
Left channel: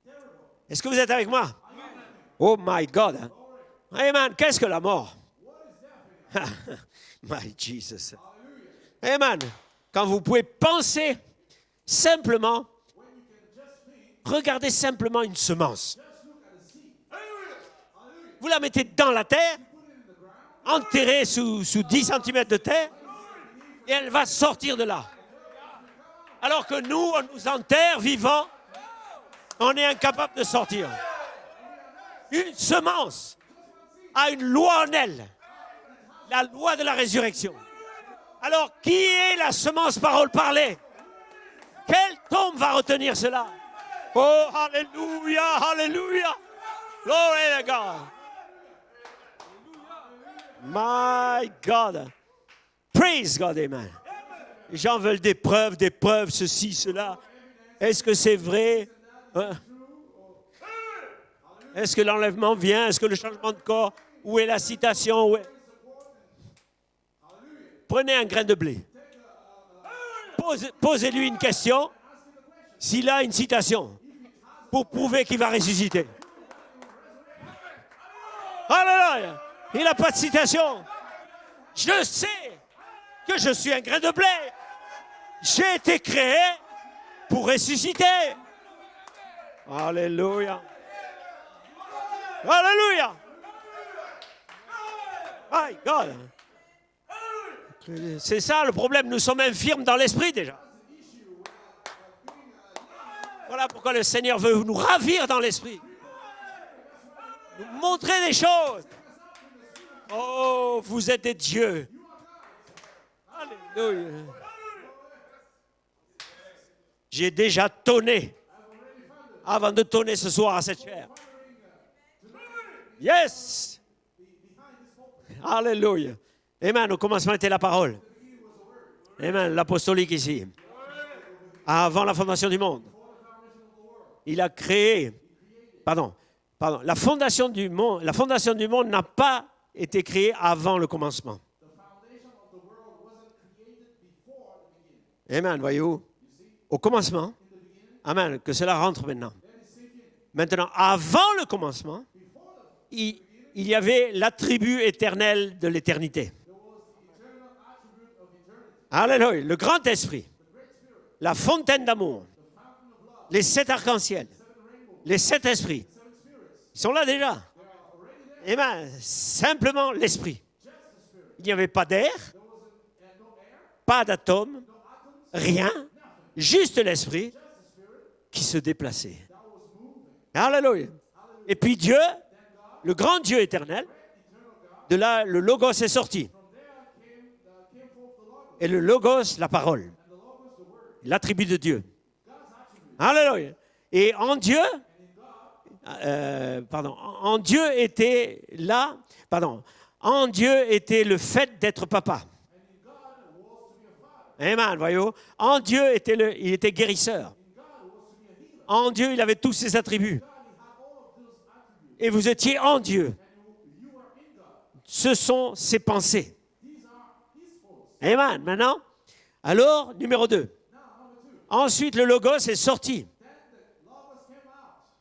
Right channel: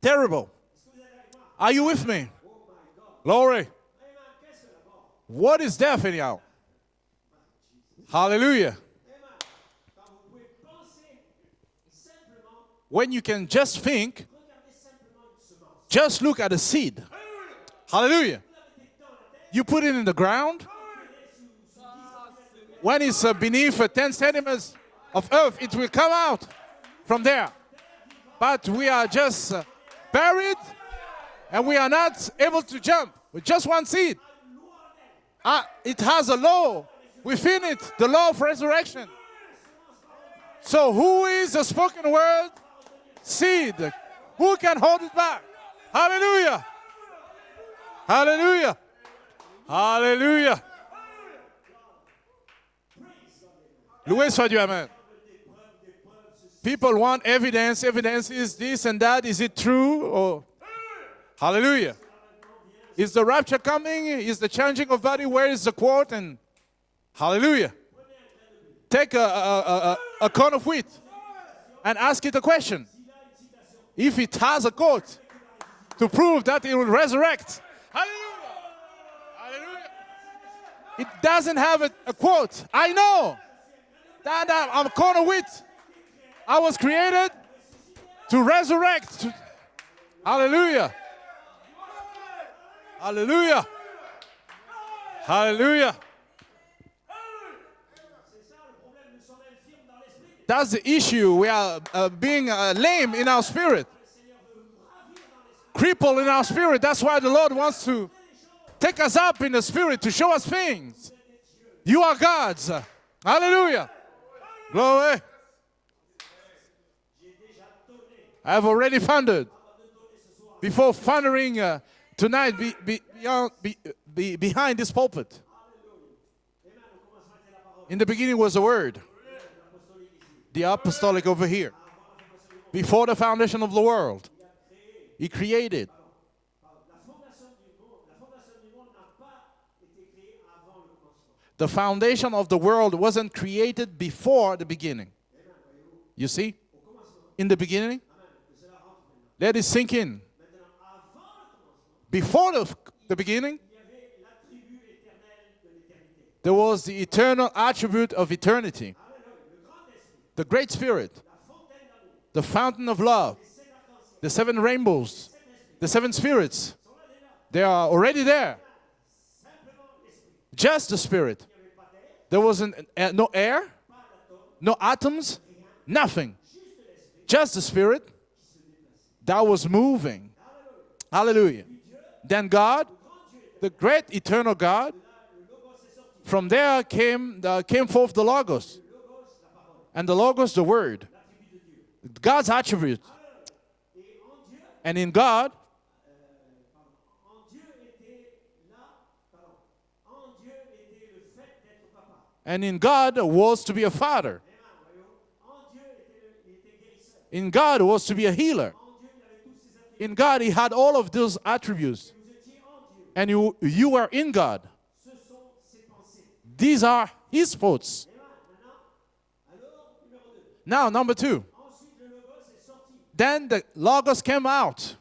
Terrible. Est-ce que vous êtes avec moi? Are you with me? Oh my God! Glory. Amen. Qu'est-ce que la mort? What is death anyhow? My Jesus. Hallelujah. Amen. Quand vous pouvez penser simplement, When you can just think, regardez simplement une semence. just look at a seed. Hallelujah. vous la mettez dans la terre, You put it in the ground. enterrée sous 10 cm de terre, When it's beneath et 10 elle va centimeters sortir de là. of earth, it will come out. Alors que nous, From on there. est en terre, vivants, But we are just on est incapable de buried, sortir. and we are not Une able to jump semence with just one seed. A une loi en elle. It has a La law loi de la résurrection. within it, the law of Alors, resurrection. qui est la semence parole parlée? So who is the spoken Quelle word tombe va retenir cela? seed? Oh, Who can hold it back? Hallelujah, Hallelujah. Glory to God. Hallelujah. Hallelujah. My God. Praise God, amen. Loué soit Dieu, amen. Les gens veulent des preuves, ceci, People cela. want evidence, Est-ce que evidence c'est is vrai? this and that. Is it true? Or hallelujah. Est-ce que l'enlèvement vient? Est-ce que Is le the changement de rapture corps? coming? Is Où est the la changing of citation? body? Où- Where is the quote? And hallelujah. Prenez un grain de blé. Take a corn of wheat Posez-lui une question. and ask it a question. S'il a une citation, If it has a pour quote, prouver qu'il va ressusciter. to prove that it will resurrect. Alléluia. Il n'a pas de citation. It doesn't have Je a sais quote. I know Que je suis un grain de blé. that I'm a corn of wheat. J'ai été créé I was created pour ressusciter. to resurrect. Alléluia. Hallelujah. Alléluia. Hallelujah. Hallelujah. C'est ça le problème. Nous sommes infirmes dans l'esprit déjà. That's the issue. We are being lame in our Voilà spirit, pourquoi le Seigneur veut nous ravir dans l'esprit. crippled in our spirit. That's why the Lord wants to Montrer des choses. take us up in the spirit, to show us Oh, things. vous êtes des dieux. You are God's. Hallelujah. Glory. J'ai déjà tonné I've already thundered. avant de tonner ce soir à cette Before terre. thundering tonight Yes. behind this pulpit. Alléluia. Amen. Au commencement était la parole. In the beginning was the word, Amen. L'apostolique ici. the apostolic over here. Avant la fondation du monde. Before the foundation of the world, Il a créé. he created. Pardon. La fondation du monde n'a pas été créée avant le commencement. The foundation of the world wasn't created before the beginning. Amen. Voyez-vous. You see, Au commencement. in the beginning, Amen. Que cela rentre maintenant. let it sink in. Maintenant, avant le commencement, Before il the beginning, y avait l'attribut éternel de l'éternité. there was the eternal attribute of eternity, Alléluia. Le grand esprit, the great spirit, la fontaine d'amour, the fountain of love, les 7 arcs-en-ciel, the 7 rainbows, les 7 esprits, the 7 spirits. ils sont là déjà. They are already there. Amen. Simplement l'esprit. Just the spirit. Il n'y avait pas d'air, There wasn't no air, pas d'atomes, no atoms, rien. nothing. Juste l'esprit Just the spirit qui se déplaçait. that was moving. Alléluia. Hallelujah. Et puis Dieu, Then God, le grand Dieu the éternel, great eternal de God, là, le Logos est sorti. from there came forth the Logos. Et le Logos, la parole, And the Logos, the Word, l'attribut de Dieu. God's attribute. Alléluia. Et en Dieu, And in God, en Dieu était là, en Dieu était le fait d'être papa. and in God was to be a father. Amen, voyez-vous. En Dieu, il était guérisseur. In God was to be a healer. En Dieu, il avait tous ses In attributs. God, He had all of those attributes. Et vous étiez en Dieu. And you were in God. Ce sont ses pensées. These are His thoughts. Amen. Maintenant, alors, numéro 2. Now, number 2. Ensuite, le Logos est sorti. Then the Logos came out.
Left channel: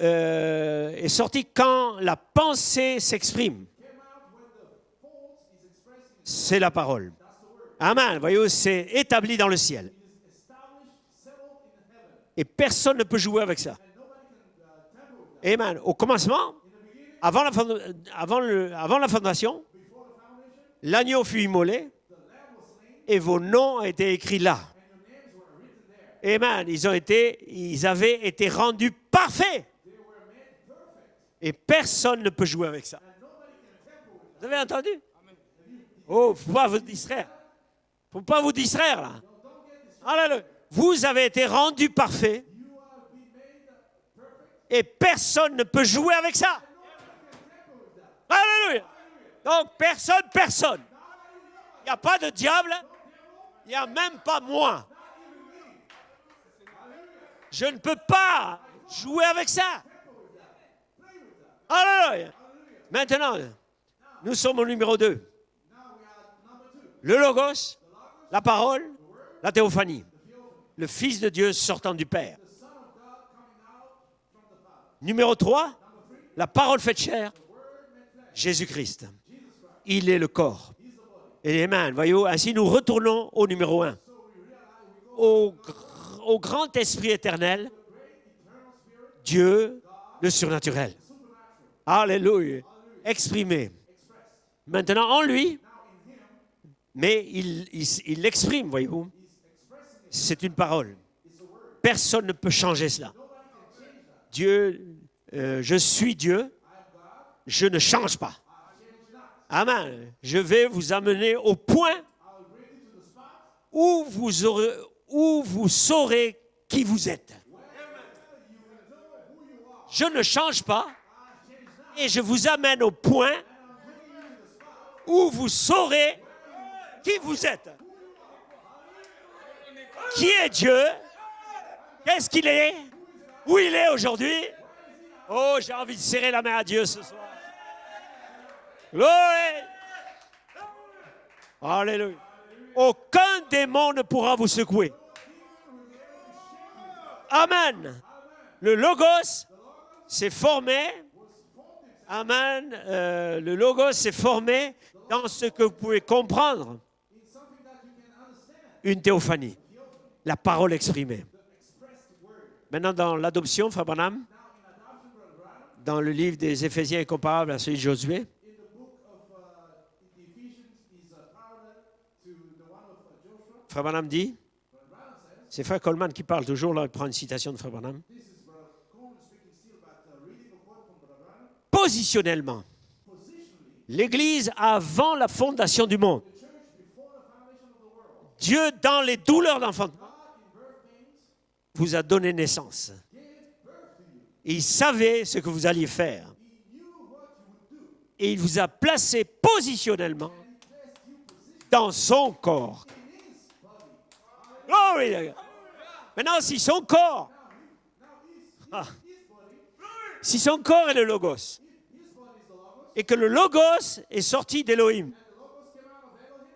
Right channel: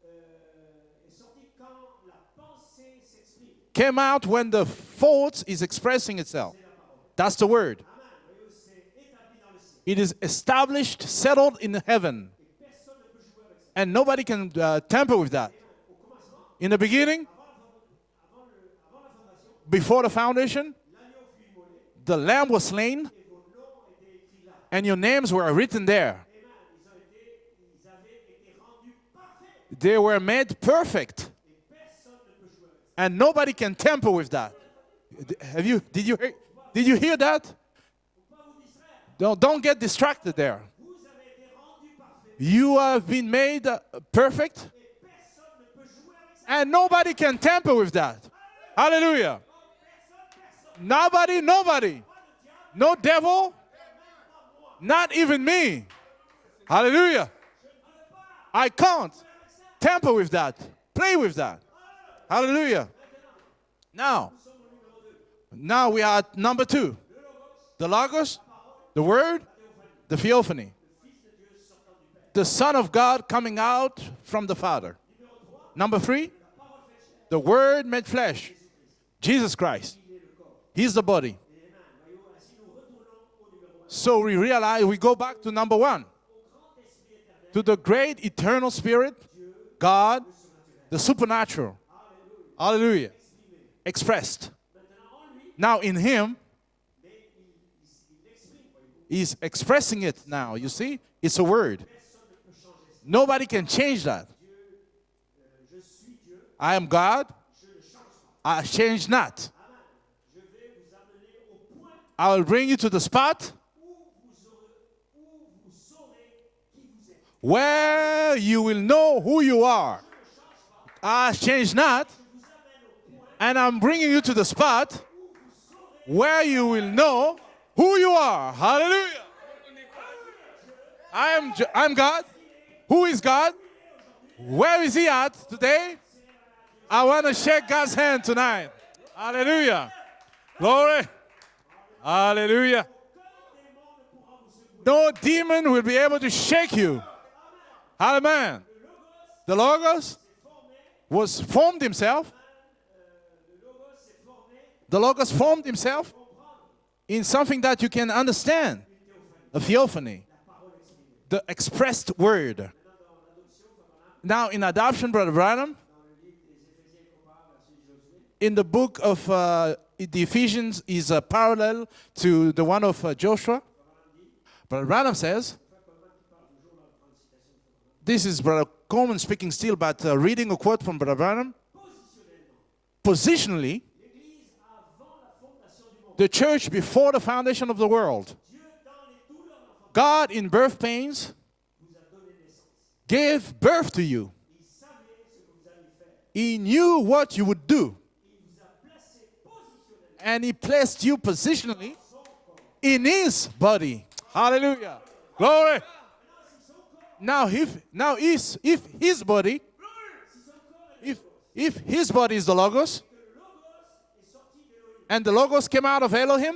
Est sorti quand la pensée s'exprime. Came out when the thought is expressing itself. C'est la parole. That's the word. Amen. Voyez-vous, c'est établi dans le ciel. It is established, settled in heaven. Et personne ne peut jouer avec ça. And nobody can tamper with that. Amen. Au commencement, In the beginning, avant la fondation, before the foundation, l'agneau fut immolé the lamb was slain et vos noms ont été écrits là. and your names were written there. Amen. Ils avaient été rendus parfaits. They were made perfect. Et personne ne peut jouer avec ça. And nobody can tamper with Vous that. avez entendu? Did you Oh, faut pas vous did you hear distraire. that? Faut pas vous distraire là. Don't get distracted Alléluia. there. Vous avez été rendus parfaits You have been made perfect et personne ne peut jouer avec ça. and nobody can tamper with that. Alléluia. Hallelujah. Donc personne. Nobody, Il nobody. n'y a pas de diable. No devil, Il n'y a même pas moi. not even me. Hallelujah. Je ne peux pas I can't jouer avec ça. tamper with that. Play with that. Alléluia. Hallelujah. Maintenant, Now, nous sommes au numéro 2. Now we are at number 2. Le Logos, The Logos, la parole, the Word, la théophanie. the Theophany. Le Fils de Dieu sortant du Père. The Son of God coming out from the Father. Numéro 3, Number 3, la parole faite chair, the Word made flesh. Jésus-Christ. Jesus Christ. Il est le corps. He's the body. Et amen. Voyez-vous, ainsi nous retournons au numéro 1. So we realize we go back to number 1. Au grand esprit To éternel, the great eternal Spirit, Dieu, God, le surnaturel. the supernatural. Alléluia. Hallelujah. Exprimé. Expressed. Maintenant en lui, Now in Him, mais il l'exprime, voyez-vous. He's expressing it C'est now. une You parole. see? It's a word. Personne ne peut changer cela. Nobody can change that. Dieu, je suis Dieu, I am God. je ne change pas. I change not. Amen. Je vais vous amener au point I will bring you to the spot où vous saurez qui vous êtes. where you will know who you are. Je ne change pas I change not. et je vous amène au point And I'm bringing you to the spot où vous saurez where you will know vous êtes. who you are. Hallelujah. qui est Dieu, I'm God. qu'est-ce qu'il est, Who is God? où il est aujourd'hui. Where is He at Oh, j'ai today? envie de serrer la main à Dieu. I want to shake God's hand tonight. Glory. Hallelujah. Glory. Alléluia. Hallelujah. Aucun démon ne pourra vous secouer. No demon will be able to shake you. Amen. Amen. Le Logos The Logos s'est formé. was formed himself Amen. Le Logos s'est formé The Logos dans ce formed que vous himself. pouvez comprendre. in something that you can understand. Une théophanie. A theophany. La parole exprimée. The expressed word. Maintenant, dans l'adoption, Frère Branham, Now in adoption, Brother Branham, dans le livre des Éphésiens est comparable à celui de Josué. in the book of the Ephesians is parallel to the one of Joshua. Frère Branham dit, Brother Branham says, c'est Frère Coleman qui parle toujours, là, il prend une citation de Frère Branham. this is Brother Coleman speaking still, but reading a quote from Brother Branham. Positionnellement, Positionally, l'Église avant la fondation du monde. the church before the foundation of the world, Dieu, dans les douleurs d'enfantement, God in birth pains vous a donné naissance. gave birth to you. Il savait ce que vous alliez faire. He knew what you would do, Et il vous a placé positionnellement and He placed you dans positionally son corps. in His body. Hallelujah. Glory. Glory. Maintenant, si son corps, If His body, si son corps est le Logos, if His body is the Logos, et que le Logos est sorti d'Élohim, and the Logos came out of Elohim,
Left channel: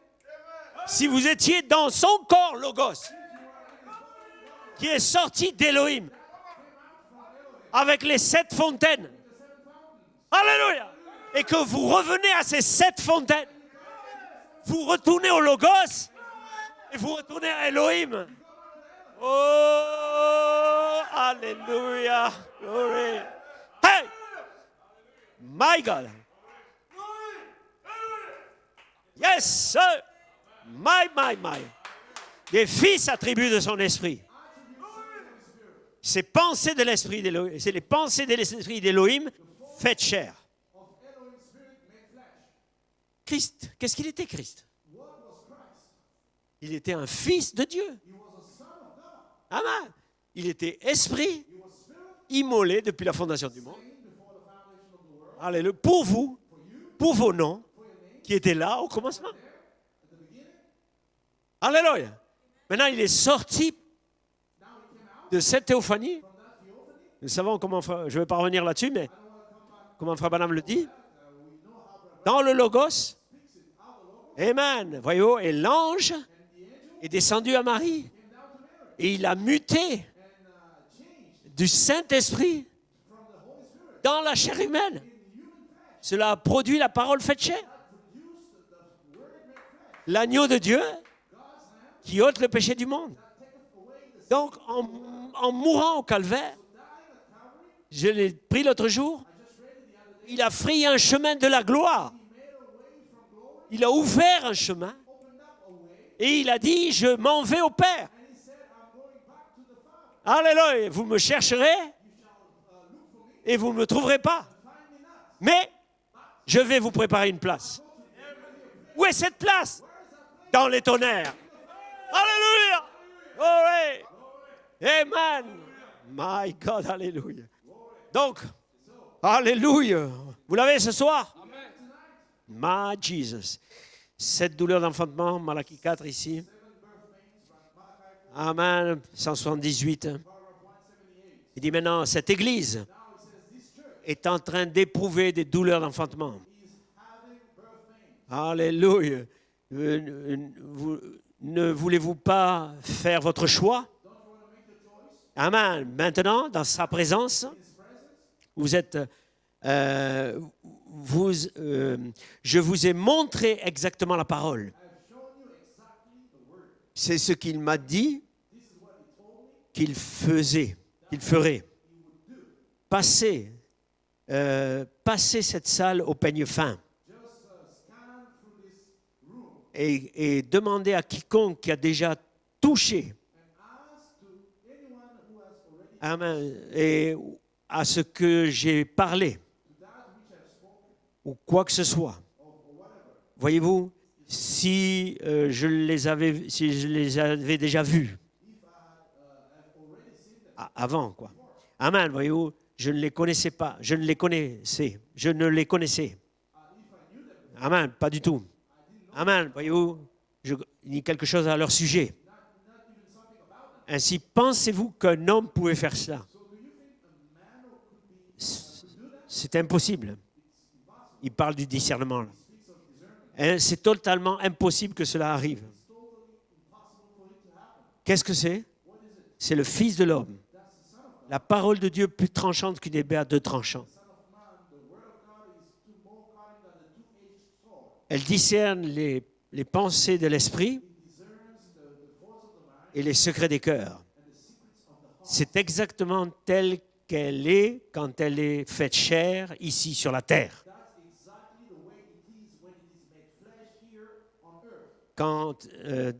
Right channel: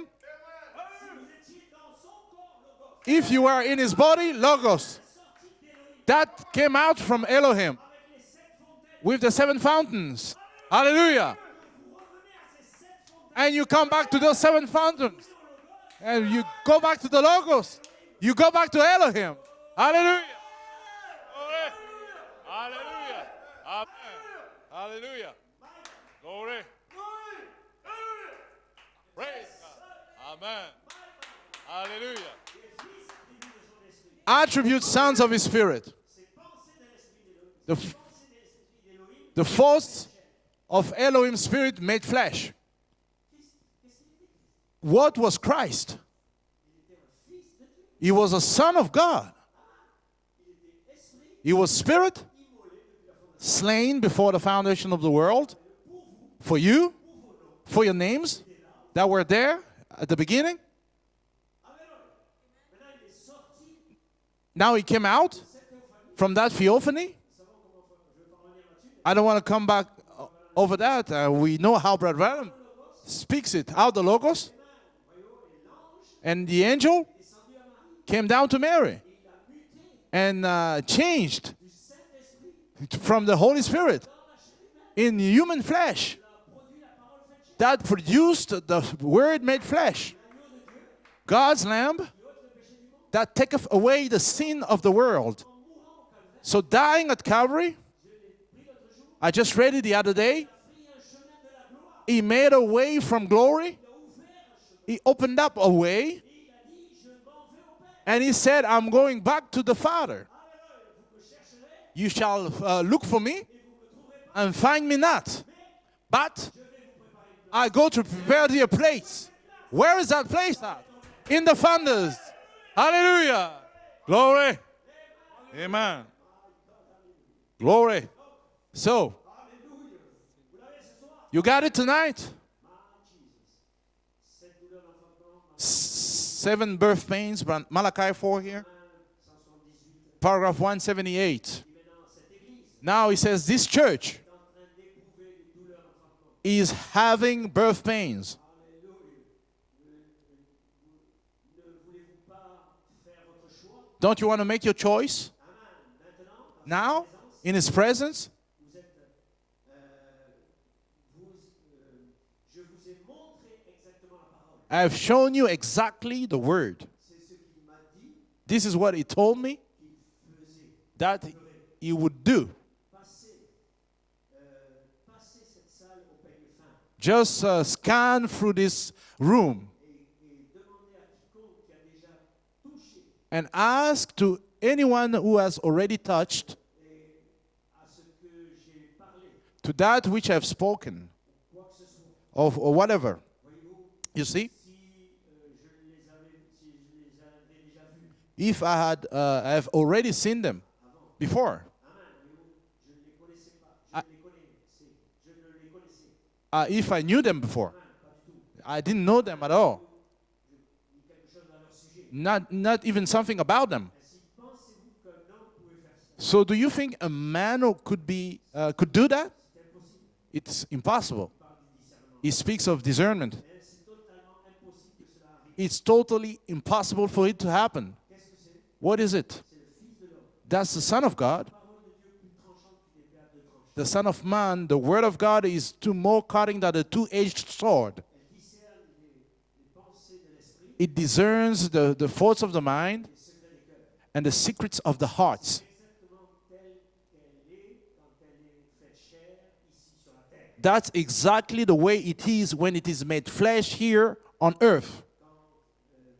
si vous étiez dans son corps Logos, if you are in His body, Logos, qui est sorti d'Élohim, that came out from Elohim avec les 7 fontaines, with the 7 fountains. Alléluia, Hallelujah. et que vous revenez à ces 7 fontaines, And you come back to those 7 vous fountains, retournez au Logos, and you go back to vous the retournez à Logos. Elohim. You go back to Elohim. Oh, Hallelujah. Alléluia. Glory. Hey, Hallelujah. my God. Yes, sir. My. Hallelujah. Des fils attributs de son esprit. Attribute sons of His Spirit. Ces pensées de l'esprit d'Élohim, c'est les pensées de l'esprit d'Élohim The force faites chair. of Elohim's Spirit made flesh. Christ, qu'est-ce qu'il était Christ? What was Christ? Il était un fils de Dieu. He was a son of God. Amen. Il était esprit He was spirit, immolé depuis la fondation. slain before the foundation of the world. Alléluia. Pour vous, For you, pour vos noms for your names qui étaient là au that were commencement. there at the beginning. Alléluia. Maintenant, il est sorti Now He came out de cette théophanie. from that theophany. Nous savons comment, je ne vais pas revenir là-dessus, mais I don't want to come back comment Frère Branham le over dit. that. We know how Brother Dans Branham le Logos, speaks it out the Logos. Amen. Voyez-vous, et l'ange And the angel est descendu à Marie. came down to Mary Et il a muté and changed du Saint-Esprit from the Holy Spirit dans la chair humaine. in human flesh. Cela a produit la parole faite chair. That produced the Word made flesh. L'agneau de Dieu God's Lamb qui ôte le péché du monde. that taketh away the Donc, sin of the world. en mourant au calvaire, So dying at Calvary, je l'ai pris l'autre jour, I just read it the other day. il a frayé un chemin de la gloire. He made a way from glory. Il a ouvert un chemin He opened up a way. et il a dit, je m'en vais au Père. And He said, I'm going back to the Father. Alléluia, vous me chercherez You shall look for me et vous ne me trouverez pas. and find me not. Mais But je vais vous préparer une I place. go to prepare thee a place. Où est cette place? Where is that place? Dans les tonnerres. In the thunders. Alléluia. Hallelujah. Glory. Glory. Amen. Amen. My God, alléluia. Glory. Donc, So, alléluia. Vous l'avez ce soir? you got it tonight? My Jesus. 7 douleurs d'enfantement, Malachie 4 ici. 7 birth pains, Malachi 4 here. Amen. 178. Paragraph 178. Il dit maintenant, cette église Now he says this church est en train d'éprouver des douleurs d'enfantement. is having birth pains. Alléluia. Ne voulez-vous pas faire votre choix? Don't you want to make your choice? Amen. Maintenant, dans sa Now, présence, in his presence, vous êtes... je vous ai montré exactement la parole. I have shown you exactly the word. C'est ce qu'il m'a dit This is what he told me qu'il faisait, That- qu'il ferait. he would do. Passer cette salle au peigne fin Just scan through this room et demander à quiconque qui a déjà touché and ask to anyone who has already amen, touched et à ce que j'ai parlé to that which I have spoken ou quoi que ce soit. or whatever. Voyez-vous, You see? si je les avais déjà vus If I have already seen them avant. before. Amen, voyez-vous, je ne les connaissais pas, je ne les connaissais. If I knew them before. Amen, pas du tout. I didn't know Amen, them at all. voyez-vous, il dit quelque chose à leur sujet. Not even something about them. Ainsi, pensez-vous qu'un homme pouvait faire cela? So do you think a man could do that? C'est impossible. It's impossible. Il parle du discernement. He speaks of discernment. Et c'est totalement impossible que cela arrive. It's totally impossible for it to happen. Qu'est-ce que c'est? What is it? C'est le Fils de l'homme. That's the Son of La God. parole de Dieu plus tranchante qu'une épée à deux tranchants. The Son of Man, the Word of God is more cutting than a two-edged sword. Elle discerne les pensées de l'esprit It discerns the thoughts of the et mind les secrets des cœurs. and the secrets of the heart. C'est exactement tel qu'elle est quand elle est faite chair ici sur la terre. That's exactly the way it is when it is made flesh here on earth, Quand,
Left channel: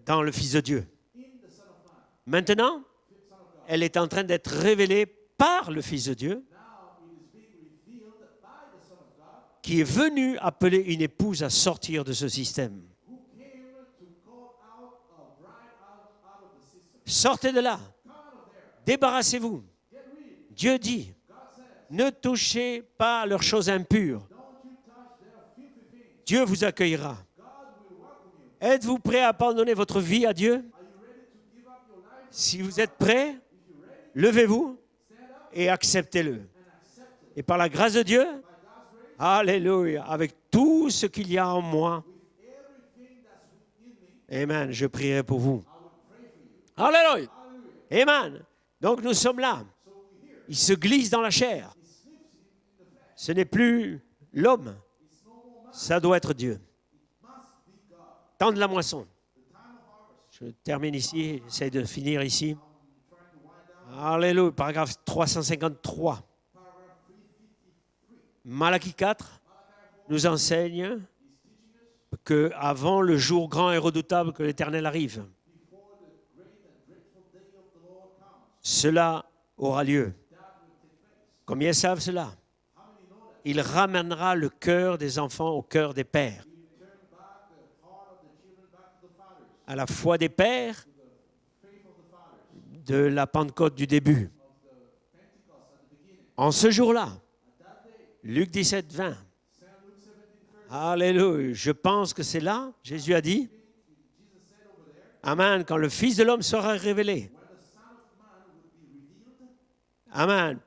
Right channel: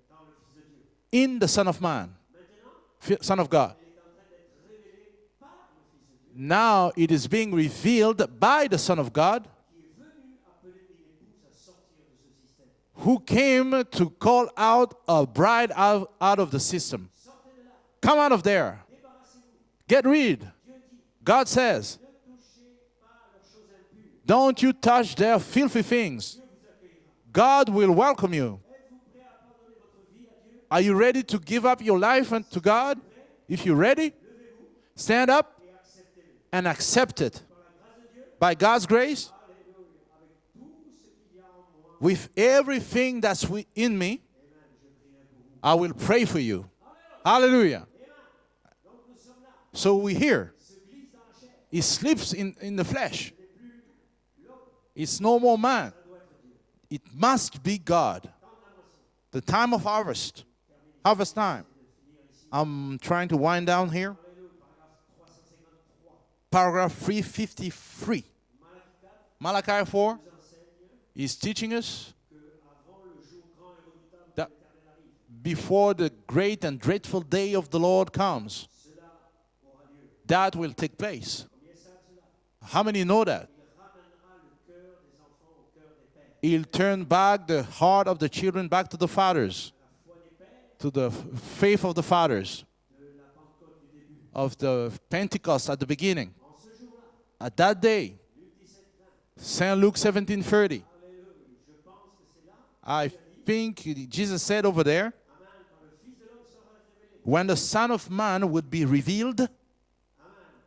dans le Fils de Dieu. in the Son of Man, Maintenant, Son of God. elle est en train d'être révélée par le Fils de Dieu, Now it is being revealed by the Son of God, qui est venu appeler une épouse à sortir de ce système. who came to call out a bride out of the system. Sortez de là, Come out of there. débarrassez-vous. Get rid. Dieu dit, God says, ne touchez pas leurs choses impures. don't you touch their filthy things. Dieu vous accueillera. God will welcome you. Êtes-vous prêt à abandonner votre vie à Dieu? Are you ready to give up your life Si unto vous êtes God? prêt, If you're ready, levez-vous stand up et acceptez-le. and accept Et it. par la grâce de Dieu, By God's grace, alléluia, avec tout ce qu'il y a en moi, with everything that's in me, amen, je prierai pour vous. I will pray for you. Alléluia, Hallelujah. amen. Donc nous sommes là. So we're here. Il se glisse dans la chair. He sleeps in the flesh. Ce n'est plus l'homme, It's no more man. ça doit être Dieu. It must be God. Temps de la moisson. The time of harvest. Je termine ici, Harvest time. j'essaie de finir ici. I'm trying to wind down here. Alléluia, paragraphe 353. Paragraph 353. Malachie 4 Malachi 4 nous enseigne is teaching us que avant le jour grand et redoutable que l'Éternel arrive, before the great and dreadful day of the Lord comes, cela aura lieu. that will take place. Combien savent cela? How many know that? Il ramènera le cœur des enfants au cœur des pères, He'll turn back the heart of the children back to the fathers, à la foi des pères to the faith of the fathers, de la Pentecôte du début. of the Pentecost at the beginning. En ce jour-là, At that day, Luc 17, 20. St. Luke 17:30. Alléluia. Je pense que c'est là, Jésus a I dit, think Jesus said over there, Amen, quand le Fils de l'homme sera révélé. when the Son of Man would be revealed, Amen.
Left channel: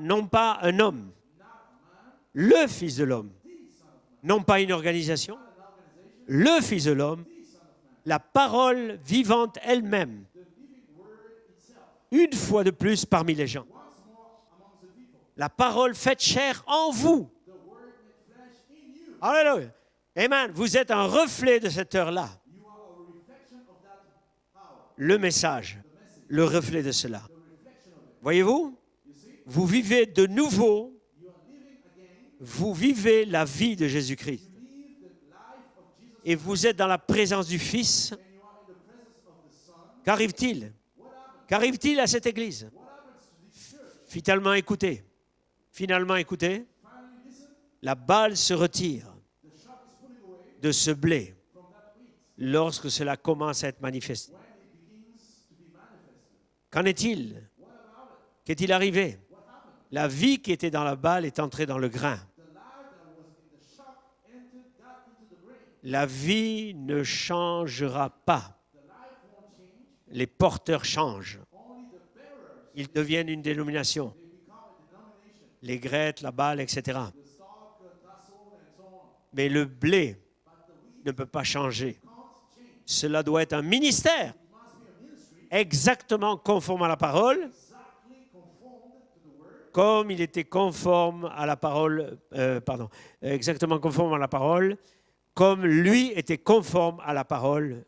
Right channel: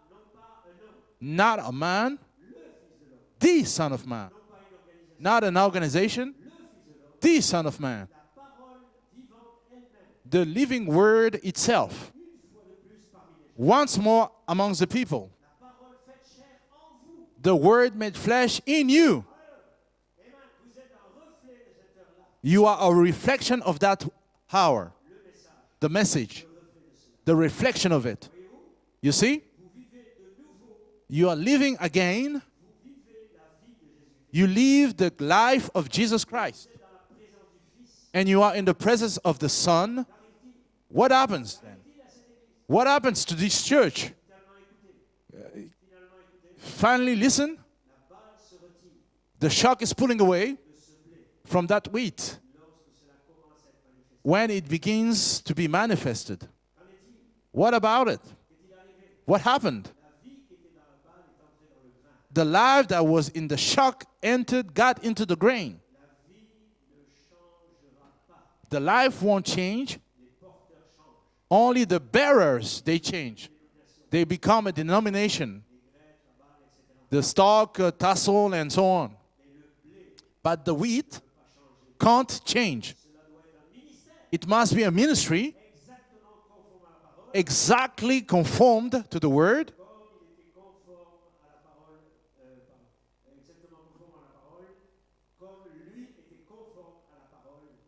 Non pas un homme, not a man, le Fils de l'homme. the Son of Man, Non pas une organisation, not an organization, le Fils de l'homme. the Son of Man, La parole vivante elle-même, the living word itself, une fois de plus parmi les gens. once more amongst the people, La parole faite chair en vous. the word made flesh in you. Alléluia. Amen. Vous êtes un reflet de cette heure-là. You are a reflection of that hour, Le message, the message, le reflet de cela. the reflection of it. Voyez-vous, You see, vous vivez de nouveau, you are living again. vous vivez la vie de Jésus-Christ. You live the life of Jesus Et Christ. vous êtes dans la présence du Fils. And you are in the presence of the Son. Qu'arrive-t-il? What happens? Qu'arrive-t-il à cette église? What happens to this church? Finalement, écoutez. Finally, listen. La balle se retire The shock is pulling away de ce blé from that wheat lorsque cela commence à être manifesté. when it begins to be manifested. Qu'en est-il? What about it? Qu'est-il arrivé? What happened? La vie qui était dans la balle est entrée dans le grain. The life that was in the shock got into the grain. La vie ne changera pas. The life won't change. Les porteurs changent. Only the bearers, Ils they deviennent une change. dénomination. They become a denomination. Les grettes, la balle, etc. The stalk, tassel, and so on. Mais le blé But the wheat ne peut pas changer. can't change. Cela doit être un ministère It must be a ministry exactement conforme à la parole, exactly conformed to the word, comme il était conforme à la parole, exactement conforme à la parole, comme lui était conforme à la parole,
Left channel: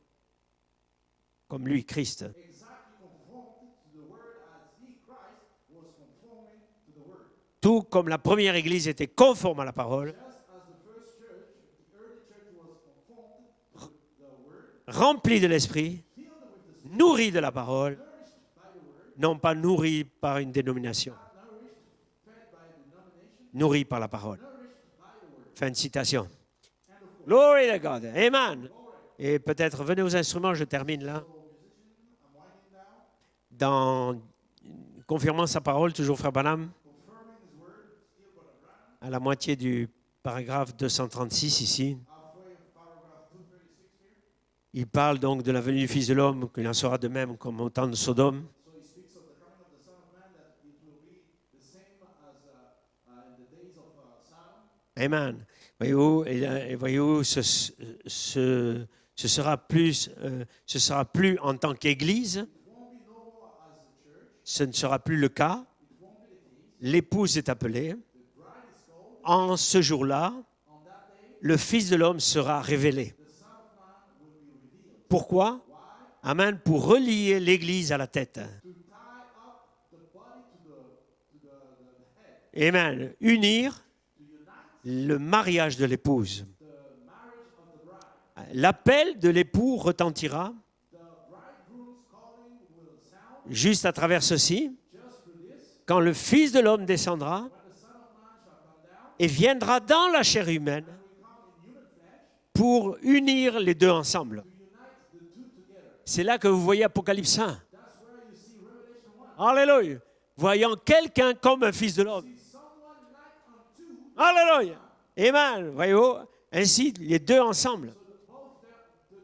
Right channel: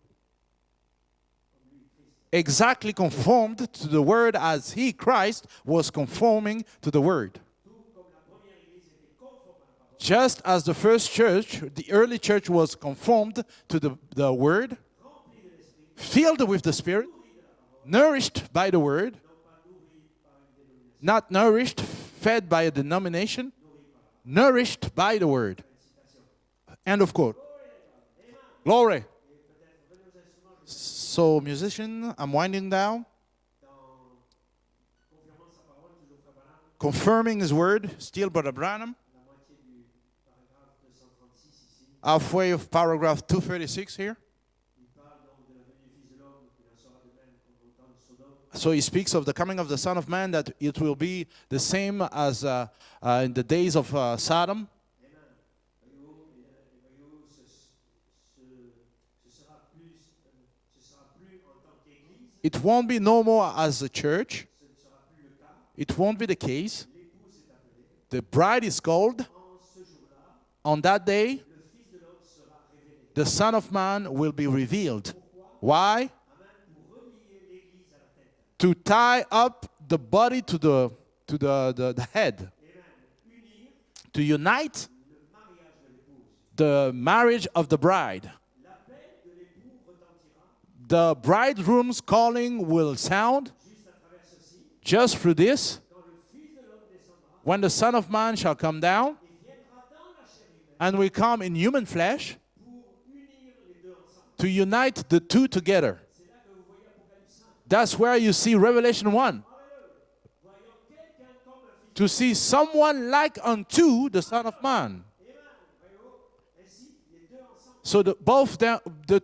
comme lui, Christ. exactly conformed to the word as he, Christ, was conforming to the word. Tout comme la première église était conforme à la parole, Just as the first church, the early church was conformed to the word, rempli de l'esprit, filled with the Spirit, nourri de la parole, nourished by the word, non pas nourri par une dénomination, not nourished, fed by a denomination, nourri par la parole. nourished by the word. Fin de citation. End of quote. Glory to God. Amen. Glory. Et peut-être, venez aux instruments, je termine là. So, musician, I'm winding down, Dans confirmant sa parole, toujours Frère Branham, confirming his word, still Brother Branham, à la moitié du paragraphe 236 ici, halfway of paragraph 236 here. il parle donc de la venue du Fils de l'homme, qu'il en sera de même comme au temps de Sodome. So he speaks of the coming of the Son of Man, that it will be the same as in the days of Sodom. Amen. Voyez-vous, ce sera plus en tant qu'Église, It won't be no more as a church. ce ne sera plus le cas. It won't be the case. L'épouse est appelée. The bride is called. En ce jour-là, On that day, le Fils de l'homme sera révélé. the Son of Man will be revealed. Pourquoi? Why? Amen. Pour relier l'Église à la tête. To tie up the body to the head. Amen. Unir To unite le mariage de l'épouse. the marriage of the bride. L'appel de l'époux retentira The bridegroom's calling will sound juste à travers ceci, just through this. quand le Fils de l'homme descendra When the Son of Man shall come down et viendra dans la chair humaine and will come in human flesh pour unir les deux ensemble. to unite the two together. C'est là que vous voyez Apocalypse 1. That's where you see Revelation 1. Alléluia. Voyant quelqu'un comme un fils de To l'homme. see someone like unto the Son of Alléluia. Man. Amen. Voyez-vous? Ainsi, les deux ensemble. So the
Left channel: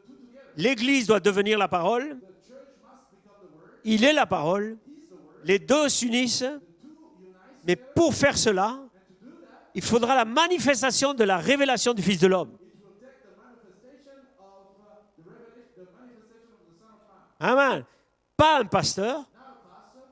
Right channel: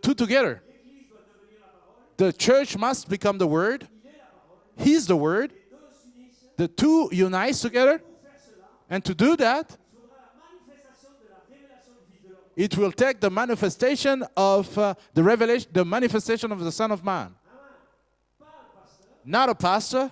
two together. L'Église doit devenir la parole. The church must become the Word. Il est la parole. He's the Word. Les deux s'unissent. The two unite Et together. pour faire cela, And to do that, il faudra la manifestation de la révélation du Fils de l'homme. it will take the manifestation of the revelation, the manifestation of the Son of Man. Amen. Pas un pasteur. Not a pastor.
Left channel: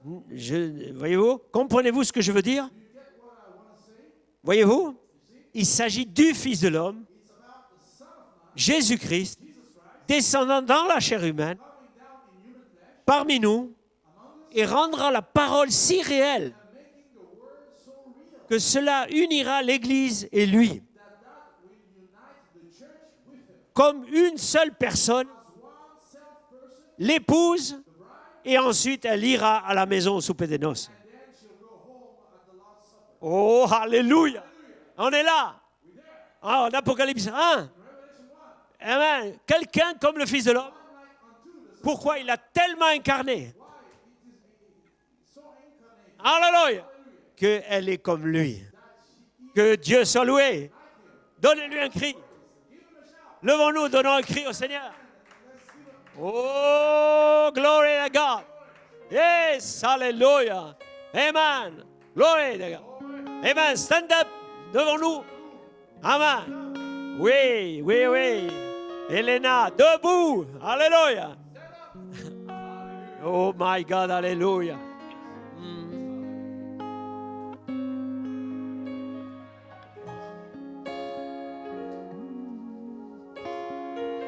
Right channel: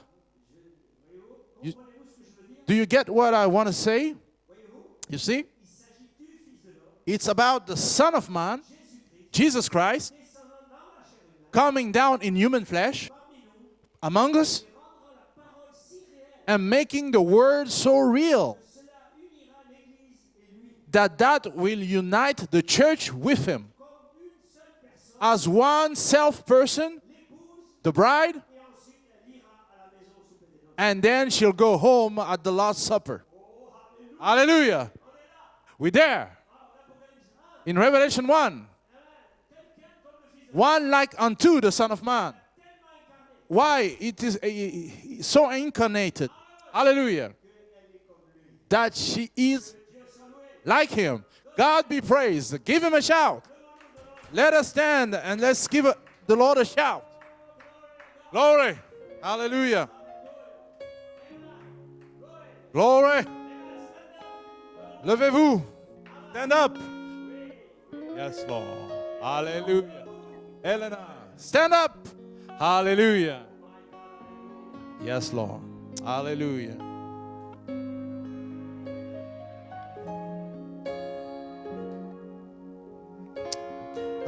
Voyez-vous? Comprenez-vous ce que je veux dire? Do you get what I want to say? Voyez-vous? You see? Il s'agit du Fils de l'homme, It's about the Son of Man, Jésus-Christ, Jesus Christ, descendant dans la chair humaine, coming down in human flesh parmi nous, among us et rendra la parole si réelle and making the Word so real que cela unira l'Église et lui, that will unite the church with Him comme une seule personne, as one self-person, l'épouse, the bride, et ensuite elle ira à la maison au souper des noces. and then she'll go home at the Lord's Supper. Oh, alléluia! Hallelujah. On est là. We're there. Ah, en Apocalypse 1. In Revelation 1, Amen. Quelqu'un comme le Fils de l'homme. one like unto the Son of Pourquoi il a Man. tellement incarné? Why? It is so incarnated. Alléluia. Hallelujah. Qu'elle est comme lui. That she is Que Dieu soit loué. like Him. Donnez-lui God un be cri. praised. Give Him a shout. Levons-nous, donnons un cri Let au us Seigneur. stand and let's give the Lord a shout. Oh, glory to God. Glory. Yes, Hallelujah. hallelujah. Amen. Glory to God. Glory. Amen. Stand up devant nous. Levez-vous. Amen. Stand up. Oui, oui, oui. Elena, Hallelujah. debout. Alléluia. Stand up. Hallelujah. Oh my God, alléluia. Yes, Lord. Hallelujah.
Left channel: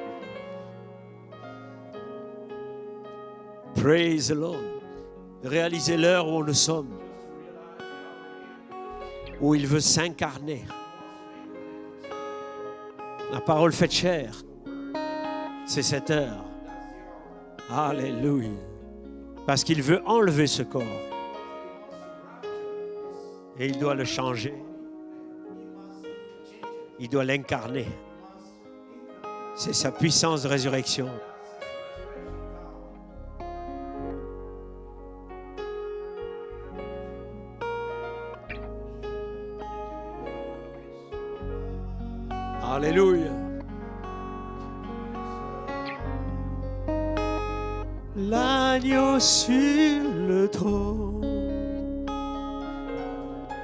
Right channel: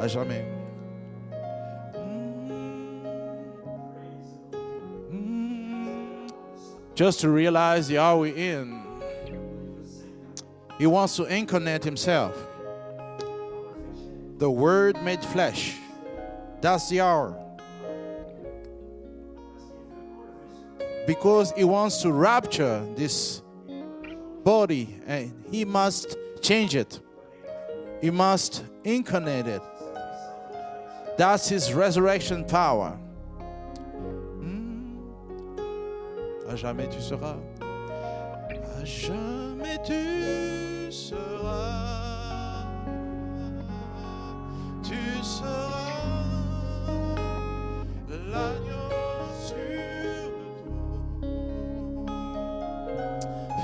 À jamais. Praise the Lord. Réalisez l'heure où nous sommes, Just to realize the hour we're in, où il veut s'incarner. He wants to incarnate Himself. La parole faite chair, The Word made flesh. c'est cette heure. That's the hour. Alléluia. Parce qu'il veut enlever ce corps Because He wants to rapture this et il doit le changer. body, and He must change it. Il doit l'incarner. He must incarnate C'est it. sa puissance de résurrection. That's His resurrection power. jamais tu seras. À jamais tu seras. Alléluia. Tu seras. L'agneau sur le trône.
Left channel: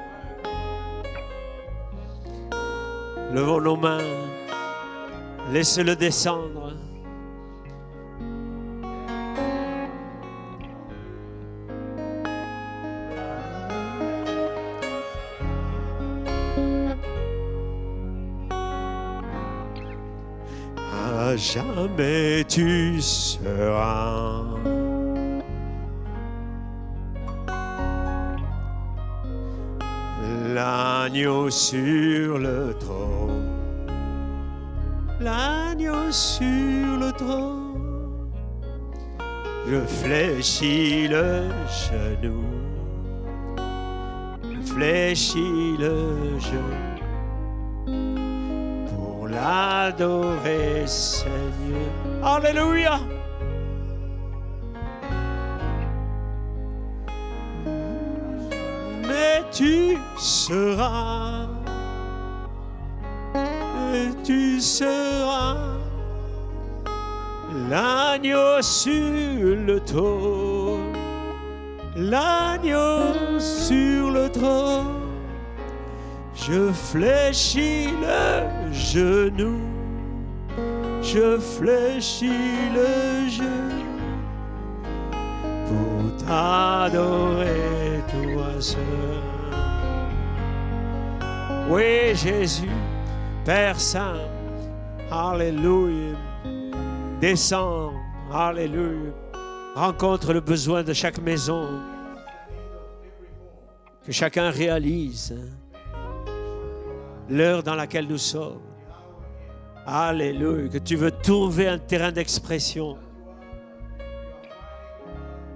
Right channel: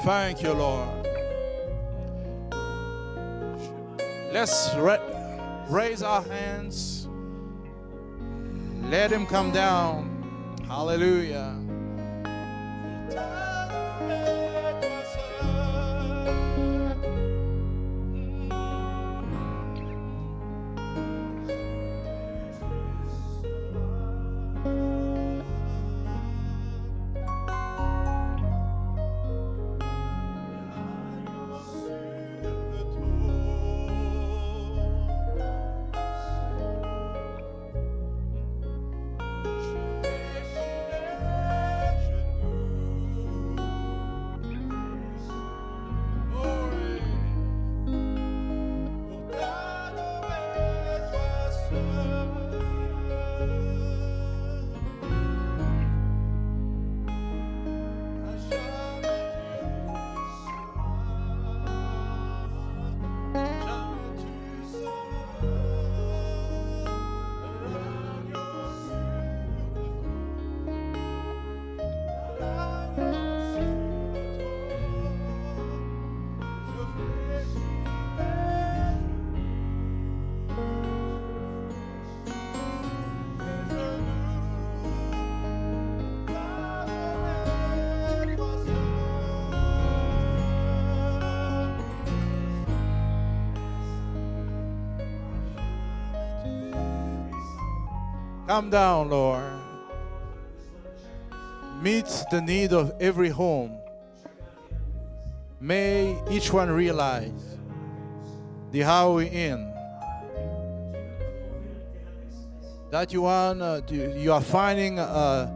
Thank you, Lord. Levons nos mains. Laissez-le raise our descendre. hands. Let him come down. Hallelujah. À jamais tu seras. L'agneau sur le trône. L'agneau sur le trône. Je fléchis le genou. Fléchis le genou. Pour l'adorer, Seigneur. Alléluia. Mais tu seras. Et tu seras. L'agneau sur le trône. L'agneau sur le trône. Je fléchis le genou, je fléchis le genou pour t'adorer toi seul. Oui, Jésus, Père Saint, Alléluia, descends, Come Alléluia, down, Lord. rencontre le besoin de chaque maison, Meet the need of every home. que chacun réalise May each one realize l'heure dans laquelle nous sommes. the hour we're in. Alléluia, que tu veux trouver un terrain d'expression. That you are finding a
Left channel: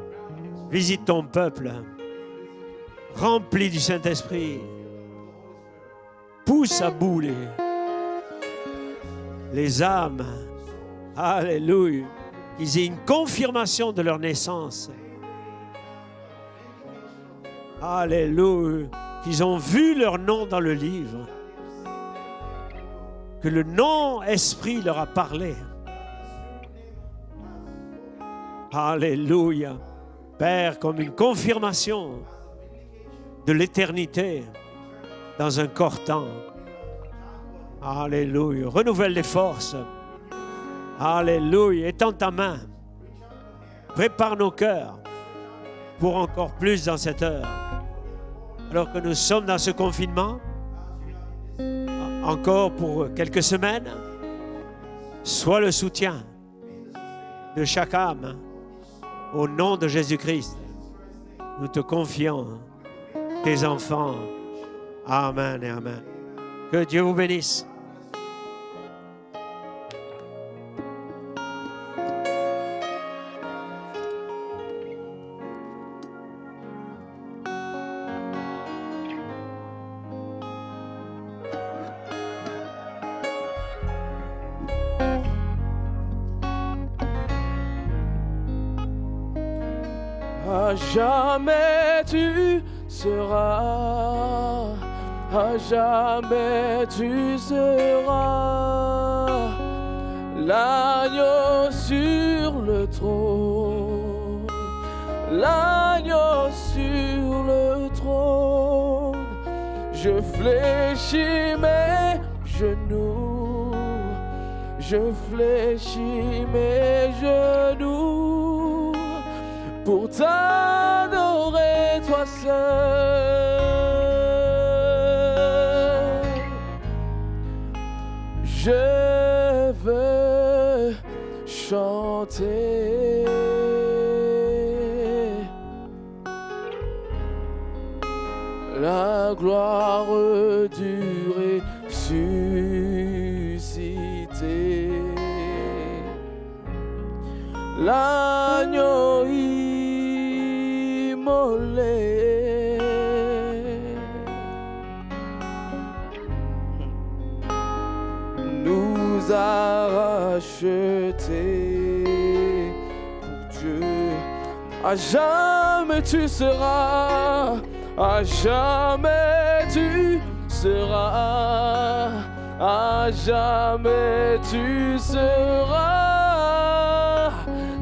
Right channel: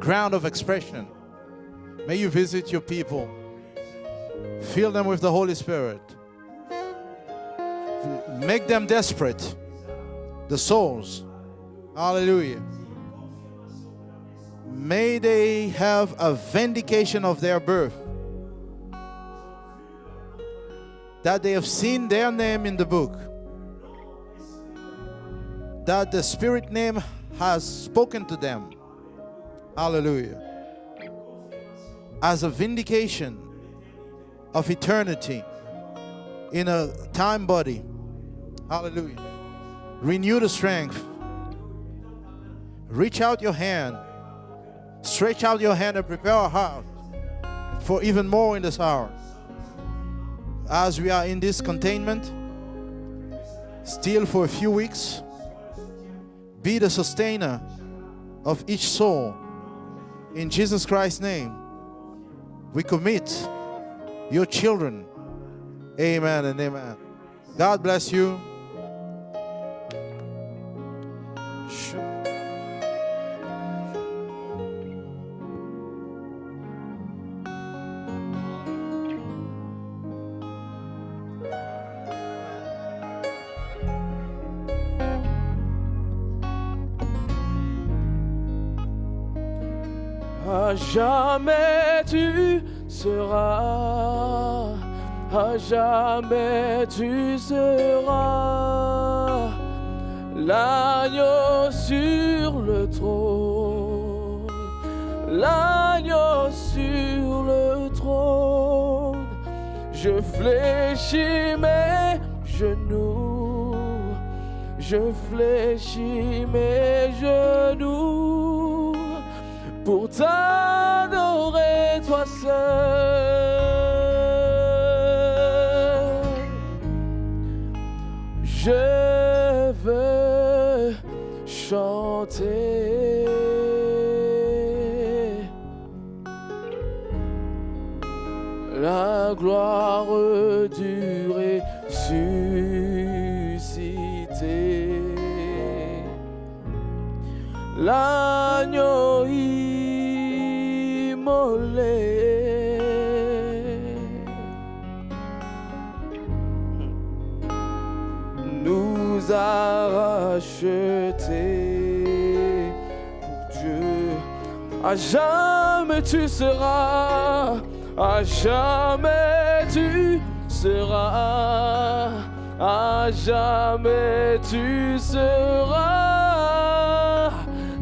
ground of expression. Visite ton peuple, May you visit your people. remplis du Saint-Esprit, Fill them with the Holy Spirit. pousse à bout Make them desperate. les âmes. The souls. Alléluia. Hallelujah. Qu'ils aient une confirmation de leur naissance. May they have a vindication of their birth. Alléluia. Qu'ils ont vu leur nom dans le livre. That they have seen their name in the book. Que le nom-esprit leur a parlé. That the Spirit name has spoken to them. Alléluia. Hallelujah. Père, comme une confirmation As a vindication de l'éternité of eternity dans un corps-temps. in a time body. Alléluia. Renouvelle les forces. Renew the strength. Alléluia. Étends ta main. Reach out your hand. Prépare nos cœurs Stretch out your hand and pour prepare our encore plus heart dans cette heure. for even more in this Donc hour. nous sommes dans ce confinement, As we are in this containment, encore pour quelques semaines. still for a few weeks, Sois le soutien be the sustainer de chaque âme. of each soul. Au nom de In Jésus-Christ, Jesus Christ's name, nous te confions we commit tes enfants. your children. Amen et amen. Amen and Que amen. Dieu vous bénisse. God bless you. À jamais tu seras, à jamais tu seras l'agneau sur le trône, l'agneau sur le trône. Je fléchis mes genoux, je fléchis mes genoux pour t'adorer toi seul. Je veux chanter la gloire du ressuscité, l'agneau immolé. Nous a rachetés pour Dieu À jamais tu seras, à jamais tu seras, à jamais tu seras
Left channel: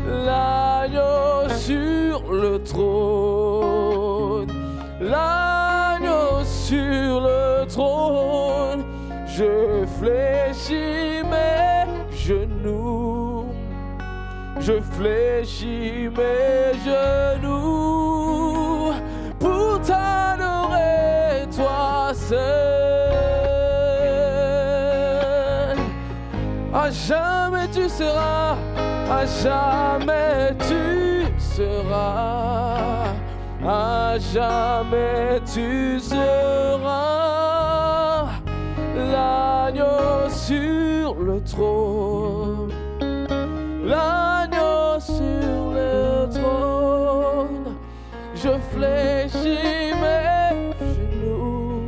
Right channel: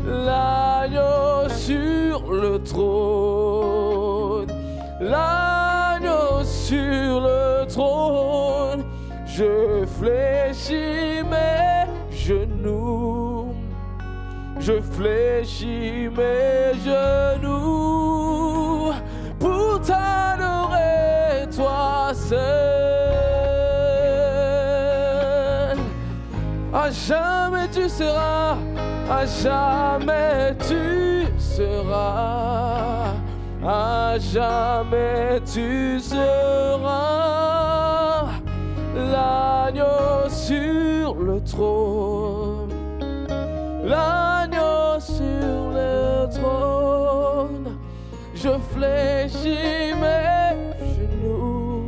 l'agneau sur le trône, l'agneau sur le trône. Je fléchis mes genoux, je fléchis mes genoux pour t'adorer, toi seul. À jamais tu seras, à jamais tu seras, à jamais tu seras l'agneau sur le trône, l'agneau sur le trône. Je fléchis mes genoux,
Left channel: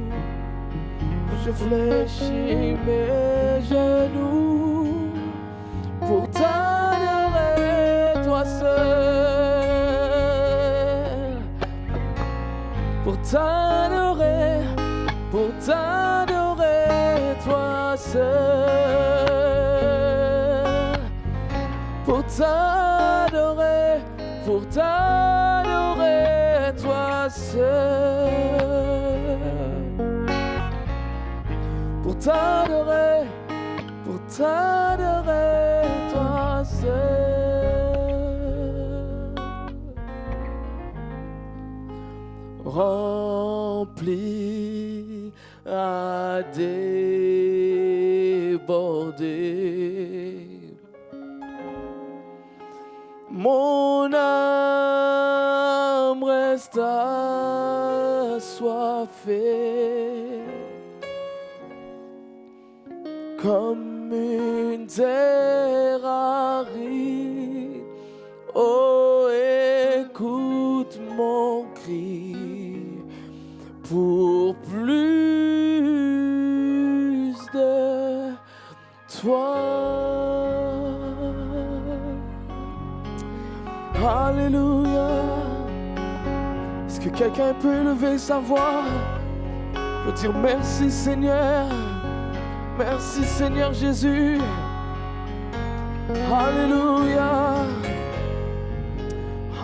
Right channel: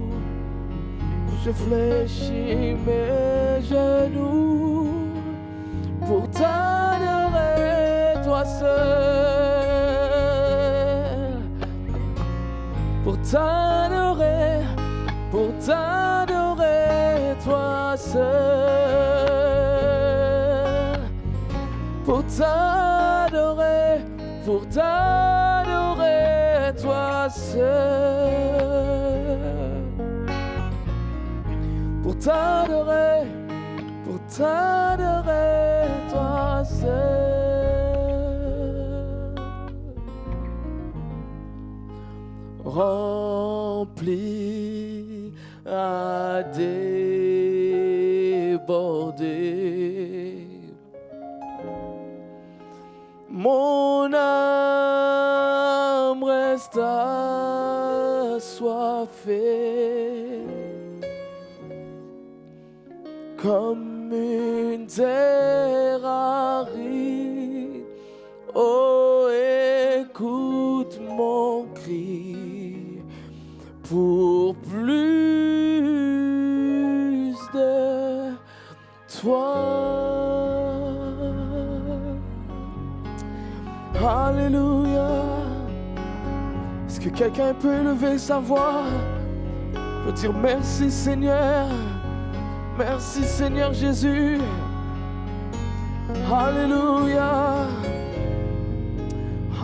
je fléchis mes genoux pour t'adorer, toi seul, pour t'adorer, pour t'adorer, toi seul, pour t'adorer, pour t'adorer, toi seul, pour t'adorer, pour t'adorer, toi seul. Rempli à déborder, mon âme reste assoiffée comme une terre aride. Oh, écoute mon cri pour plus de toi. Alléluia. Est-ce que quelqu'un peut lever sa voix, peut dire merci Seigneur, merci Seigneur Jésus. Alléluia.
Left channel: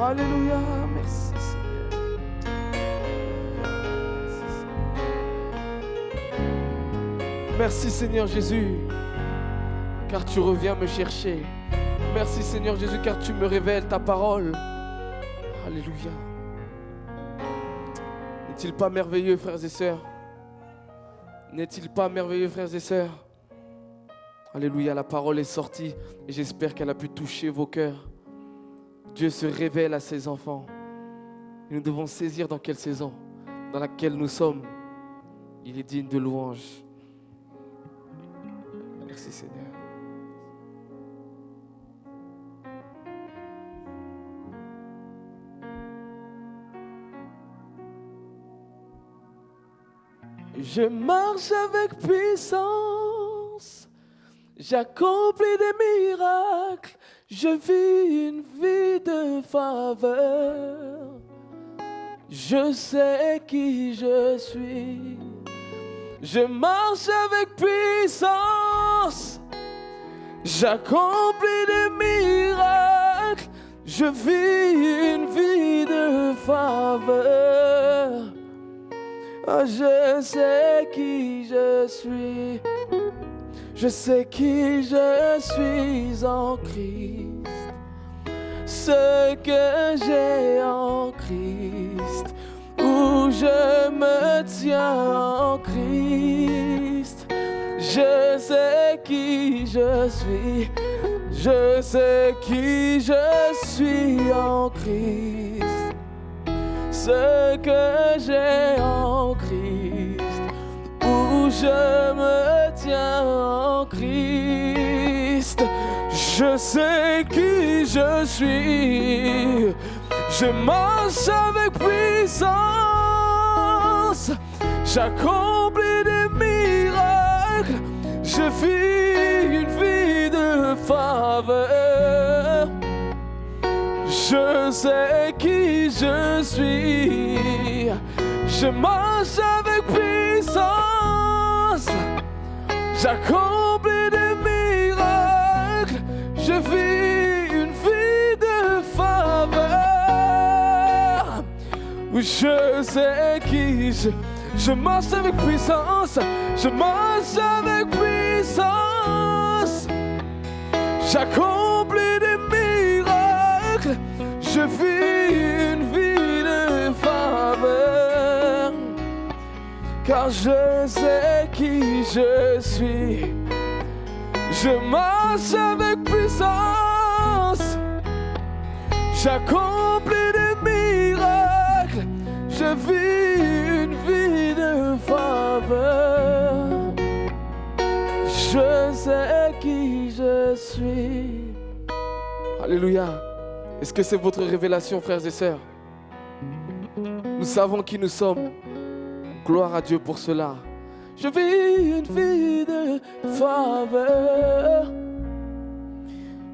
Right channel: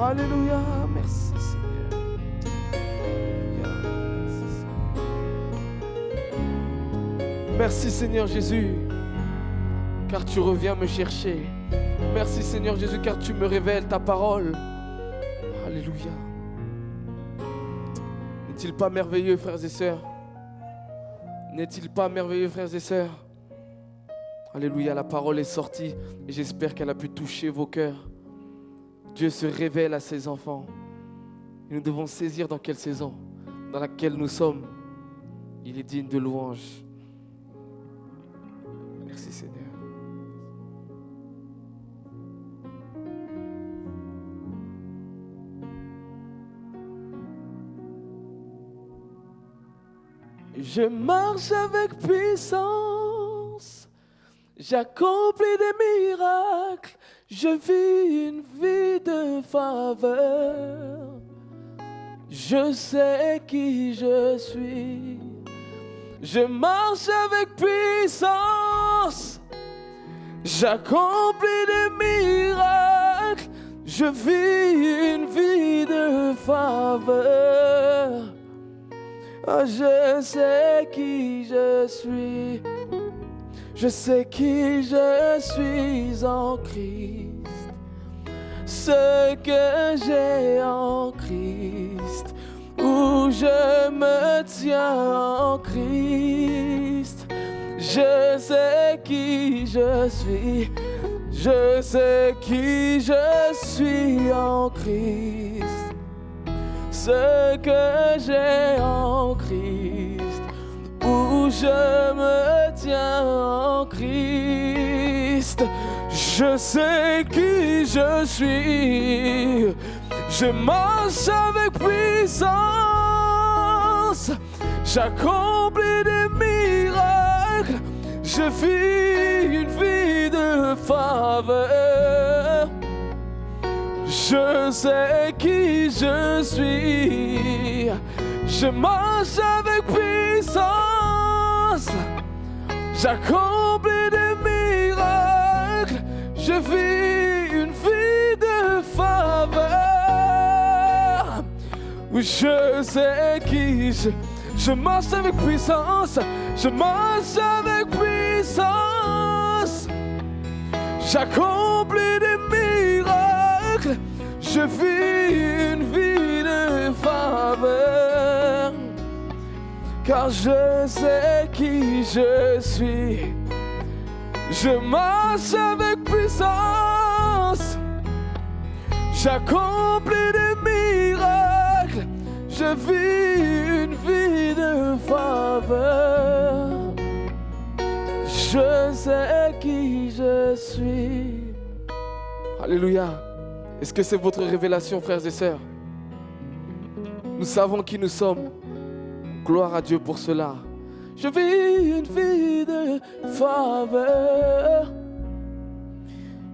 Alléluia. Merci Seigneur. Merci Seigneur Jésus, car tu reviens me chercher. Merci Seigneur Jésus, car tu me révèles ta parole. Alléluia. N'est-il pas merveilleux, frères et sœurs? N'est-il pas merveilleux, frères et sœurs? Alléluia, la parole est sortie et j'espère qu'elle a pu toucher vos cœurs. Dieu se révèle à ses enfants. Et nous devons saisir dans quelle saison, dans laquelle nous sommes. Il est digne de louange. Merci Seigneur. Je marche avec puissance, j'accomplis des miracles, je vis une vie de faveur. Je sais qui je suis. Je marche avec puissance, j'accomplis des miracles, je vis une vie de faveur. Oh, je sais qui je suis, je sais qui je suis en Christ. Ce que j'ai en Christ, où je me tiens en Christ. Je sais qui je suis, je sais qui je suis en Christ. Ce que j'ai en Christ, où je me tiens en Christ. Je sais qui je suis, je marche avec puissance, j'accomplis des miracles, je vis une vie de faveur. Je sais qui je suis. Je marche avec puissance. J'accomplis des miracles. Je vis une vie de faveur. Oui, je sais qui je marche avec puissance. Je marche avec puissance. J'accomplis des miracles. Je vis une vie de faveur. Car je sais qui je suis. Je marche avec puissance. J'accomplis des miracles. Je vis une vie de faveur. Je sais qui je suis. Alléluia. Est-ce que c'est votre révélation, frères et sœurs? Nous savons qui nous sommes. Gloire à Dieu pour cela. Je vis une vie de faveur.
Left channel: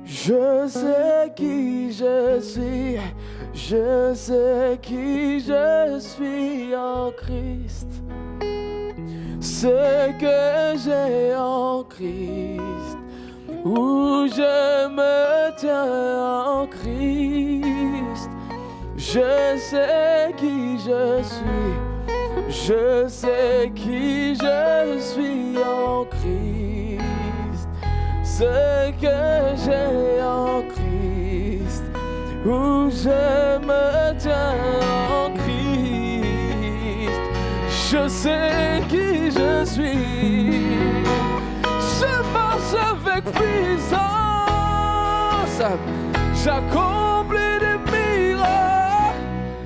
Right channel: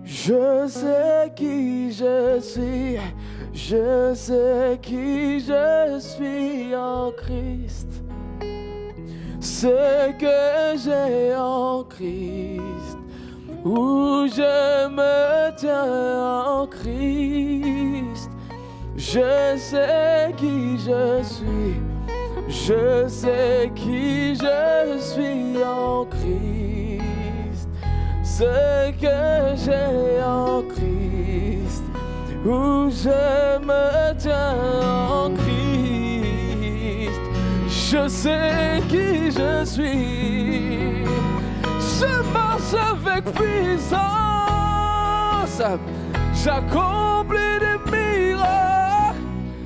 Je sais qui je suis. Je sais qui je suis en Christ. Ce que j'ai en Christ. Où je me tiens en Christ. Je sais qui je suis. Je sais qui je suis en Christ. Ce que j'ai en Christ. Où je me tiens en Christ. Je sais qui je suis. Je marche avec puissance. J'accomplis des miracles.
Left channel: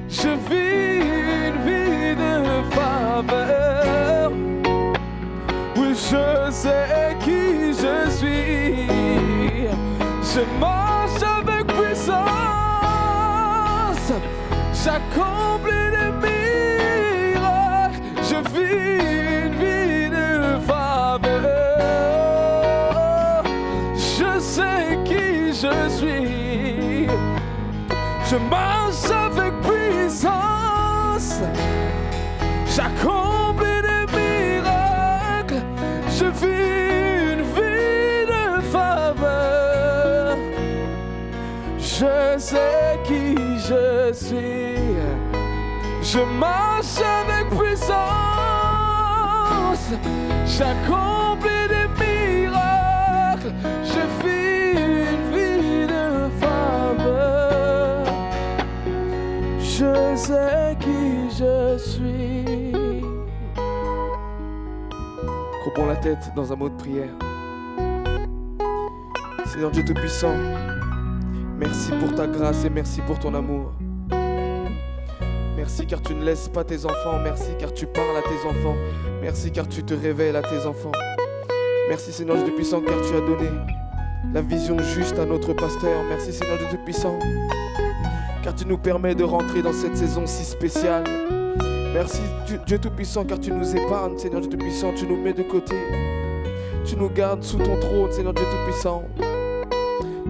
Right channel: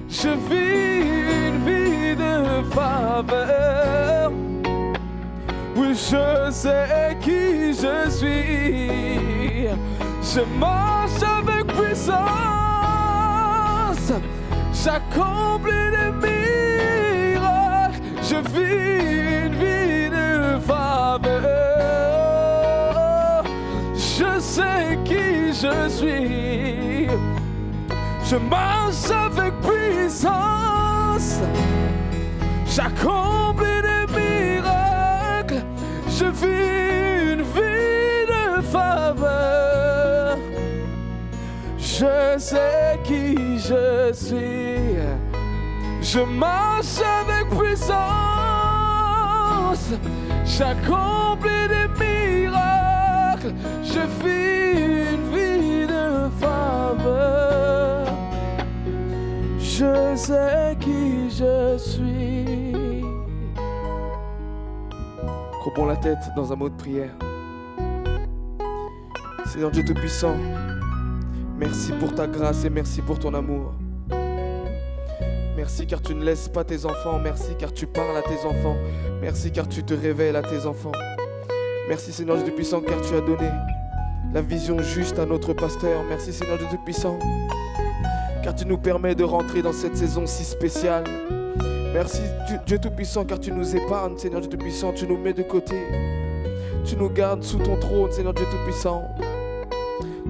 Je vis une vie de faveur. Oui, je sais qui je suis. Je marche avec puissance. J'accomplis des miracles. Je vis une vie de faveur. Je sais qui je suis. Je marche avec puissance. J'accomplis des miracles. Je vis une vie de faveur. Je sais qui je suis. Je marche avec puissance. J'accomplis des miracles. Je vis une vie de faveur. Je sais qui je suis. Courbons la tête dans un mot de prière. Seigneur Dieu Tout-Puissant, merci pour ta grâce et merci pour ton amour. Merci car tu ne laisses pas tes enfants. Merci car tu parles à tes enfants. Merci car tu te révèles à tes enfants. Merci Seigneur Dieu Tout-Puissant car tu as donné la vision juste à notre pasteur. Merci Seigneur Dieu Tout-Puissant car tu nous permets de rentrer dans cette saison si spéciale. Merci Dieu Tout-Puissant car tu nous épargnes Seigneur Dieu Tout-Puissant. Tu nous mets de côté. Tu nous gardes sous ton trône Seigneur Dieu Tout-Puissant.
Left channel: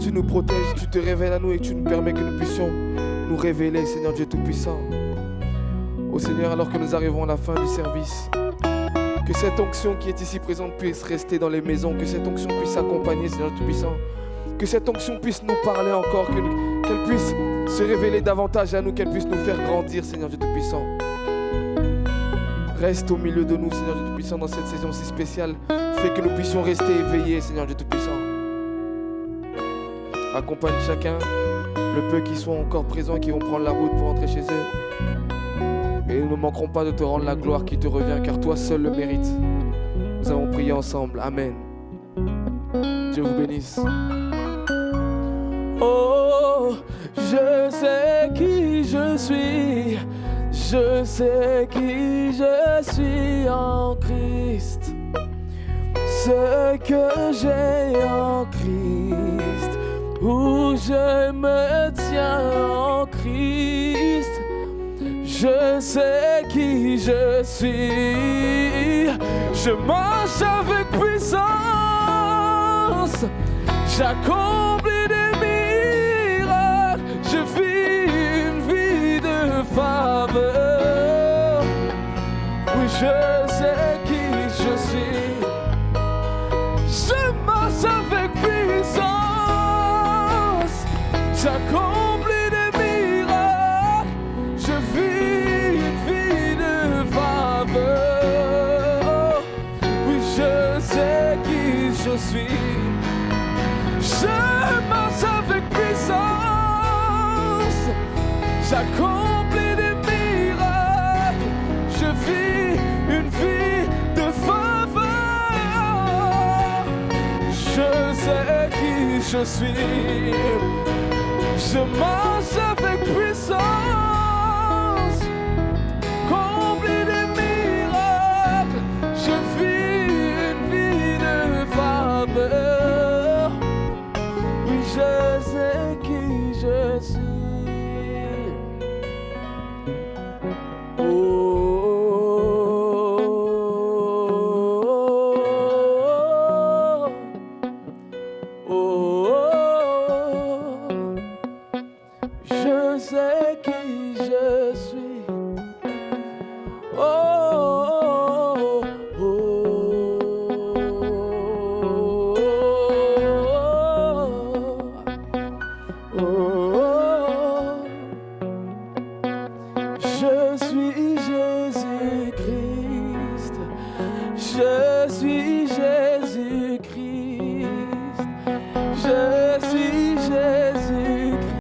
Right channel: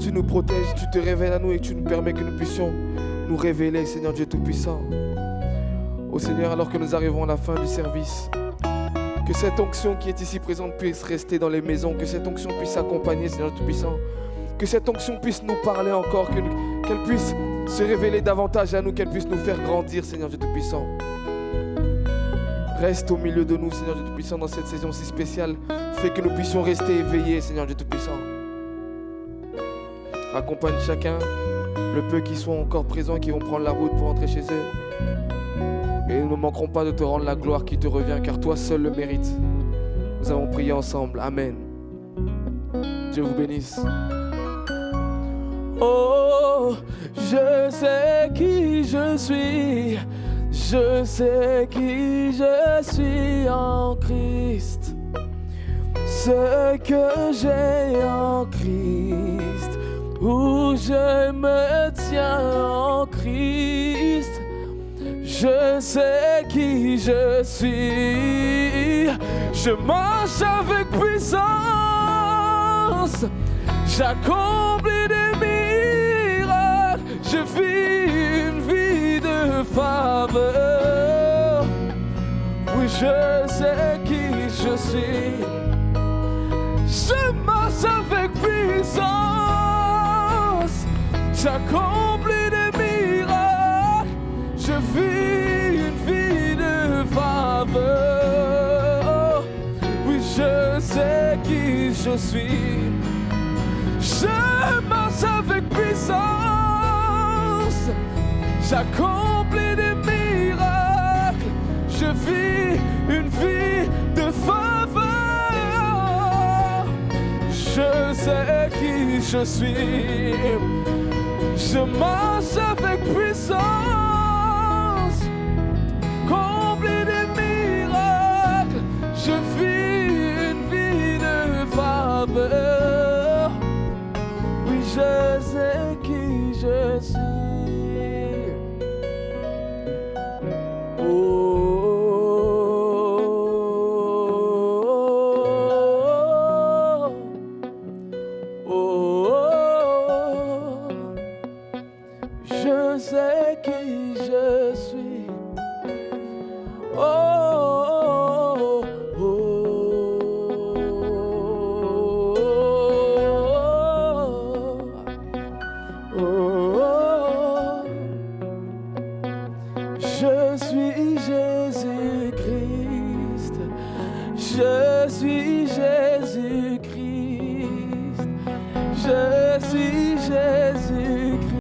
Tu nous protèges, tu te révèles à nous et tu nous permets que nous puissions nous révéler Seigneur Dieu Tout-Puissant. Ô Seigneur, alors que nous arrivons à la fin du service, que cette onction qui est ici présente puisse rester dans les maisons, que cette onction puisse accompagner Seigneur Tout-Puissant, que cette onction puisse nous parler encore, qu'elle puisse se révéler davantage à nous, qu'elle puisse nous faire grandir Seigneur Dieu Tout-Puissant. Reste au milieu de nous Seigneur Dieu Tout-Puissant dans cette saison si spéciale, fais que nous puissions rester éveillés Seigneur Dieu Tout-Puissant. Accompagne chacun, le peu qui sont encore présents et qui vont prendre la route pour rentrer chez eux. Et nous ne manquerons pas de te rendre la gloire qui te revient, car toi seul le mérites. Nous avons prié ensemble. Amen. Dieu vous bénisse. Oh, je sais qui je suis. Je sais qui je suis en Christ. Ce que j'ai en Christ. Où je me tiens en Christ. Je sais qui je suis. Je marche avec puissance. J'accomplis des miracles. Je vis faveur. Oui, je sais qui je suis. Je marche avec puissance. J'accomplis des miracles. Je vis une vie de faveur. Oui, je sais qui je suis. Je marche avec puissance. J'accomplis des miracles. Je vis une vie de faveur. Je sais qui je suis. Je marche avec puissance. Accomplis des miracles. Je vis une vie de faveur. Oui, je sais qui je suis. Je sais qui je suis. Oh, oh, oh, oh, oh. Je suis Jésus-Christ. Je suis